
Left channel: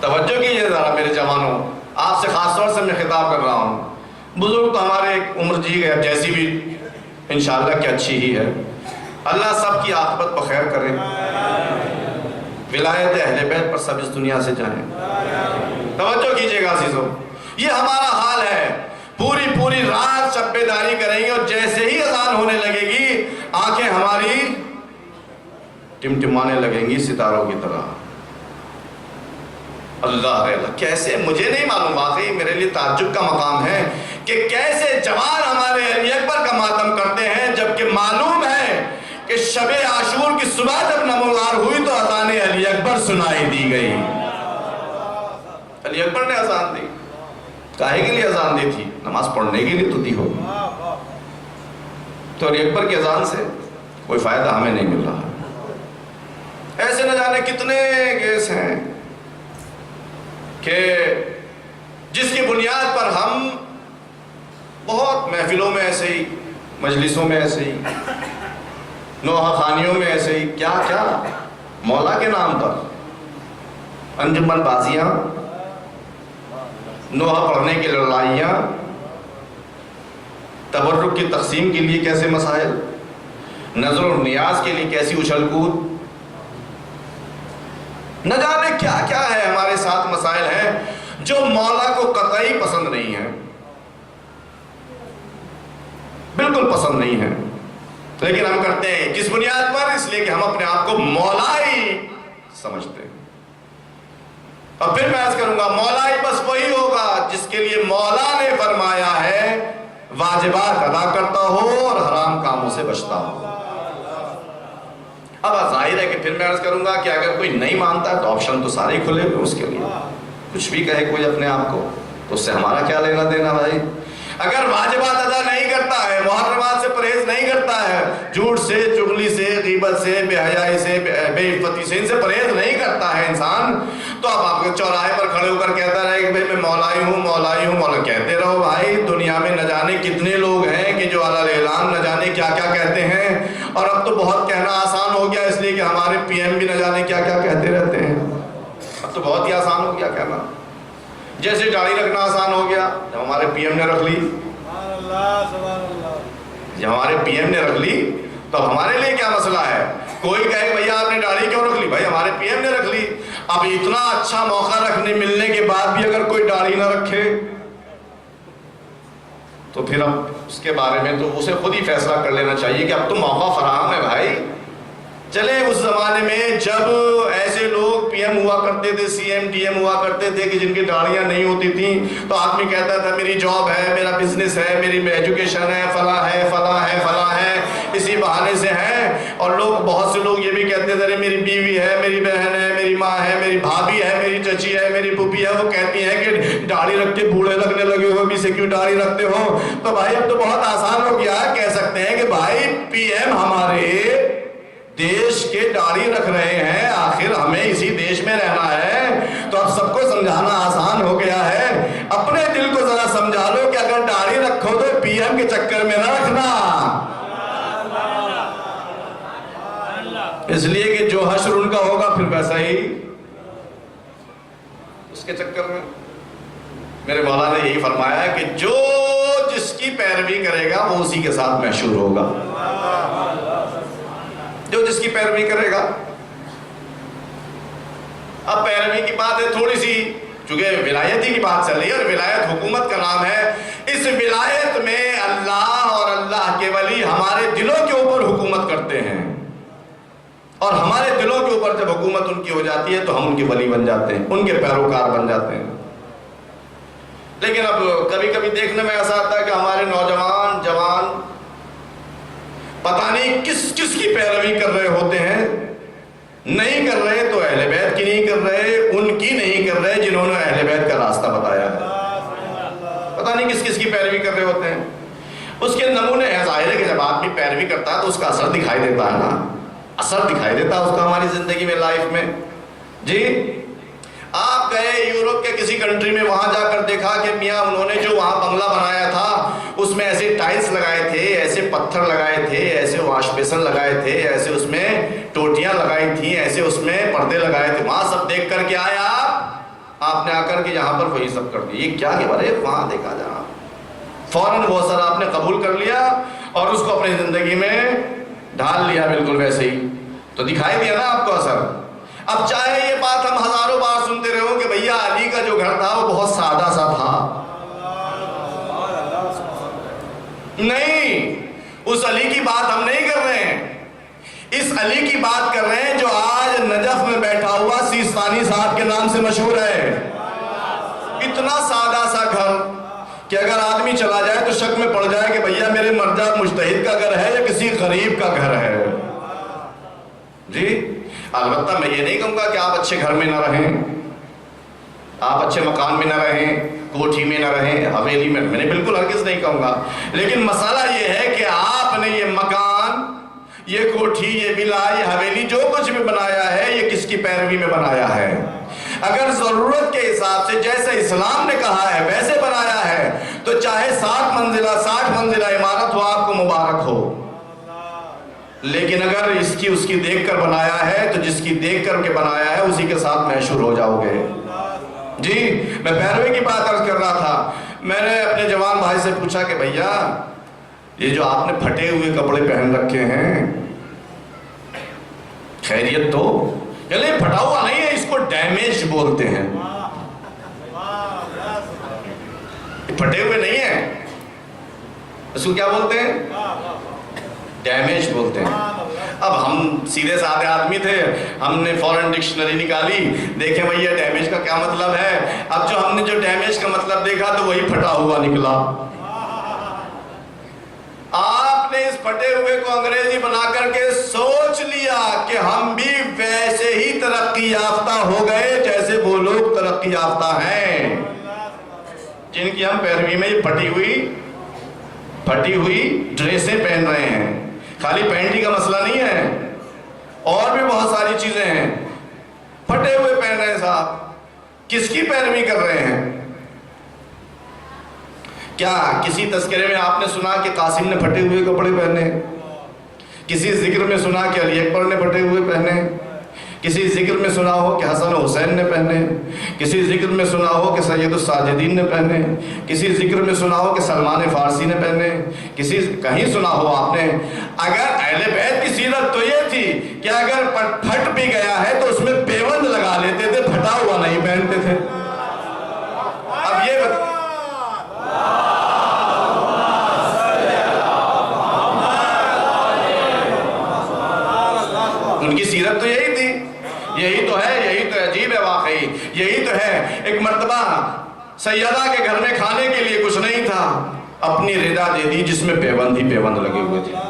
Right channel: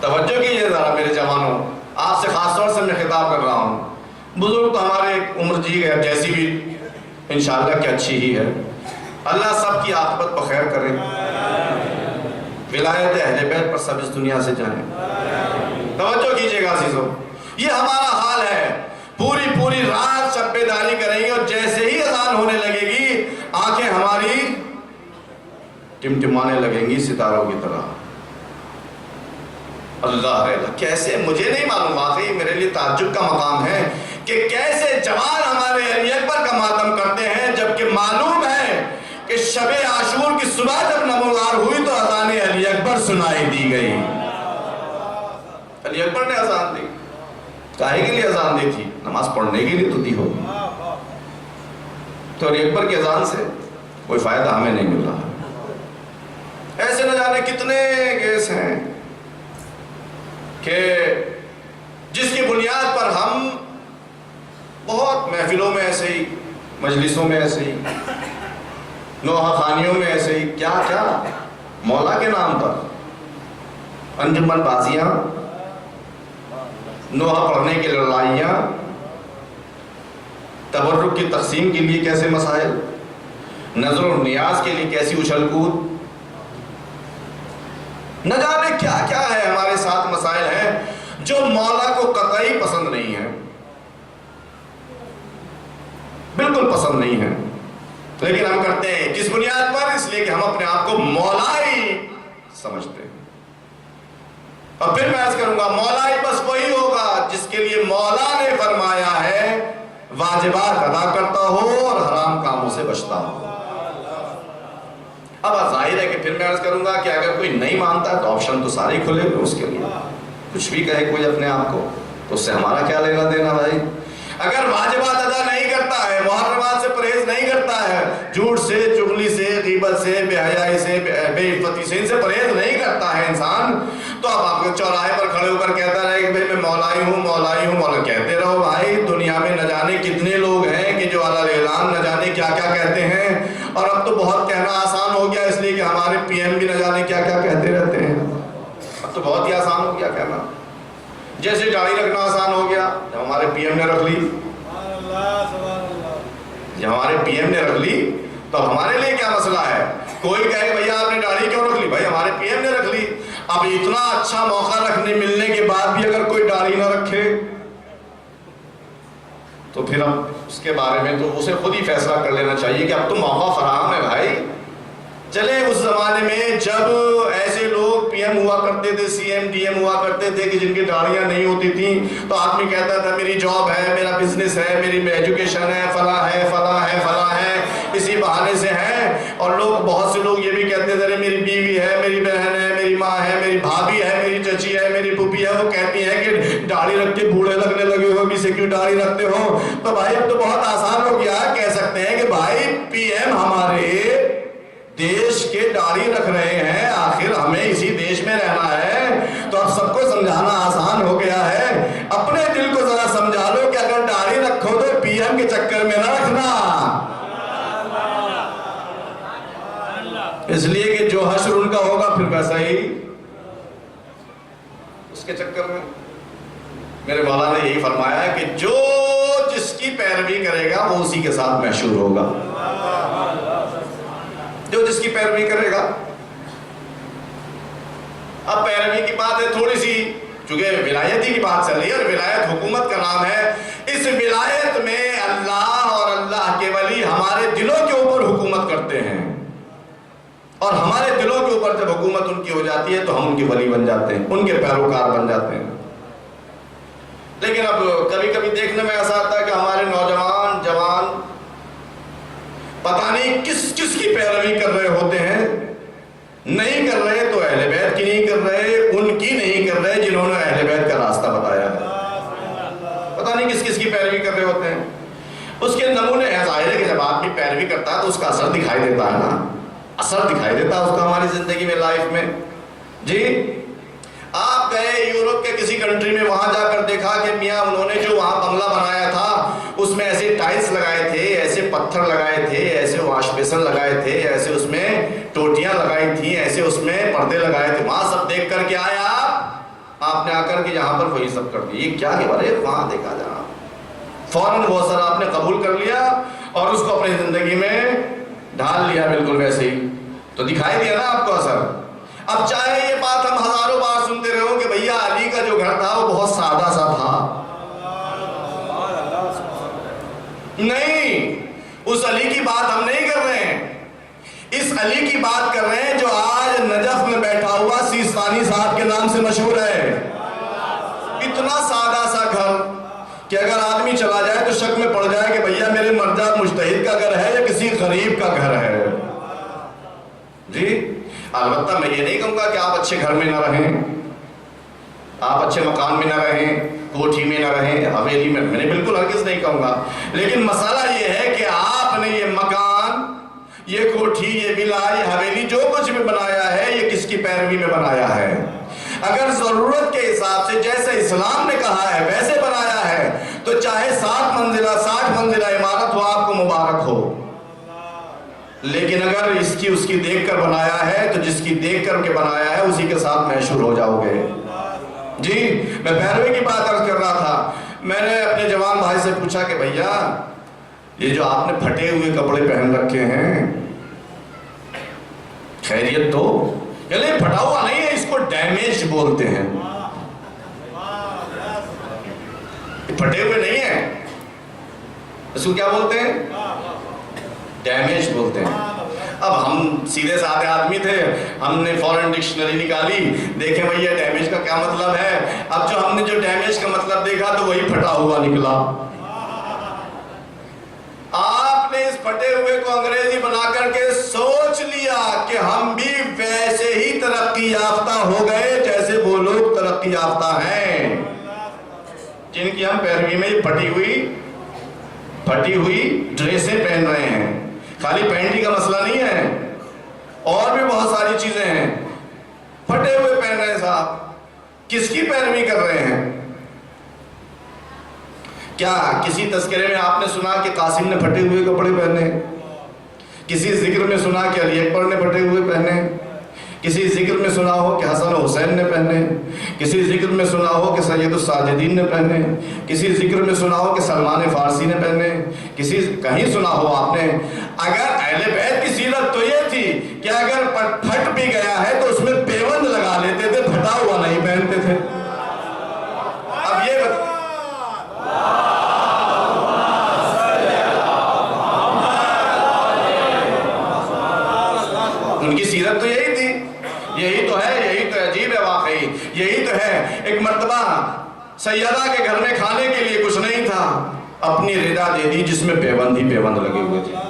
توجہ کیجیے ذرا میرے جوانوں, آپ سے خاص طور سے میں خطاب کر رہا ہوں. بزرگ تو ہمارے عمر جی گئے, جیسی بھی انشاءاللہ کہ اچھی ہی ہے. اللہ سب کی عاقبت پر خیر کرے, ولایت اہل بیت پر سب اس دنیا سے جائیں. توجہ کیجیے گا عزیزوں, یہ ہمارا حال ہے. پوری رات شب بیداری کریں گے اور جیسے ہی اذان ہونے لگے گی آنکھیں ہماری ٹمٹمانے لگیں گی ستاروں کی طرح۔ اللہ ہے، کیسے مجھے نہیں معلوم، واقعی میرے لیے تعجب کا مقام ہے کہ کیسے جوان ہمارے علی اکبر کا ماتم کرتے ہیں، جبکہ معلوم ہے کہ شب عاشور کی صبح جب نمودار ہوئی تو اذان علی اکبر سنائی دی گئی۔ علی اکبر نے اذان دی، کاہے کے لیے اذان دی تھی؟ نماز پڑھنے کے لیے تو دی ہوگی۔ تو علی اکبر کی اذان سے کوئی فائدہ ہمیں نہیں مل رہا۔ ایسے نہ جانے کتنے کیس ہیں کہ جس کی بنیاد پر ہم بہت محفلوں میں ایسے ہی، مجلسوں میں ایسے ہی، نوحہ خانیوں میں ایسے ہی، کیا کیا مولا کے نام پر انجمن بازیاں، نوحہ پڑھنے کی لڑائیاں، تبرک کی تقسیم کے لیے کیسے مسائل، نظر و نیاز کے لیے کیسی اچھل کود، نہ جانے کیا کیا ہے ہمارے ساتھ مسائل ہیں جو مولا کو قطعی پسند نہیں ہیں، بالکل پسند نہیں ہیں، لیکن ہم کرتے ہیں کس بنیاد پر؟ اس لیے کہ ہم اپنے آپ کو مولا ہی سمجھتے ہیں۔ اور پھر میں عرض کروں گا، مولا ہی بس وہی ہوگا جس کے لیے مولا نے فرمایا ہے واجبات ادا کرتا ہو اور حرام کاموں سے بچتا ہو۔ اب ظاہر ہے کہ پھر میں عرض کروں گا کہ اگر کوئی نہیں مانتا ہے تو آپشن تو سارے ہی کھلے ہوئے اس کے لیے، کچھ بھی کہے کوئی اپنے آپ کو، تو اس سے ہمارا کیا لینا دینا بھائی؟ اگر واجبات ادا نہیں کرتا ہے، محرمات سے پرہیز نہیں کرتا ہے، جھوٹ سے، چغلی سے، غیبت سے، بے حیائی سے، بے عفتی سے، ان سے پرہیز نہیں کرتا ہے انسان، تو اب آپ کو چوراہے پر کھڑے ہو کر کہتا رہے کہ بھائی میں مولائی ہوں، مولائی ہوں، مولا کہتے رہو بھائی۔ دنیا میں نہ جانے کتنے لوگ ہیں کہ جو علی اعلان نہ جانے کیا کیا کہتے ہیں، اور اب تو بہت کہنا آسان ہو گیا، اس لیے کہ ہمارے پی ایم بھی نہ جانے کیا کیا کہتے رہتے ہیں۔ اب تو بہت ہی آسان ہو گیا کہنا، جیسے داڑھی رکھنا آسان ہو گیا، جب ہمارے پی ایم نے رکھ لی، جب ہمارے پی ایم نے رکھ لی تو ہمارے لیے کیا مسئلہ ہے؟ کوئی کہے کہ بھیا آپ نے داڑھی کیوں رکھ لی؟ بھائی ہمارے پی ایم نے رکھ لی۔ اب اتنا اچھا موقع رکھنے ملنے کے بعد بھی اگر کوئی داڑھی نہ رکھے تو پھر اب اس کے بارے میں تو اسے خود ہی فیصلہ کر لینا چاہیے کہ اب تو موقع فراہم ہے بھائی۔ چلے اس زمانے میں جب ایسے لوگ پی ایم ہوا کرتے تھے، سی ایم ڈی ایم ہوا کرتے تھے کہ جن کی داڑیاں نہیں ہوتی تھیں، تو آدمی کہتا تھا میری جاب ہے، میرا بزنس ہے، میری ایجوکیشن ہے، فلاں ہے، فلاں ہے، فلاں ہے، اسی بہانے سے ہے۔ اور لوگ، بہت سے لوگ یہ بھی کہتے تھے میری بیوی ہے، میری بہن ہے، میری ماں ہے، میری بھابھی ہے، میری چچی ہے، میری پھوپھی ہے، وہ کہتی ہیں کہ داڑھی رکھ کے بوڑھے لگنے لگے ہو، بھی سے کیوں داڑھی رکھتے ہو؟ تو بھائی اب تو بہت آسان ہو گیا، کہہ سکتے ہیں کہ بھائی پی ایم ہمارے دیش کے داڑھی رکھ رہے ہیں، آخر ہمیں اسی دیش میں رہنا ہے، تو اب سب کو سمجھانا آسان ہو گیا ہے۔ اپنے دل کو ذرا سمجھا لو کہ اگر داڑھی رکھو تو پی ایم کے چکر میں نہ رکھنا، اس لیے کہ جو حشر ان کا ہوگا پھر ویسا ہی اس کے چکر میں۔ میرے مولا نے یہی فرمایا ہے کہ جو جس کی پیروی کرے گا وہ اسی کے ساتھ محشور ہوگا، جو جس کی پیروی کرے گا۔ اب پیروی کی بات ہے تھوڑی سی، چونکہ ولایتی کی بات چل رہی ہے اور ولایت حکومت کا نام ہے، اس ولایت میں اللہ اور اللہ کے ولی ہمارے دلوں کے اوپر حکومت کرتے ہیں، اور ہمارے دلوں کے اوپر جب حکومت ان کی ہو جاتی ہے تو ہم ان کے ولی بن جاتے ہیں، ان کے پیروکار بن جاتے ہیں۔ لیکن اب کبھی کبھی دیکھنے میں ایسا آتا ہے کہ ہمارے نوجوان جوان پتہ نہیں کس کس کی پیروی کر رہے ہوتے ہیں، نہیں کر رہے تو اہل بیت کی نہیں کر رہے، ان کی نہیں کر رہے جنہوں نے اہل بیت کا راستہ بتایا ہے، پتہ نہیں کس کس کی پیروی کر رہے ہوتے ہیں۔ اس کے نمونے ہیں، ظاہر ہے کہ جب آدمی پیروی کرتا ہے تو اس کا اثر دکھائی دیتا ہے نا، اثر دکھائی دیتا ہے اس کا ہماری زندگی میں، لائف میں۔ جی آپ گئے یورپ کے کسی کنٹری میں، وہاں جا کر دیکھا کہ میاں انہوں نے جو وہاں بنگلہ بنایا تھا اس میں ایسے ٹائلز لگائے تھے، ایسے پتھر لگائے تھے، ایسے واش بیسن لگائے تھے، ایسے اس میں ٹوٹیاں لگائی تھیں، ایسے اس میں پردے لگائے تھے۔ وہاں سب دیکھ کر کے آیا آپ نے، آ کر کے یہاں پر وہی سب کر دیا، یہ کیا کہ بھائی وہاں دیکھا جا، فوراً وہ اثر آپ نے قبول کر لیا اور اس کو اپنی زندگی میں ڈھال لیا، بالکل ویسے ہی تو دکھائی دیا نا آپ کو اثر۔ اب چاہے یہ بات ہم ہزاروں بار سنتے رہو کہ بھیا علی کا جو گھر تھا وہ بہت سادہ سا تھا، نہیں، اس علی کی بات ہم نہیں کر رہے ہیں، اس علی کی بات کر رہے ہیں مشہور ہے. اتنا سادہ سا گھر کہ اگر آدمی چلا جائے تو شک میں پڑ جائے کہ بھیا میرے مرجع مجتہد کا گھر ہے یا کسی غریب کا گھر ہے. جی البتہ میں یہ نہیں کہوں گا کہ آپ اچھے گھر میں نہ رہیں، آپ اچھے مکان میں نہ رہیں، کوٹھی میں نہ رہیں، حویلی میں نے بالکل ہرگز نہیں کہوں گا. لیکن مسئلہ یہ ہے کہ آپ نے یہ مکان، یہ کوٹھی، یہ ولا، یہ حویلی جو کچھ بھی بنایا ہے یہ کس کی پیروی میں بنایا ہے؟ اگر ضرورت کے حساب سے جیسے اسلام نے کہا ہے ویسے بنایا ہے تو چاہے 60 منزلہ عمارت ہو آپ کو مبارک ہو. لیکن اگر اس کی دیکھ کر بنایا ہے تو جس کی دیکھ کر کے بنایا ہے اسی کے ساتھ محشور ہو جاؤ گے. جی میں پیروی کی بات عرض کر رہا تھا. میں نے اپنے جوان بھائی سے پوچھا کہ بھیا یہ جو آپ نے پھٹے ہوئے کپڑے پہن رکھے ہیں خیریت تو؟ چلے پھٹا ہوا نہیں ہے، اس کو ڈیمیج بولتے ہیں. پھٹے ہوئے نہیں ہیں، اس کو کیا بولتے ہیں؟ ڈیمیج بولتے ہیں. اب ہم سیدھے سادھے آدمی تھے، ہم نے فورن ڈکشنری نکالی، دیکھیں بھیا ڈیمیج کا کیا مطلب ہے. اب جو ہم نے جو ڈیمیج کا مطلب دیکھا تو وہی پھٹا ہوا نکلا. آپ نے اس پھٹے ہوئے کو انگریزی بنا کر کے سوچ لیا کہ ہم بھی ویسے ہی ترقی یافتہ ہو گئے جیسے وہ لوگ ترقی یافتہ ہیں جن کی ہم پیروی میں پھٹی ہوئی ڈریسیں پہن رہے ہیں. خالی پینٹ ہی کا مسئلہ نہیں ہے، اور بھی بہت ساری چیزیں ہیں. پھٹے ہوئے پہن رہے ہیں صاحب، کس کی پیروی کر رہے ہیں؟ کیا کسی تذکرے میں آپ نے سنا کہ قاسم نے پھٹے ہوئے کپڑے پہنے؟ کسی ذکر میں سنا کہ علی اکبر نے پھٹے ہوئے پہنے؟ کسی ذکر میں سنا ہو کہ حسن و حسین نے پہنے؟ کسی ذکر میں سنا ہو کہ سید الساجدین نے پہنے؟ کسی ذکر میں سنا ہو کہ سلمان فارسی نے پہنے؟ کہیں سنا ہو آپ نے؟ اگر اہل بیت کی سیرت تو یہ تھی کہ اگر پھٹ بھی گیا ہے تو اس میں پیوند لگا لیتے تھے، پھٹا ہوا نہیں پہنتے تھے. اب یہ ان کی سیرت تو یہی تھی. یہی تو ہے، یہی تو عجیب ہے واقعی. یہی تو ہے. ایک مرتبہ سیدہ کے گھر میں کھانے کے لیے کچھ نہیں تھا، اپنی رضا دے دی جس میں پیوند ہی پیوند لگے ہوئے تھے.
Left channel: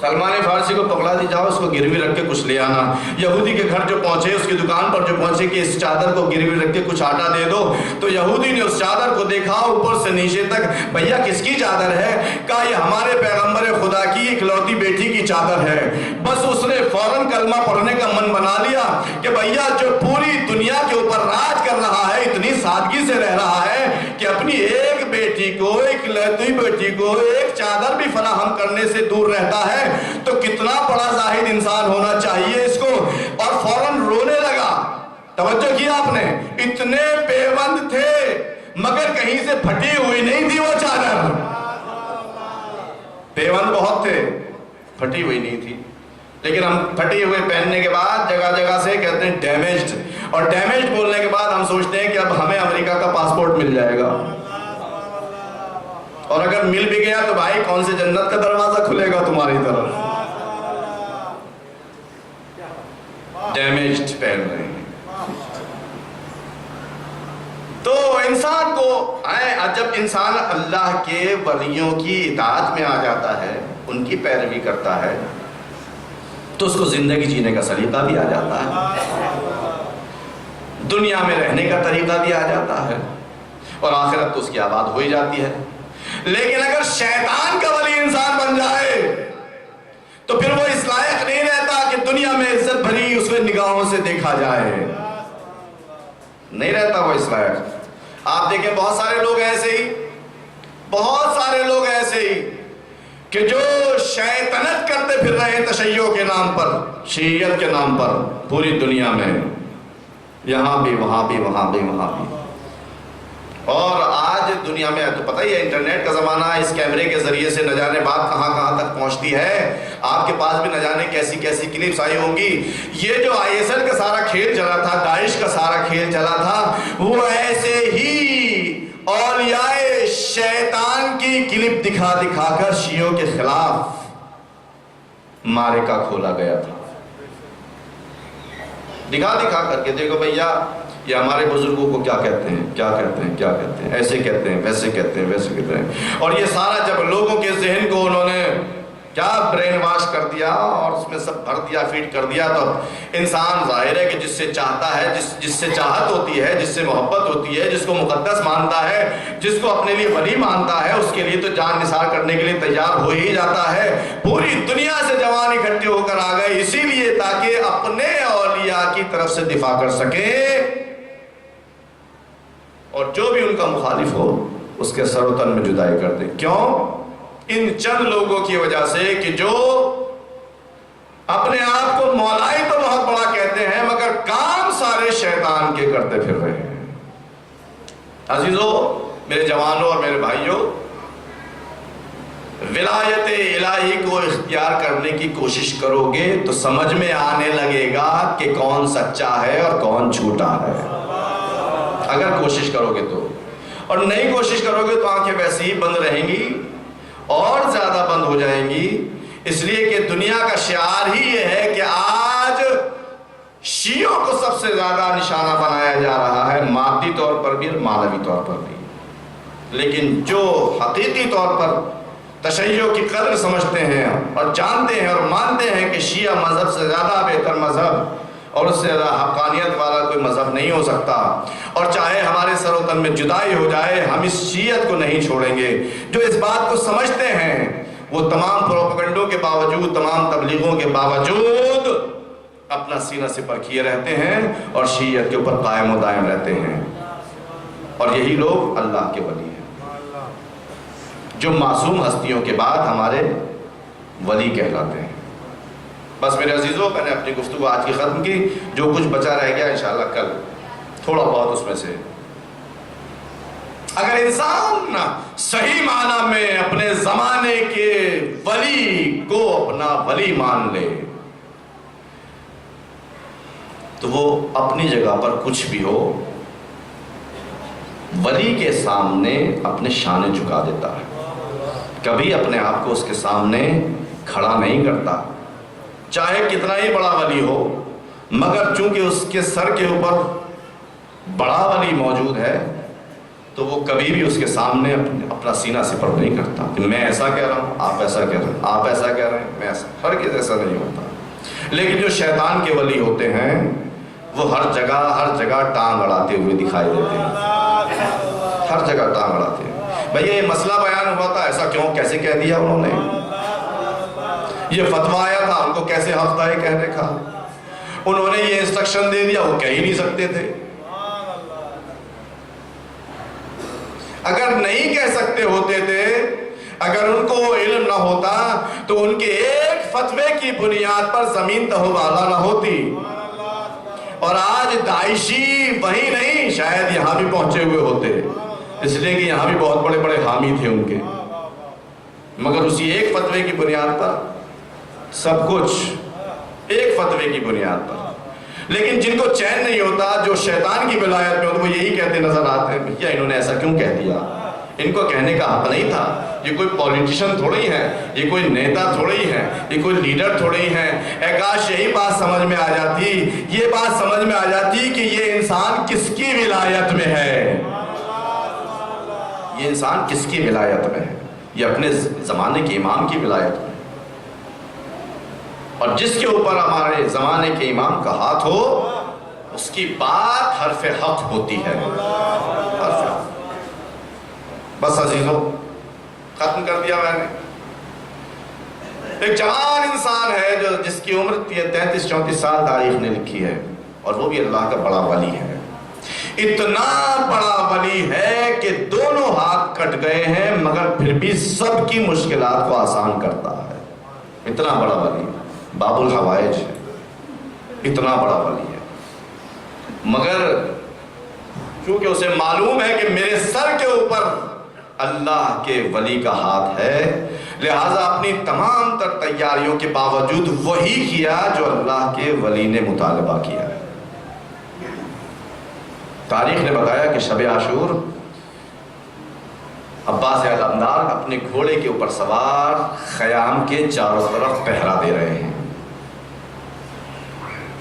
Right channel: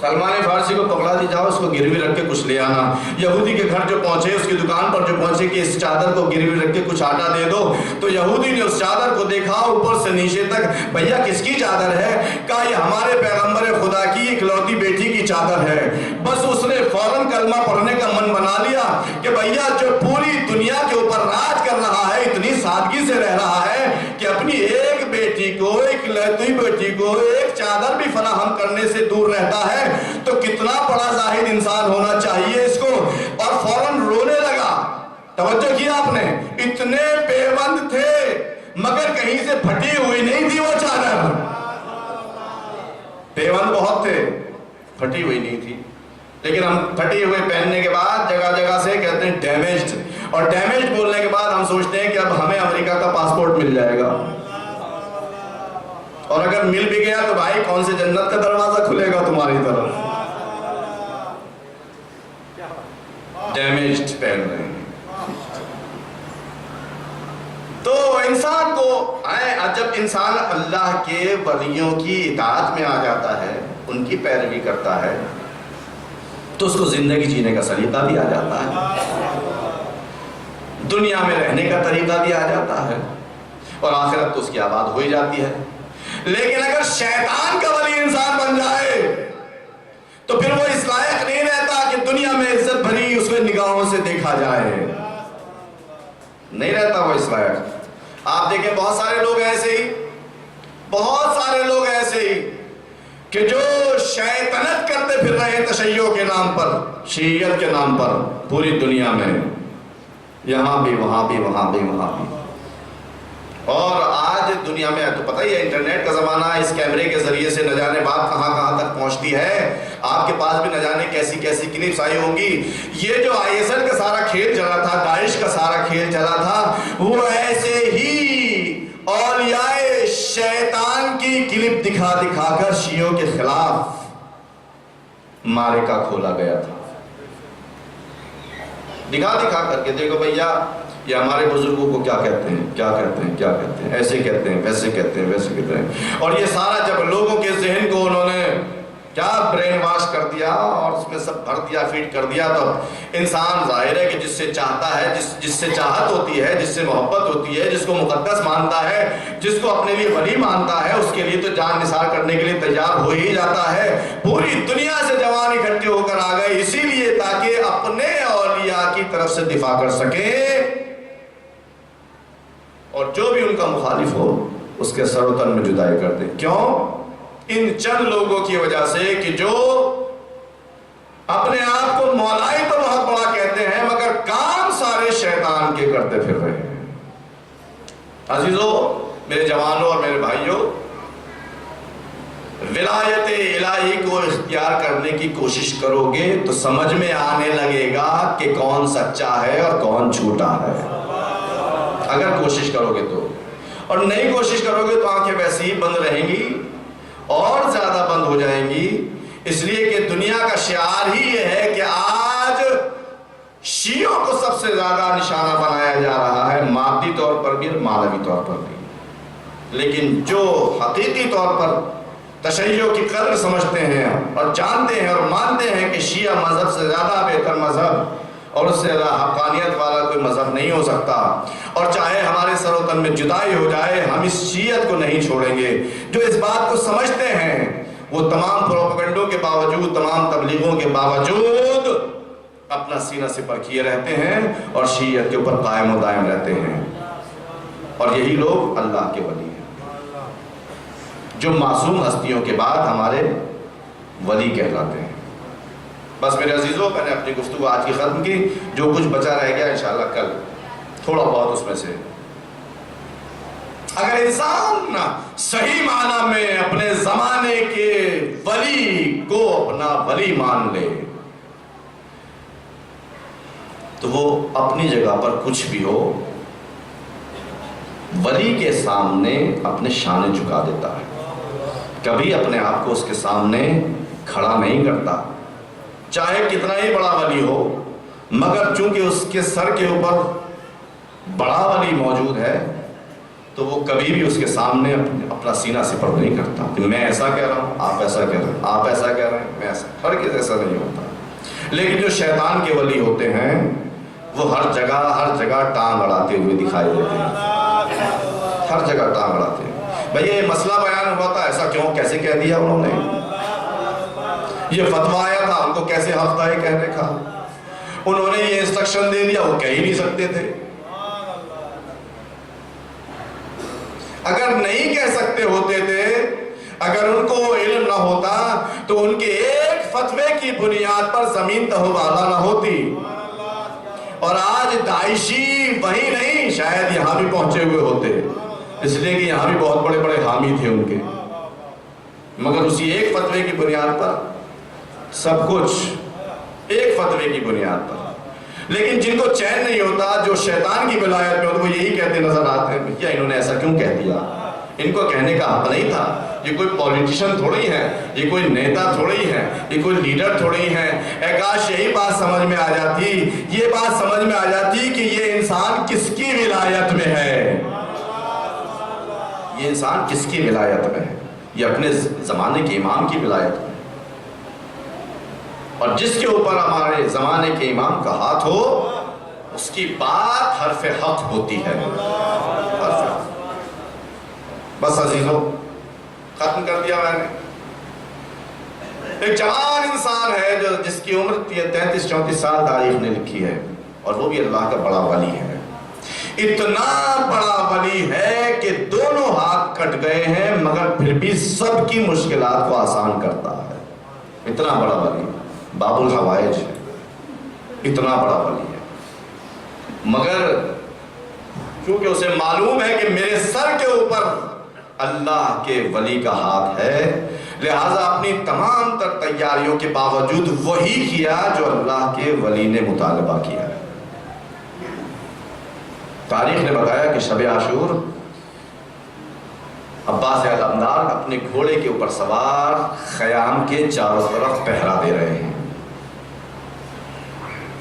سلمان فارسی کو پکڑا دی، جاؤ اس کو گروی رکھ کے کچھ لے آنا. یہودی کے گھر جو پہنچے، اس کی دکان پر جو پہنچے کہ اس چادر کو گروی رکھ کے کچھ آٹا دے دو، تو یہودی نے اس چادر کو دیکھا اوپر سے نیچے تک. بھیا کس کی چادر ہے؟ کہا یہ ہمارے پیغمبر خدا کی اکلوتی بیٹی کی چادر ہے. بس اس نے فوراً کلمہ پڑھنے کا من بنا لیا کہ بھیا جو پوری دنیا کے اوپر راج کر رہا ہے، اتنی سادگی سے رہ رہا ہے کہ اپنی ایک بیٹی کو، اکلوتی بیٹی کو ایک چادر بھی فراہم کرنے سے دور رہتا ہے، تو کتنا بڑا زاہد انسان ہونا چاہیے اس کو. اور فوراً رونے لگا. توجہ کیا آپ نے؟ اتنے پیوند تھے مگر کہیں سے پھٹی ہوئی نہیں تھی وہ چادر. پیوند بہت تھے، پھٹی ہوئی نہیں تھی. لیکن ہم پھٹی ہوئے پہننے کے بعد جگہ جگہ سے کہتے ہیں ڈیمیجڈ، اور ڈیمیجڈ بولنے کے بعد ہم سوچتے ہیں کہ اب ہمیں امریکہ کا پاسپورٹ مل جائے گا، اور اگر مل بھی گیا تو بھائی کون سے جنت کا دروازہ کھلے گا تمہاری طرف. ڈیمیجڈ پہن رہے ہیں. تو انسان کو جب انسان اللہ کے ولیوں کی اطاعت میں آ جاتا ہے، ان کی پیروی کرتا ہے، تو اس کو زندگی جینے کا سلیقہ بھی آ جاتا ہے، دنیا میں رہنے کا طریقہ بھی آ جاتا ہے، اور آخرت تو اس کی آباد ہو ہی جاتی ہے. لیکن اگر شیطان کا ولی انسان بن جائے تو پھر وہ اس لائق نہیں رہتا کہ دنیا میں عزت بھری اس میں نگاہوں سے دیکھا جائے. نہیں رہتا وہ اس لائق. آپ دیکھیں بہت سارے لوگ ایسے ہی کہ جو شیطنت کرتے پھر رہے ہیں تشیع کے نام پر، شیعیت کے نام پر پوری دنیا میں، یہاں بھی وہاں بھی وہاں بھی وہاں بھی. اور آج دنیا میں تو پتہ ہی ہے انٹرنیٹ کا زمانہ، اس کیمرے کے ذریعے سے نہ جانے بات کہاں کہاں تک پہنچتی ہے. آپ کے پاس بھی نہ جانے کیسی کیسی کلپس آئی ہوں گی. یہ جو ISL کا سارا کھیل چلا تھا، داعش کا سارا کھیل چلا تھا، وہ ایسے ہی اولیاء شیطان کی کلپ دکھا دکھا کر شیعوں کے خلاف معرکہ کھولا گیا تھا. دکھا دکھا کر کے دیکھو بھیا یہ ہمارے بزرگوں کو کیا کہتے ہیں، کیا کہتے ہیں، کیا کہتے ہیں، ایسے کہتے ہیں، ویسے کہتے ہیں، ویسے کہتے ہیں. اور یہ سارا جب لوگوں کے ذہن کو انہوں نے کیا برین واش کر دیا اور اس میں سب بھر دیا، فیڈ کر دیا، تو انسان ظاہر ہے کہ جس سے چاہتا ہے، جس سے چاہت ہوتی ہے، جس سے محبت ہوتی ہے، جس کو مقدس مانتا ہے، جس کو اپنے لیے ولی مانتا ہے، اس کے لیے تو جان نثار کرنے کے لیے تیار ہو ہی جاتا ہے. پوری دنیا سے جوان اکٹھے ہو کر آ گئے اسی لیے تاکہ اپنے اولیاء کی طرف سے دفاع کر سکیں، اور جو بھی ان کا مخالف ہو اس کے سر و تن میں جدائی کر دیں. کیوں؟ ان چند لوگوں کی وجہ سے کہ جو اپنے آپ کو مولائی تو بہت بڑا کہتے ہیں مگر کام سارے شیطان کے کرتے پھر رہے ہیں. عزیزو، میرے جوانوں اور میرے بھائیوں، ولایت الہی کو اختیار کرنے کی کوشش کرو گے تو سمجھ میں آنے لگے گا کہ کون سچا ہے اور کون جھوٹا ہے، اگر کوشش کرو گے تو. اور نہیں کوشش کرو گے تو آنکھیں ویسے ہی بند رہیں گی اور زیادہ بند ہو جائیں گی. اس لیے کہ دنیا کا شعار ہی یہ ہے کہ آج شیعوں کو سب سے زیادہ نشانہ بنایا جا رہا ہے، مادی طور پر بھی اور معنوی طور پر بھی. لیکن جو حقیقی طور پر تشیع کی قدر سمجھتے ہیں اور جانتے ہیں اور مانتے ہیں کہ شیعہ مذہب سے زیادہ بہتر مذہب اور اس سے زیادہ حقانیت والا کوئی مذہب نہیں ہو سکتا، اور چاہے ہمارے سر و تن میں جدائی ہو جائے ہم اس شیعت کو نہیں چھوڑیں گے. جو اس بات کو سمجھتے ہیں وہ تمام پروپیگنڈوں کے باوجود، تمام تبلیغوں کے باوجود اپنا سینہ سپر کیے رہتے ہیں اور شیعت کے اوپر قائم و دائم رہتے ہیں. اور یہی لوگ اللہ کے ولی ہیں، جو معصوم ہستیوں کے بعد ہمارے ولی کہلاتے ہیں. بس میرے عزیزوں، میں نے اپنی گفتگو آج کی ختم کی. جو کچھ بچا رہ گیا انشاءاللہ کل تھوڑا بہت اس میں سے اگر انسان صحیح معنی میں اپنے زمانے کے ولی کو اپنا ولی مان لے تو وہ اپنی جگہ پر کچھ بھی ہو ولی کے سامنے اپنے شانے جھکا دیتا ہے، کبھی اپنے آپ کو اس کے سامنے کھڑا نہیں کرتا، چاہے کتنا ہی بڑا ولی ہو. مگر چونکہ اس کے سر کے اوپر بڑا ولی موجود ہے تو وہ کبھی بھی اس کے سامنے اپنا سینہ سپر نہیں کرتا کہ میں ایسا کہہ رہا ہوں، آپ ایسا کہہ رہے ہیں، آپ ایسا کہہ رہے ہیں، میں ایسا. ہرگز ایسا نہیں ہوتا. لیکن جو شیطان کے ولی ہوتے ہیں وہ ہر جگہ ٹانگ اڑاتے ہوئے دکھائی دیتے ہیں، ہر جگہ ٹانگ اڑاتے ہیں. بھئی یہ مسئلہ بیان ہوا تھا، ایسا کیوں، کیسے کہہ دیا انہوں نے؟ یہ فتویٰ آیا تھا، ان کو کیسے حق تھا یہ کہنے کا؟ انہوں نے یہ انسٹرکشن دے دیا، وہ کہہ ہی نہیں سکتے تھے. اگر نہیں کہہ سکتے ہوتے تھے، اگر ان کو علم نہ ہوتا تو ان کے ایک فتوے کی بنیاد پر زمین تہوالہ نہ ہوتی. اور آج داعشی وہی نہیں، شاید یہاں بھی پہنچے ہوئے ہوتے، اس لیے کہ یہاں بھی بہت بڑے بڑے حامی تھے ان کے. مگر اسی ایک فتوے کی بنیاد پر سب کچھ، ایک فتوے کی بنیاد پر. لیکن جن کو چین نہیں ہوتا، جو شیطان کی ولایت میں ہوتے، وہ یہی کہتے نظر آتے ہیں بھیا انہوں نے ایسا کیوں کہہ دیا، ان کو کہنے کا حق نہیں تھا. یہ کوئی پولیٹیشن تھوڑی ہے، یہ کوئی نیتا تھوڑی ہے، یہ کوئی لیڈر تھوڑی ہے. اے کاش یہی بات سمجھ میں آ جاتی، یہ بات سمجھ میں آ جاتی کہ یہ انسان کس کی ولایت میں ہے، یہ انسان کس کی ولایت میں ہے. یہ اپنے زمانے کے امام کی ولایت میں، اور جس کے اوپر ہمارے زمانے کے امام کا ہاتھ ہو اس کی بات حرف حق ہوتی ہے، حرف حق. بس عزیزوں، ختم کر دیا میں نے. ایک جوان انسان ہے جس کی عمر 33-34 سال تاریخ نے لکھی ہے، اور وہ بھی اللہ کا بڑا ولی ہے. اتنا بڑا ولی ہے کہ دونوں ہاتھ کٹ گئے ہیں مگر پھر بھی سب کی مشکلات کو آسان کرتا ہے. اتنا بڑا ولی، باب الحوائج ہے، اتنا بڑا ولی ہے. مگر کیونکہ اسے معلوم ہے کہ میرے سر کے اوپر اللہ کے ولی کا ہاتھ ہے، لہذا اپنی تمام تر تیاریوں کے باوجود وہی کیا جو اللہ کے ولی نے مطالبہ کیا. تاریخ نے بتایا کہ شب عاشور عباس علمدار اپنے گھوڑے کے اوپر سوار خیام کے چاروں طرف پہرا دے رہے ہیں.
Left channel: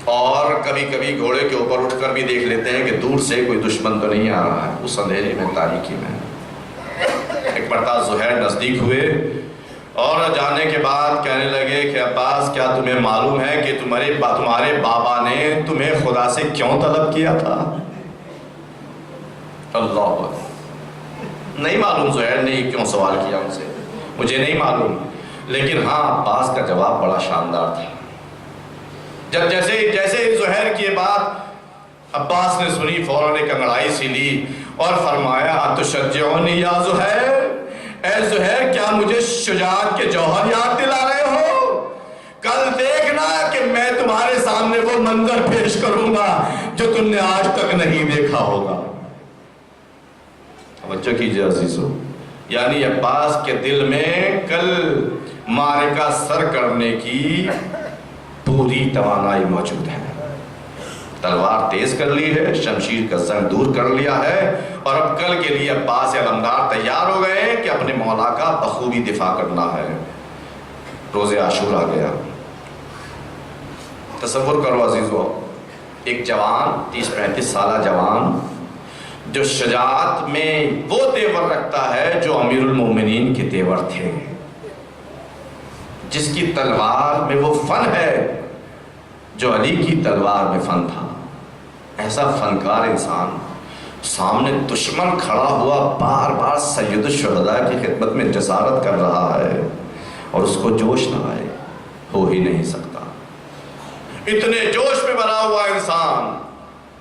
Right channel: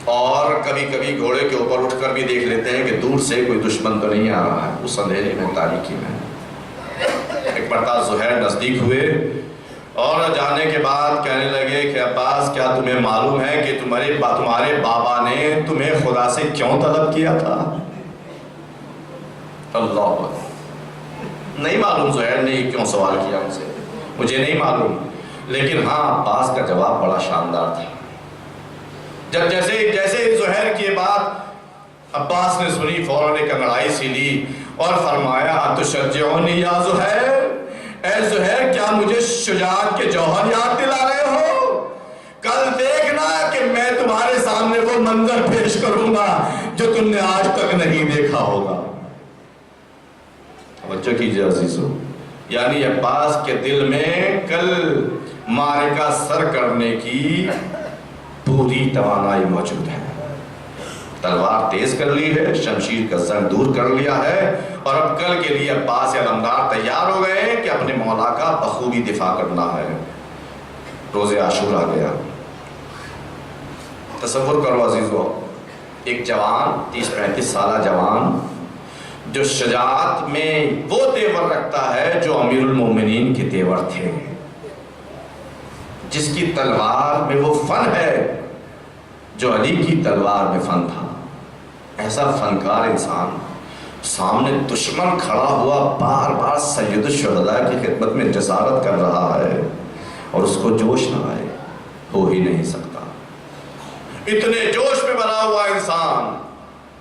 اور کبھی کبھی گھوڑے کے اوپر اٹھ کر بھی دیکھ لیتے ہیں کہ دور سے کوئی دشمن تو نہیں آ رہا ہے اس اندھیرے میں، تاریکی میں۔ ایک مرتبہ زہیر نزدیک ہوئے اور جانے کے بعد کہنے لگے کہ عباس کیا تمہیں معلوم ہے کہ تمہارے بابا نے تمہیں خدا سے کیوں طلب کیا تھا؟ اللہ نہیں معلوم زہیر نے کیوں سوال کیا ان سے، مجھے نہیں معلوم، لیکن ہاں عباس کا جواب بڑا شاندار تھا۔ جب جیسے زہیر کی بات عباس نے سنی، فوراً ایک انگڑائی سی لی اور فرمایا اتشجعونی یا زہیر، اے زہیر کیا مجھے شجاعت کے جوہر یاد دلا رہے ہو؟ کل دیکھنا کہ میں تمہارے سامنے وہ منظر پیش کروں گا جو تم نے آج تک نہیں دیکھا ہوگا۔ توجہ کیجئے عزیزو، یعنی عباس کے دل میں کل معرکہ سر کرنے کی پوری توانائی موجود ہے۔ تلوار تیز کر لی ہے، شمشیر کا زنگ دور کر لیا ہے، اور اب کل کے لیے عباس علمدار تیار ہو گئے ہیں کہ اپنے مولا کا بخوبی دفاع کرنا ہے۔ روز عاشورہ گیا۔ تصور کرو عزیزو، ایک جوان 30-35 سالہ جوان جو شجاعت میں وہ تیور رکھتا ہے جو امیر المومنین کے تیور تھے، جس کی تلوار میں وہ فن ہے جو علی کی تلوار میں فن تھا۔ ایسا فنکار انسان سامنے دشمن کھڑا ہوا بار بار سید الشہداء کی خدمت میں جسارت کر رہا ہے اور اس کو جوش نہ آئے، ہو ہی نہیں سکتا۔ اتنے جوش میں بنا ہوا انسان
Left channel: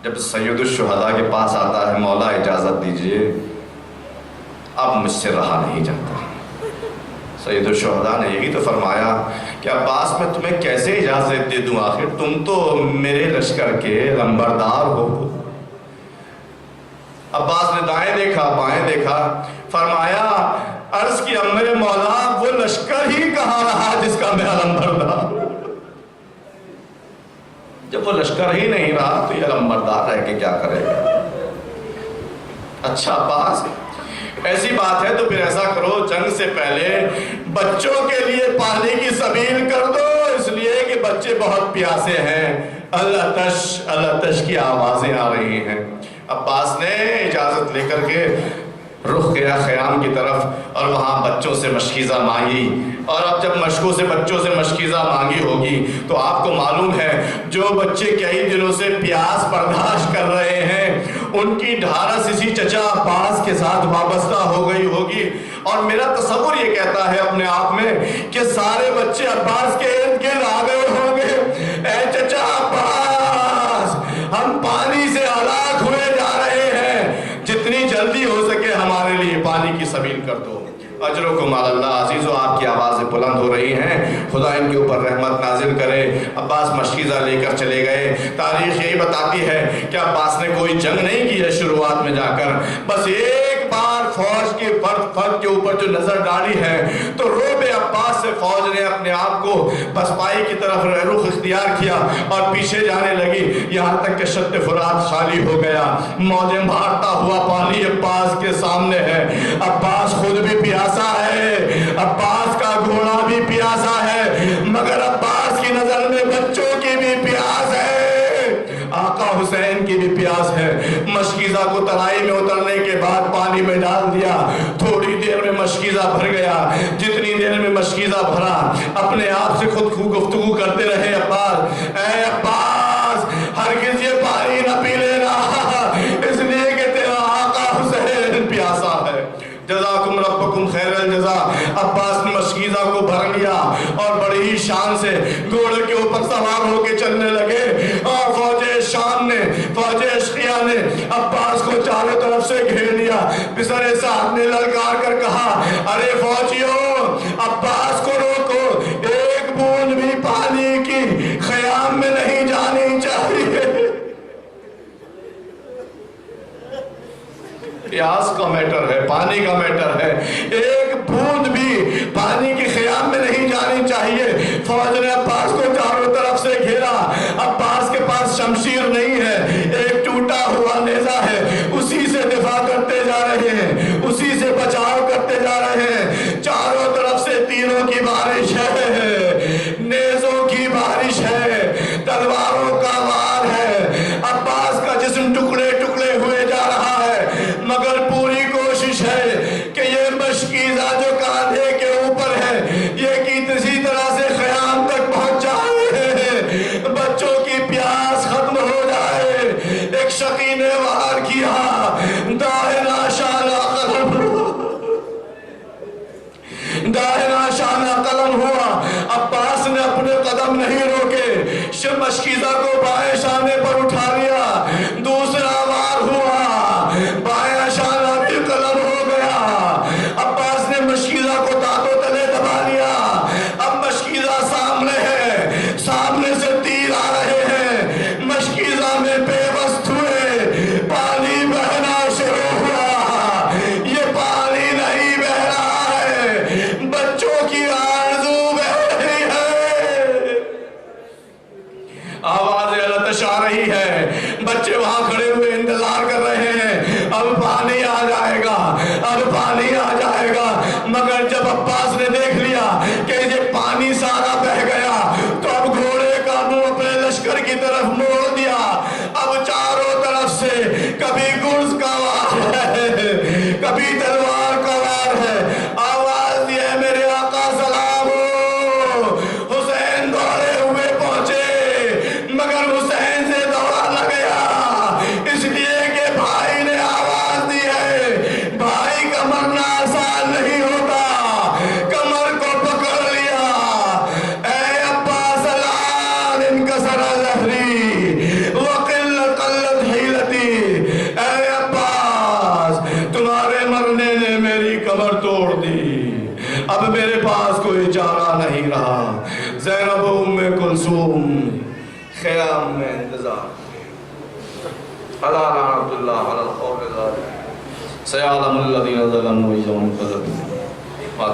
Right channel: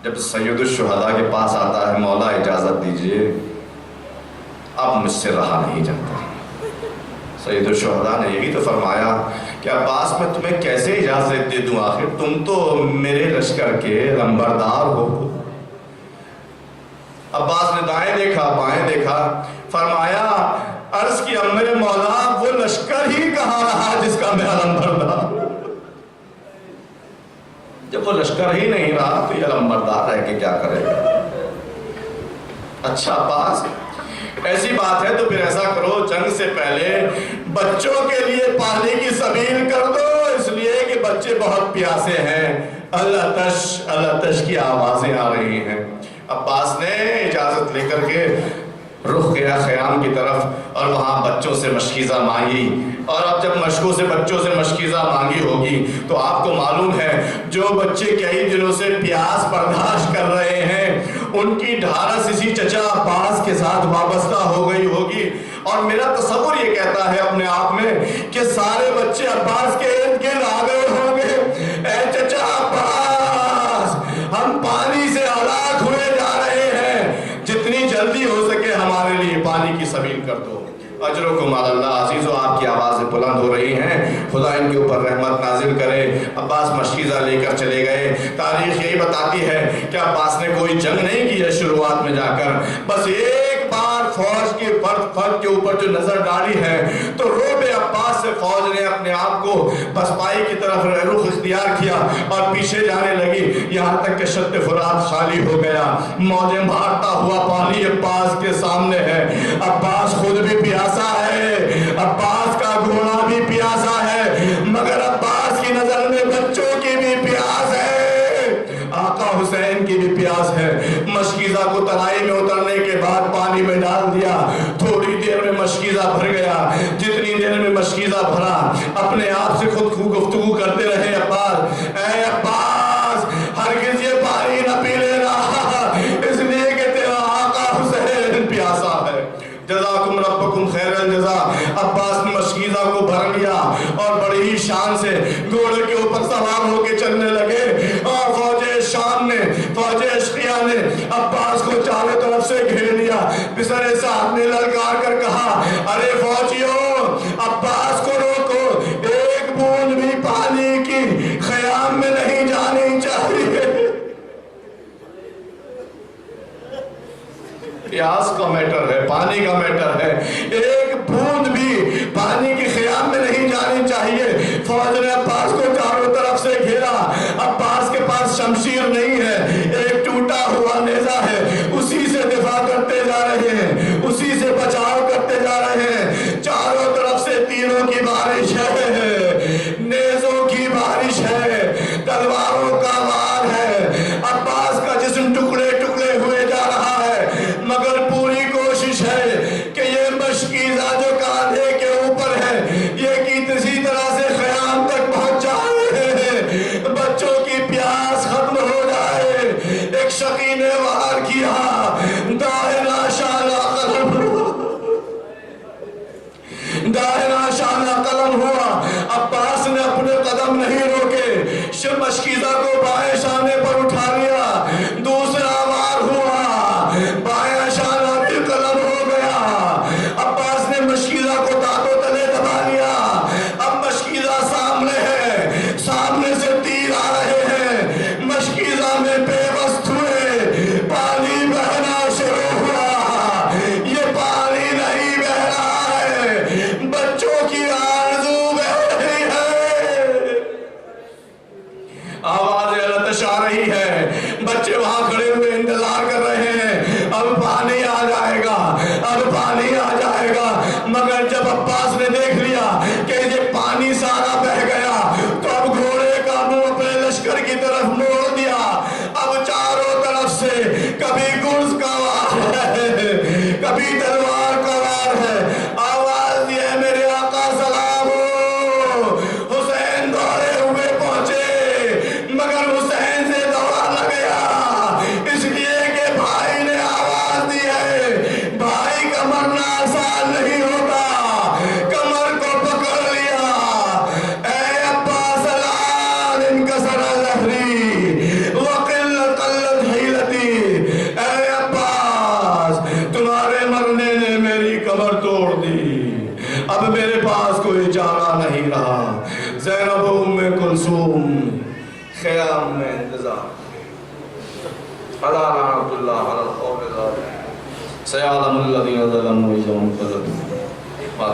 جب سید الشہداء کے پاس آتا ہے، مولا اجازت دیجئے، اب مجھ سے رہا نہیں جاتا۔ سید الشہداء نے یہی تو فرمایا کہ عباس میں تمہیں کیسے اجازت دے دوں، آخر تم تو میرے لشکر کے لمبردار ہو۔ عباس نے دائیں دیکھا بائیں دیکھا، فرمایا عرض کیا میرے مولا وہ لشکر ہی کہاں رہا جس کا میں لمبردار؟ جب وہ لشکر ہی نہیں رہا تو یہ لمبردار رہ کے کیا کرے گا؟ اچھا عباس ایسی بات ہے تو پھر ایسا کرو، جنگ سے پہلے بچوں کے لیے پانی کی سبیل کر دو، اس لیے کہ بچے بہت پیاسے ہیں، الاتش کی آوازیں آ رہی ہیں۔ عباس نے اجازت لے کر کے رخ گیا خیام کی طرف اور وہاں بچوں سے مشکیزہ مانگی، اور اب جب مشکوں سے بچوں سے مشکیزہ مانگی ہوگی تو آپ کو معلوم ہے جو بچے کئی دنوں سے پیاس برداشت کر رہے ہیں ان کی ڈھارس اسی چچا عباس کے ساتھ وابستہ ہو گئی ہوگی، اور میرا تصور یہ کہتا ہے اپنے آپ میں کہ سارے بچے عباس کے ارد گرد آ گئے ہوں گے، اے چچا عباس ہم پانی سے ہلاک ہوئے جا رہے ہیں، جتنی جلدی ہو سکے ہمارے لیے پانی کی سبیل کر دو۔ اجرکم علی اللہ۔ عزیزو آپ کی آوازیں بلند ہو رہی ہیں، خدا ان کے اوپر رحمت نازل کرے۔ عباس مشکیزہ لے کر چلے گئے۔ تاریخ یہی بتاتی ہے کہ عباس نے کوئی جنگ نہیں کی ہے شروعات میں جا کر، بس ایک بار فوج کے فرد کے اوپر جو نظر ڈالی ہے تو روب عباس سے فوج نے اپنے آپ کو پسپائی کی طرف رخ اختیار کیا اور پیچھے جانے لگی، یہاں تک کہ شط فرات خالی ہو گیا، موجیں مارتا ہوا پانی عباس کے سامنے ہے۔ عباس خود بھی پیاسا ہے، عباس کا گھوڑا بھی پیاسا ہے، مگر عباس کی نظر میں بچوں کی بھی پیاس ہے، آقا حسین کی بھی پیاس ہے۔ مشکیزہ کو ترائی میں اترنے کے بعد پانی میں ڈال دیا، تھوڑی دیر میں مشکیزہ بھر گیا، جتنی دیر میں مشکیزہ بھرا اپنے آپ سے خود کو گفتگو کرتے رہے عباس، اے عباس ہرگز یہ پانی نہ پی لینا، اس لیے کہ تیرا آقا حسین پیاسا ہے۔ جزاکم ربکم خیر الجزا۔ عباس نے مشکیزہ کو بھر لیا اور بڑی ہی شان سے گھوڑے کے اوپر سوار ہو کے چلنے لگے، اور فوج شام نے، فوج اشقیہ نے عباس کو چاروں طرف سے گھیر لیا۔ پسر سعد نے للکار کر کہا، ارے فوجیوں عباس کو روکو، ایک بوند بھی پانی کی خیام میں نہیں جانی چاہیے۔ پیاس کا میٹر ہے، پانی کا میٹر ہے، ایک بوند بھی پانی کی خیام میں نہیں جانی چاہیے۔ فوج نے عباس کو چاروں طرف سے گھیرا، عباس کے پاس شمشیر نہیں ہے، ایک ٹوٹا ہوا نیزہ ہے، اسی سے دفاع کرتے جا رہے ہیں، اسی سے بچاؤ کرتے جا رہے ہیں۔ چاروں طرف سے تیروں کی بارش ہے، نیزوں کی بارش ہے، تلواروں کا شقی نے وار کیا، دائرہ شانہ قلم دائرہ شانہ قلم ہوا۔ عباس نے اپنے قدم نہیں روکے، مشکیزہ کو بائیں شانے پر اٹھا لیا، دوسرا وار ہوا، بائیں شانہ بھی قلم ہو گیا۔ عباس نے مشکیزہ کو دانتوں تلے دبا لیا۔ اب مشکیزہ سامنے ہے، سامنے سے تیر آ رہے ہیں، مشکیزہ میں بے بس ہوئے، پانی بہنا شروع ہوا۔ یہ پانی نہیں بہ رہا ہے، بچوں کی آرزو بہ رہی ہے۔ آوازیں لطش آ رہی ہے، بچے وہاں کھڑے ہوئے انتظار کر رہے ہیں، اب پانی آ جائے گا، اب پانی آ جائے گا۔ مگر جب عباس نے دیکھ لیا کہ یہ پانی سارا بہ گیا تو اب گھوڑے کا منہ اپنے لشکر کی طرف موڑ دیا۔ اب چاروں طرف سے کبھی گرز کا وار ہے، کبھی تلوار کا وار ہے۔ آواز دی ہے میرے آقا سلام ہو۔ حسین دوڑے ہوئے پہنچے، مگر حسین سے دوڑا نہ گیا، اس لیے کہ بھائی نے آواز دی ہے، بھائی کا مرنا آسان نہیں ہوتا۔ کمر کو پکڑ لیا، اے عباس الآن انکسر ظہری وقلت حیلتی۔ اے عباس، تمہارے مرنے نے میری کمر توڑ دی، اب میرے پاس کوئی چارہ نہیں رہا۔ زینب و ام کلثوم خیام میں انتظار۔ حضرت عبداللہ علی القول ذالک سیعلم الذین ظلموا اذا انقلبوا